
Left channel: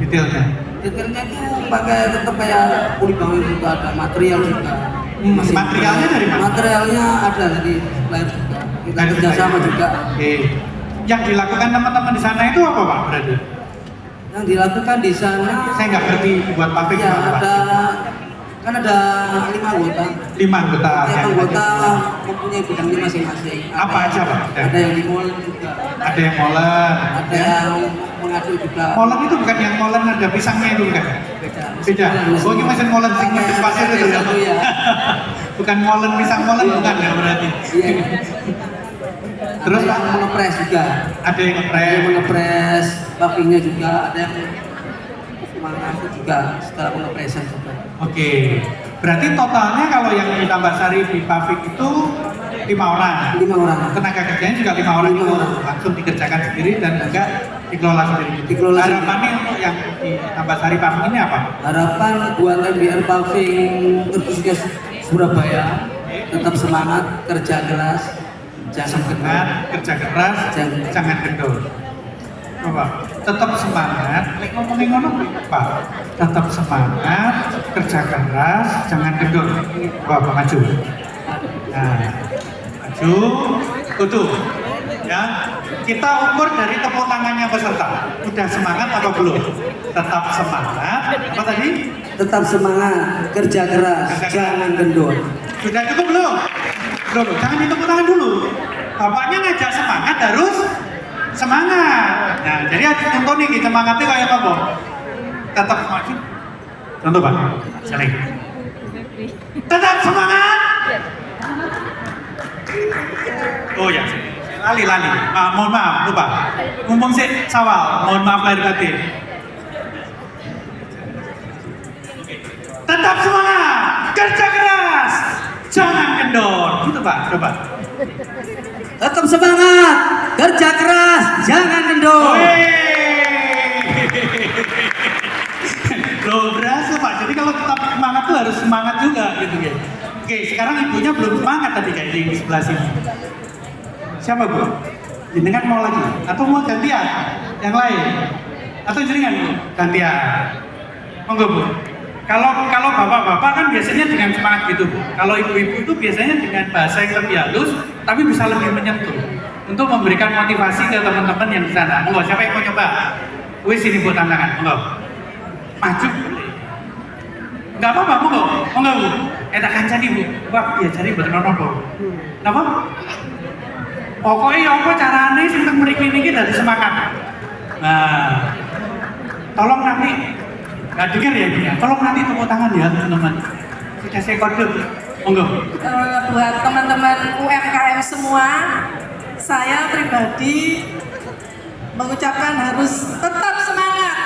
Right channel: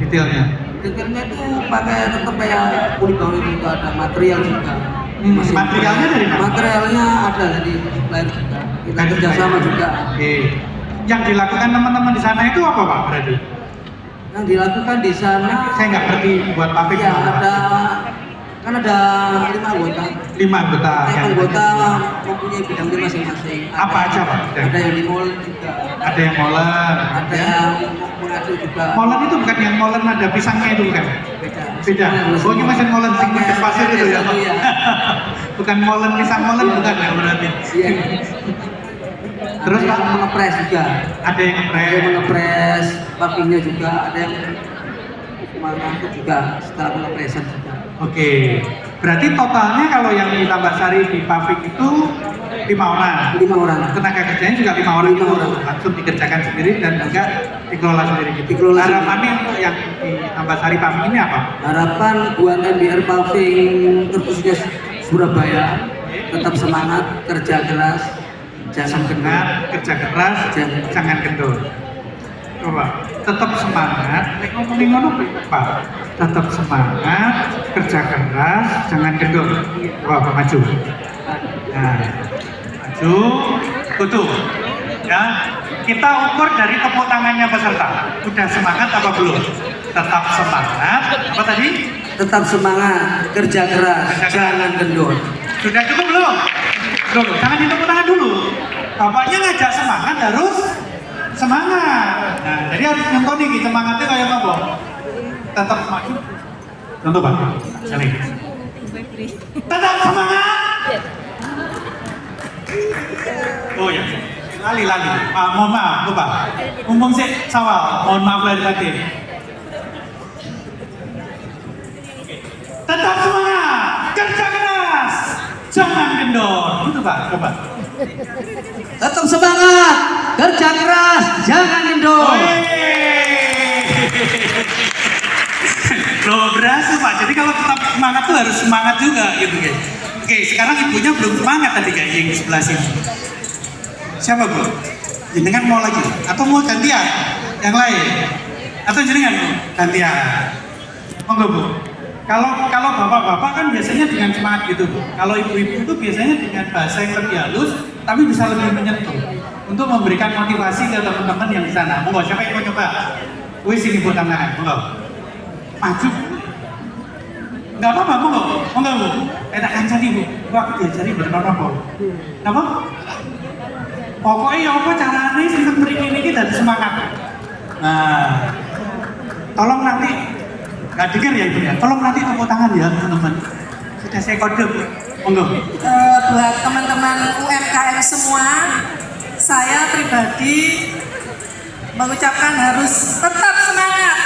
Detailnya? Detailnya itu pakai tetap kayak kulit bangun juga, ada material juga. Materialnya dari mana? Materialnya ada dari lain juga. Kita kerjasama juga. Oke. Yang dilakukan teman-teman di sana itu apa Pak berarti? Yang dilakukan di sana, saya nggak ngerti buat paving. Ya kan ada 5 anggota. 5 anggota. Setiap anggota mempunyai bidangnya masing-masing. Apa aja Pak? Ada yang di mall juga. Ada yang molen. Ada yang mengadu juga. Molen itu bukan yang molen ada pisangnya itu kan? Beda. Oh ini masih molen segmen pasir itu ya? Bukan molen pisang molen bukan ya berarti? Iya. Terus ada yang mengepres juga. Ada yang mengepres pavingnya juga. Ada yang mengangkut juga setelah mengepresan juga. Oke. Berarti totalnya kalau yang di Tambak-Sari di paving itu 5 orang. 5 orang. Tenaga kerjanya juga 5 orang itu langsung dikerjakan sendiri dan juga dikelola sendiri. Dikelola harapannya untuk yang di Tambak-Sari paving ini apa? Harapan buat MBR Paving khususnya Surabaya tetap semangat, kerja keras, jangan kendor. Kerja keras, jangan kendor. Coba, tetap semangat. Ngomongin Pak. Tetap semangat, kerja keras, jangan kendor. Wah, maju. Nah, maju, tutup. Ya, kita ukur dari tepuk tangannya peserta. Udah semangat apa belum? Tetap semangat. Apa tadi? Tetap semangat, kerja keras, jangan kendor. Sudah cukup belum? Belum. Jangan ditepuk tangan dulu. Bapaknya ngajak semangat harus semangat. Nah, jadi harus nonton nih semangatnya kayak apa? Tetap maju. Contoh Pak, saling. Tetap semangat. Oh ya, lali. Mohon maaf, lupa. Mumpung sih sawal, mohon maaf lahir batin. Tetap semangat, kerja keras, jangan kendor. Gitu Pak, coba. Tetap semangat, kerja keras, jangan kendor. Loh berasa Pak, jadi kalau tetap semangat tuh harus semangat juga gitu guys. Oke, sekarang ibunya belum semangat tadi kayak yang di sebelah sini. Siapa Bu? Jenengan mau lagi? Atau mau gantian? Yang lain? Atau jenengan gantian? Monggo Bu. Kalau bapak-bapak kan biasanya dengan semangat gitu Bu. Kalau ibu-ibu itu biasanya dengan bahasa yang lebih halus, tapi bisa lebih menyentuh untuk memberikan motivasi ke teman-teman yang di sana. Monggo, siapa yang mau coba? Wih sini Bu tantangan, monggo. Maju. Enggak apa-apa, monggo Bu. Tak kancani Bu. Wah, diajari bagaimana Bu. Napa? Pokoknya apa caranya untuk mriki niki dadi semangat. Nah, tolong nanti nggak dengar ya Ibu ya. Tolong nanti tepuk tangan ya teman-teman. Sudah saya kode Bu. Monggo. Buat teman-teman UMKM semua, saya pribadi mengucapkan harus tetap semangat.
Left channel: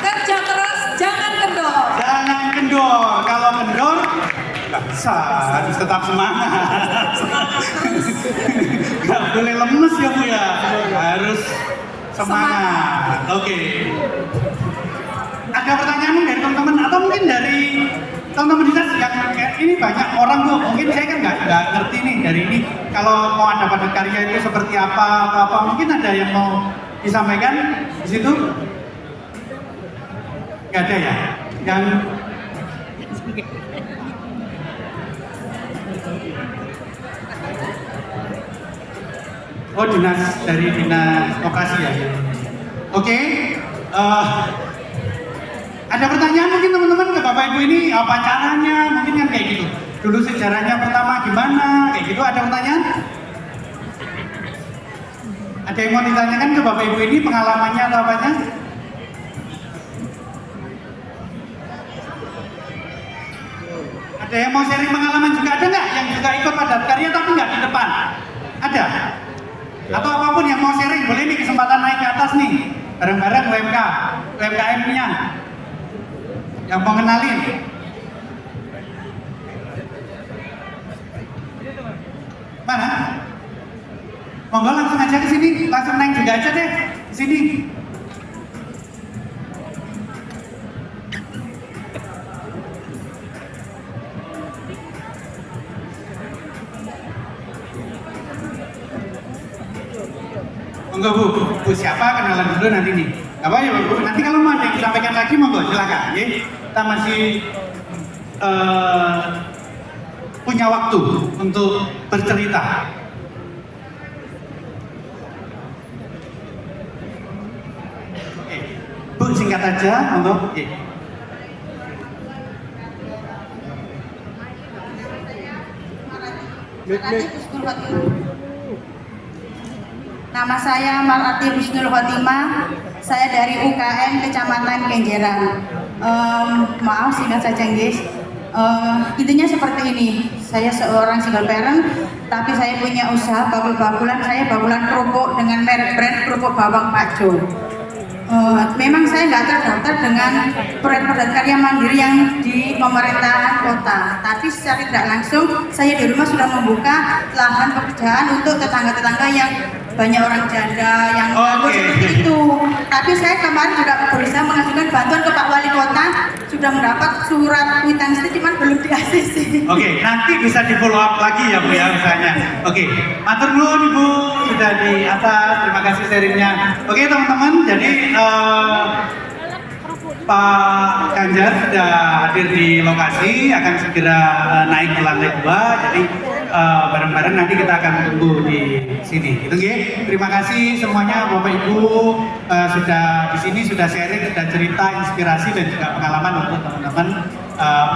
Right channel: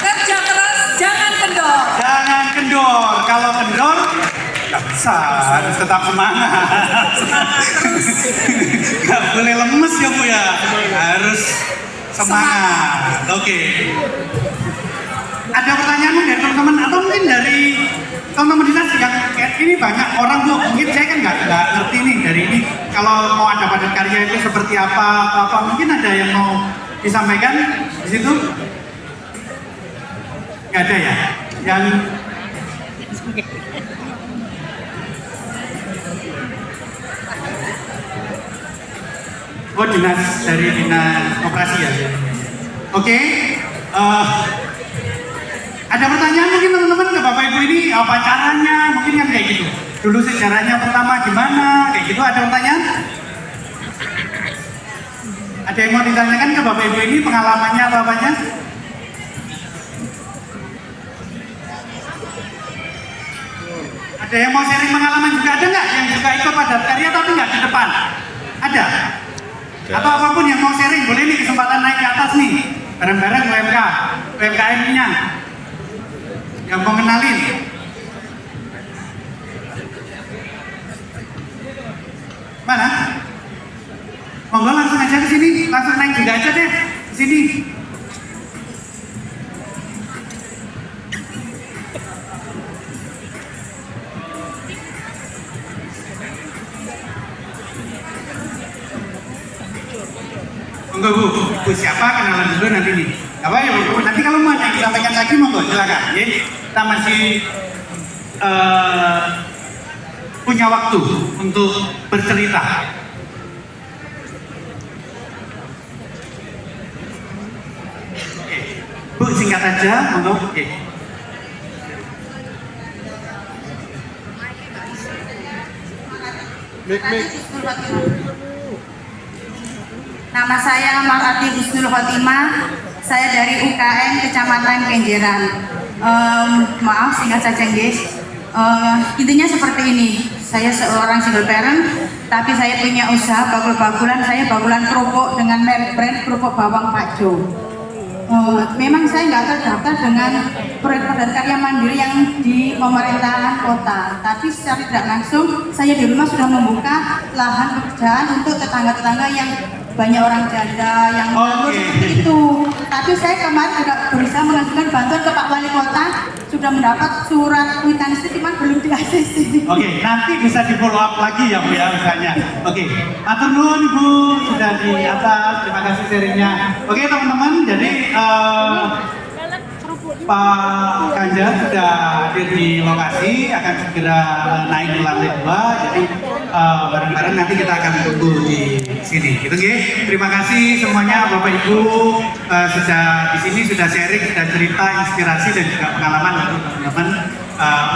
Kerja keras, jangan kendor. Jangan kendor. Kalau kendor nggak bisa, harus tetap semangat. Nggak boleh lemes ya Bu ya. Harus semangat. Oke. Ada pertanyaan dari teman-teman atau mungkin dari teman-teman di sana yang ini banyak orang Bu. Mungkin saya kan nggak ngerti nih dari ini. Kalau mau ada padat karya itu seperti apa mungkin ada yang mau disampaikan di situ? Nggak ada ya? Yang dari dinas operasi ya. Oke. Ada pertanyaan mungkin teman-teman nggak Bapak Ibu ini apa caranya, mungkin kan kayak gitu. Dulu sejarahnya pertama gimana, kayak gitu. Ada pertanyaan? Ada yang mau ditanyakan ke Bapak Ibu ini pengalamannya atau apanya? Ada yang mau sharing pengalaman juga, ada nggak? Yang juga ikut padat karya tapi nggak di depan? Ada? Atau apapun yang mau sharing, boleh nih kesempatan naik ke atas nih. Bareng-bareng UMKM-nya. Yang mau kenalin. Mana? Monggo langsung aja ke sini, langsung naik juga aja deh. Ke sini. Enggak Bu, siapa kenalan dulu nanti nih. Apa ya Bu? Nanti kalau mau ada yang disampaikan lagi monggo silakan. Ya, kita masih punya waktu untuk bercerita. Oke, Bu singkat aja, monggo. Oke. Nama saya Marati Husnul Khotimah, saya dari UKM Kecamatan Kenjeran. Maaf singkat saja guys. Intinya seperti ini, saya seorang single parent, tapi saya punya usaha bakul-bakulan, saya bakulan kerupuk dengan merek brand kerupuk bawang Pak Jo. Memang saya nggak terdaftar dengan proyek karya mandiri yang di pemerintah kota, tapi secara tidak langsung saya di rumah sudah membuka lahan pekerjaan untuk tetangga-tetangga yang banyak orang janda yang seperti itu. Tapi saya kemarin juga berusaha mengajukan bantuan ke Pak Wali Kota, sudah mendapat surat kwitansi cuma belum di ACC. Oke, nanti bisa di follow up lagi ya Bu ya misalnya. Oke, atur nuhun Ibu sudah di atas, terima kasih sharingnya. Oke teman-teman, jadi Pak Ganjar sudah hadir di lokasi, akan segera naik ke lantai 2. Jadi bareng-bareng nanti kita akan tunggu di sini. Gitu nggih. Terima kasih semuanya Bapak Ibu sudah di sini, sudah sharing, sudah cerita, inspirasi dan juga pengalaman untuk teman-teman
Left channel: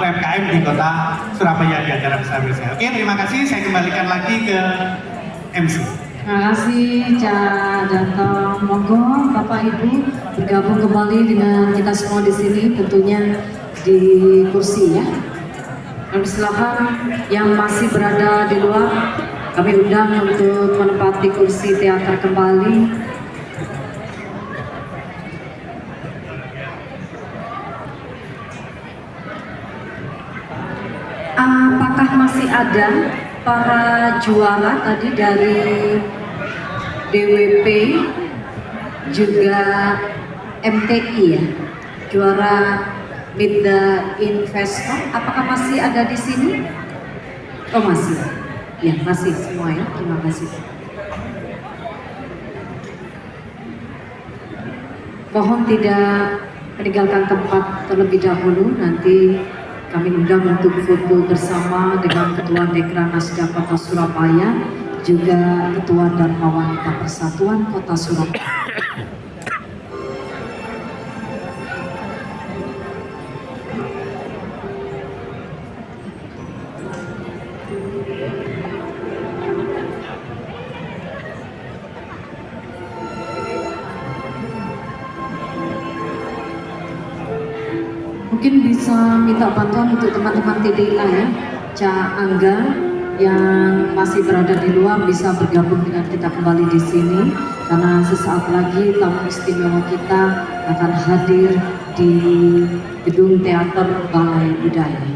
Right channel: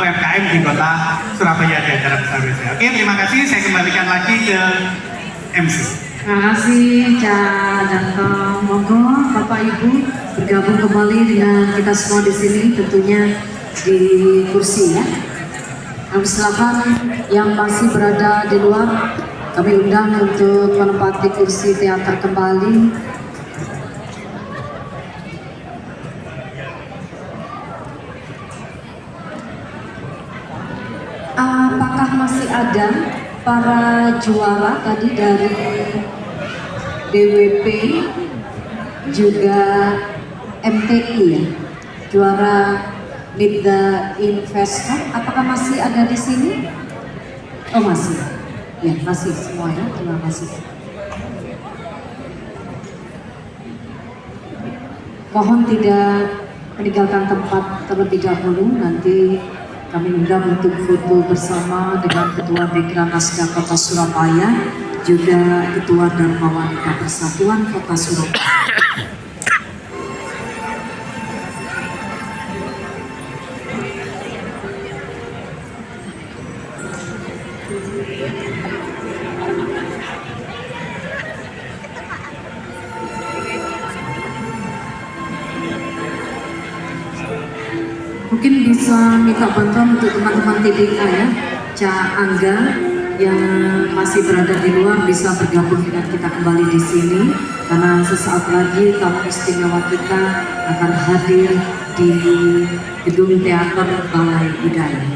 UMKM di Kota Surabaya di acara besar saya. Oke, terima kasih. Saya kembalikan lagi ke MC. Terima kasih Cak Danto. Monggo Bapak Ibu bergabung kembali dengan kita semua di sini, tentunya di kursi ya. Kami silakan yang masih berada di luar, kami undang untuk menempati kursi teater kembali. Apakah masih ada para juara tadi dari BWP juga MTI ya, juara Meet the Investor, apakah masih ada di sini? Oh masih, ya masih semua ya, terima kasih. Mohon tidak meninggalkan tempat terlebih dahulu, nanti kami undang untuk foto bersama dengan Ketua Dekranasda Kota Surabaya, juga Ketua Dharma Wanita Persatuan Kota Surabaya. Mungkin bisa minta bantuan untuk teman-teman TDA ya, Cak Angga yang masih berada di luar bisa bergabung dengan kita kembali di sini, karena sesaat lagi tamu istimewa kita akan hadir di Gedung Teater Balai Budaya.